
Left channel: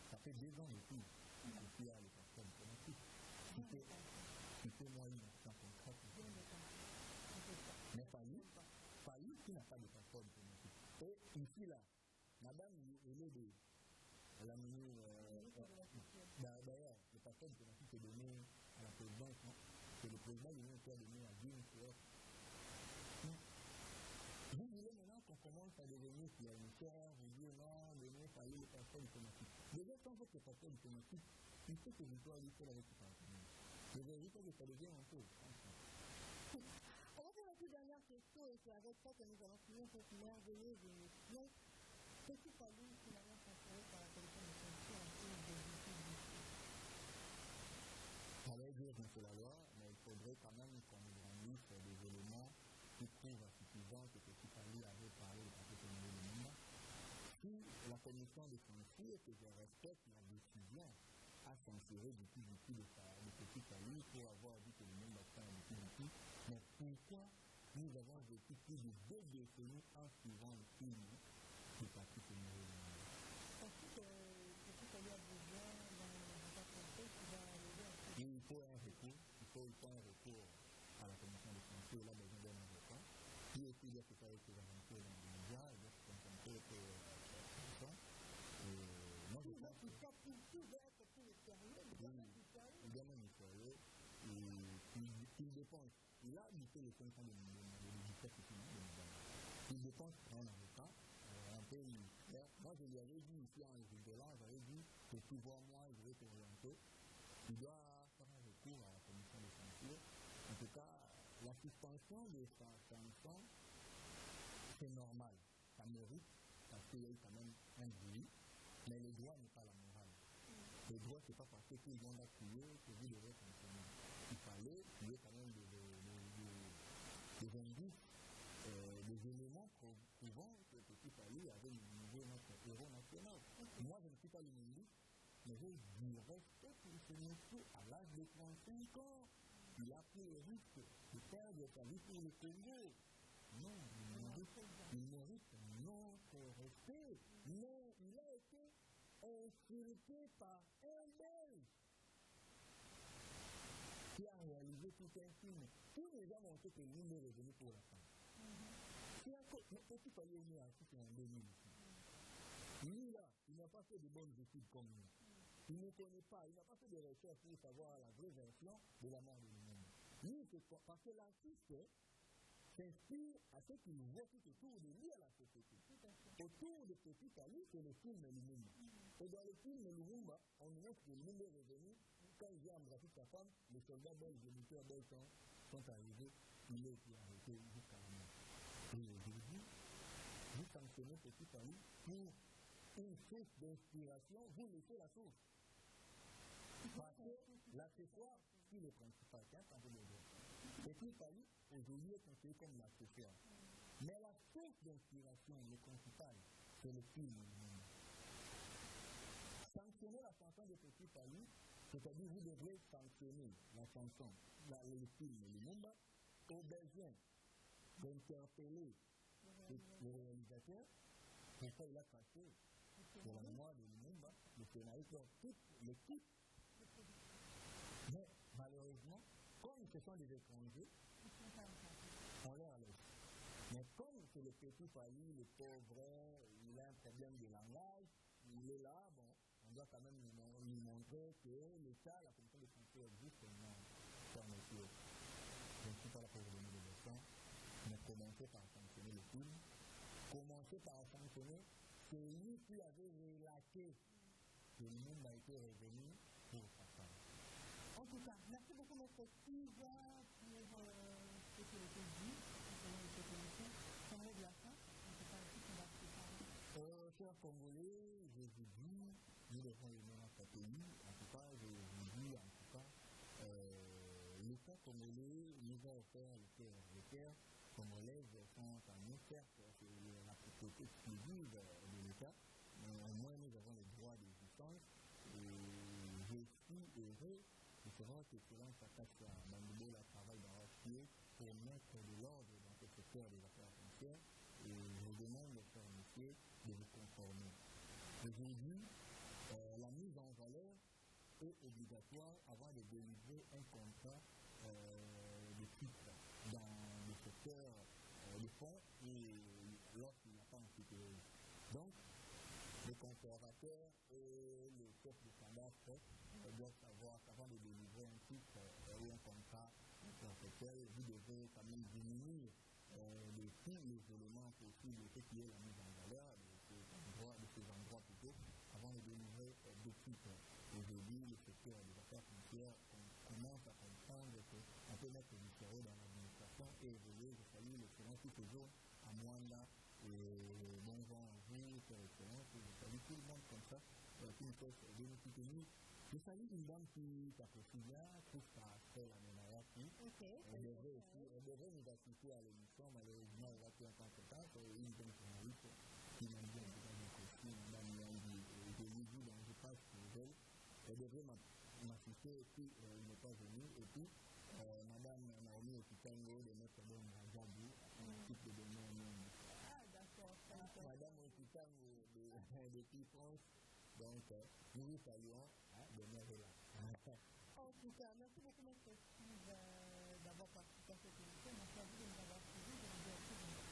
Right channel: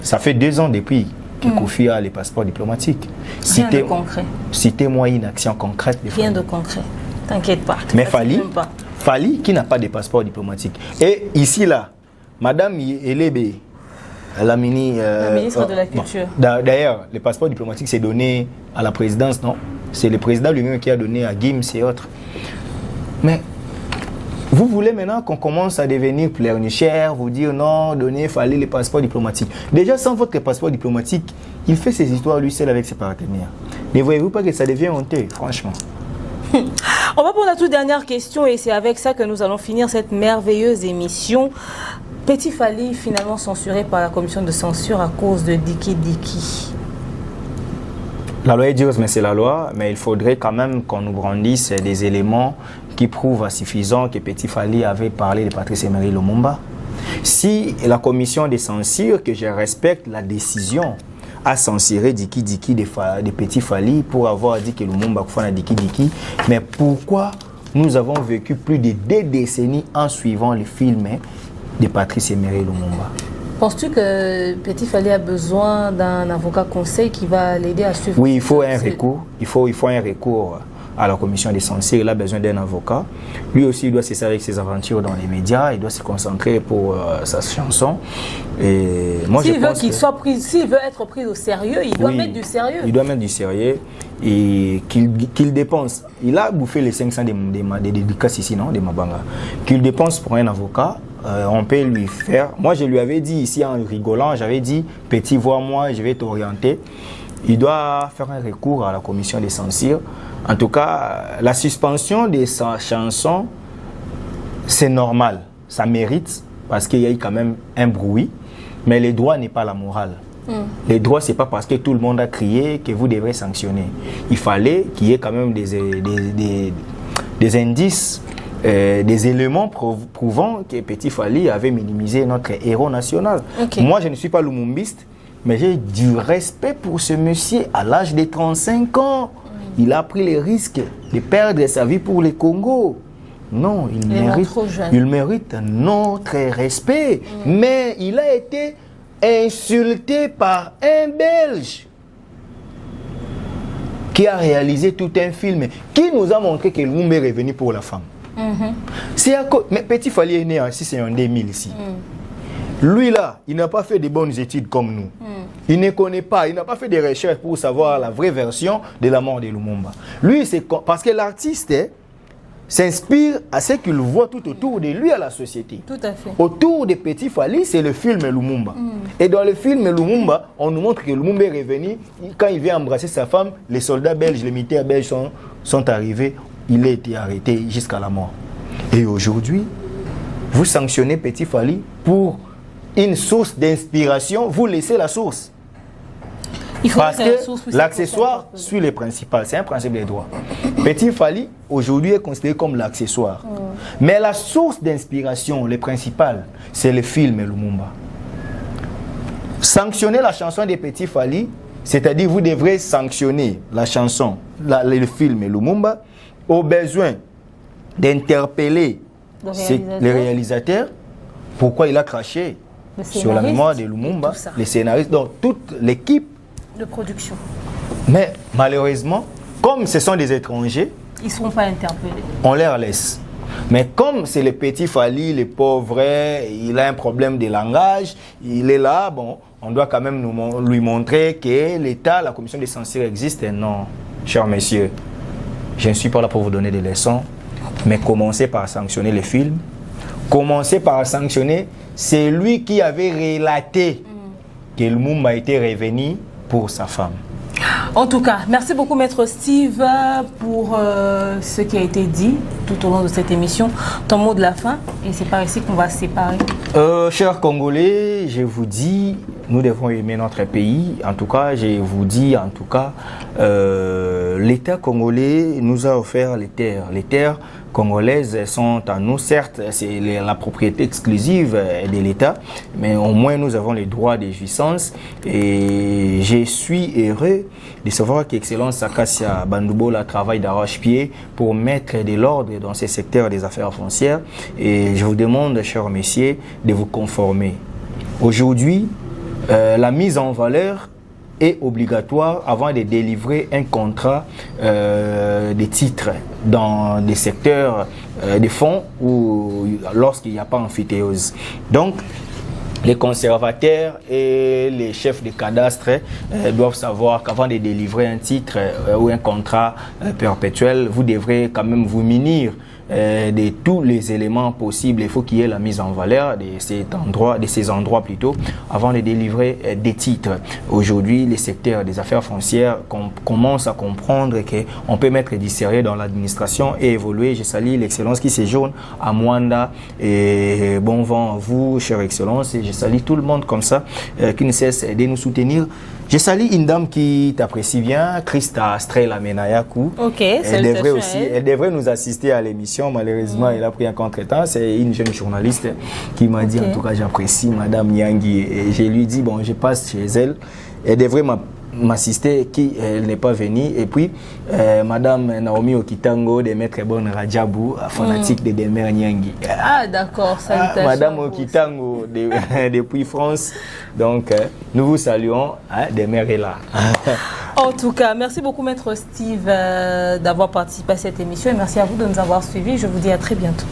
ça fait 2 ans depuis que Kofi a les passeports diplomatiques. Rien de concret. Citez-moi une action concrète. Rien de concret. T'inquiète pas. Mais Fali qui n'a pas de passeport diplomatique. Et ici, là, Madame Elebe, la ministre de la Culture. Bon, d'ailleurs, le passeport diplomatique, c'est donné à la présidence, non? C'est le président lui-même qui a donné à Gims et autres. Mais vous voulez maintenant qu'on commence à devenir pleurnichère, vous dire non, donnez, fallait les passeports diplomatiques. Déjà, sans votre passeport diplomatique, il fait ses histoires lui seul avec ses partenaires. Ne voyez-vous pas que ça devient honteux, franchement? On va pour la toute dernière question et c'est avec ça que nous allons finir cette merveilleuse émission. Petit Fally finalement censuré par la commission de censure à cause de Diki Diki. La loi est dure, mais c'est la loi. Mais il faudrait quand même qu'on nous brandisse des éléments qui prouvent à suffisant que Petit Fally avait parlé de Patrice Emery Lumumba. Si la commission de censure, que je respecte la décision, a censuré Diki Diki de Petit Fally pour avoir dit que Lumumba a Diki Diki, mais pourquoi nous avons vécu plus de 2 décennies en suivant le film de Patrice Emery Lumumba? Penses-tu que Petit Fally a besoin d'un avocat conseil qui va l'aider à suivre? Oui, il faut un recours. Il faut un recours à la commission des censures. Il a besoin d'un avocat. Lui aussi, il doit cesser avec ses aventures dans les médias. Il doit se concentrer pour sa chanson. Et moi, s'il veut qu'il soit pris, s'il veut être pris au sérieux, il doit mettre du sérieux. Il doit mettre du sérieux et qu'il dépense. Il a bouffé les 500 des dédicaces ici, non, des Mabanga. Qu'il dépense pour un avocat. On peut lui faire. Moi, je lui avais dit ici en rigolant, j'avais dit, Petit, vois-moi, je vais t'orienter. Il doit faire un recours à la commission des censures. En tout cas, la suspension de sa chanson, c'est normal. Ça mérite parce qu'il y a eu quand même un bruit. Mais les droits n'est pas la morale. Les droits, ce n'est pas parce que tout le monde a crié que vous devrez sanctionner. Il fallait qu'il y ait quand même des indices. Des éléments prouvant que Petit Fally avait minimisé notre héros national. Okay. Moi, je ne suis pas lumumbiste, mais j'ai du respect pour ce monsieur à l'âge de 35 ans. Il a pris le risque de perdre sa vie pour le Congo. Non, il mérite notre respect. Mais il a été insulté par un Belge qui a réalisé tout un film, qui nous a montré que Lumumba est revenu pour la femme. Mais Petit Fally est né en 2000 ici. Lui là, il n'a pas fait de bonnes études comme nous. Il ne connaît pas, il n'a pas fait de recherches pour savoir la vraie version de la mort de Lumumba. Lui, c'est parce que l'artiste s'inspire à ce qu'il voit tout autour de lui à la société. Tout à fait. Autour de Petit Fally, c'est le film Lumumba. Et dans le film Lumumba, on nous montre que Lumumba est revenu. Quand il vient embrasser sa femme, les soldats belges, les militaires belges sont arrivés. Il a été arrêté jusqu'à la mort. Et aujourd'hui, vous sanctionnez Petit Fally pour une source d'inspiration. Vous laissez la source. Parce que l'accessoire suit les principaux. C'est un principe des droits. Petit Fally, aujourd'hui, est considéré comme l'accessoire. Mais la source d'inspiration, le principal, c'est le film Lumumba. Sanctionner la chanson de Petit Fally, c'est-à-dire vous devrez sanctionner la chanson, le film Lumumba, au besoin d'interpeller les réalisateurs, pourquoi il a craché sur la mémoire de Lumumba, les scénaristes, donc toute l'équipe de production. Mais malheureusement, comme ce sont des étrangers, ils ne seront pas interpellés. On les laisse. Mais comme c'est le Petit Fally, le pauvre, il a un problème de langage, il est là, bon, on doit quand même lui montrer que l'État, la commission de censure existe. Et non, chers messieurs, je ne suis pas là pour vous donner des leçons, mais commencez par sanctionner les films. Commencez par sanctionner celui qui avait relaté que Lumumba était revenu pour sa femme. En tout cas, merci beaucoup Maître Steve pour ce qui a été dit tout au long de cette émission. Ton mot de la fin, et c'est par ici qu'on va se séparer. Chers Congolais, je vous dis, nous devons aimer notre pays. En tout cas, je vous dis, l'État congolais nous a offert les terres congolaises sont à nous. Certes, c'est la propriété exclusive de l'État, mais au moins nous avons les droits de jouissance. Et je suis heureux de savoir qu'Excellence Acacia Bandoubola travaille d'arrache-pied pour mettre de l'ordre dans ces secteurs des affaires foncières. Et je vous demande, chers messieurs, de vous conformer. Aujourd'hui, la mise en valeur est obligatoire avant de délivrer un contrat de titres dans des secteurs de fonds ou lorsqu'il n'y a pas amphithéose. Donc, les conservateurs et les chefs de cadastre doivent savoir qu'avant de délivrer un titre ou un contrat perpétuel, vous devrez quand même vous munir de tous les éléments possibles. Il faut qu'il y ait la mise en valeur de ces endroits plutôt, avant de délivrer des titres. Aujourd'hui, les secteurs des affaires foncières commencent à comprendre qu'on peut mettre du sérieux dans l'administration et évoluer. Je salue l'excellence qui séjourne à Mwanda et bon vent à vous, chère excellence, et je salue tout le monde comme ça qui ne cesse de nous soutenir. Je salue une dame qui t'apprécie bien, Christa Strela Menayaku. Ok, elle devrait nous assister à l'émission. Malheureusement, elle a pris un contretemps. C'est une jeune journaliste qui m'a dit, en tout cas, j'apprécie Madame Nyangi. Et je lui dis, bon, je passe chez elle. Elle devrait m'assister, elle n'est pas venue. Et puis, Madame Naomi Okitango de Maître Bon Rajabou, fanatique de Demer Nyangi. Ah, d'accord, salutations. Madame Okitango depuis France. Donc, nous vous saluons. Demer est là. En tout cas, merci beaucoup, Maître Steve, d'avoir participé à cette émission. Et merci à vous de nous avoir suivis. Je vous dis à très bientôt.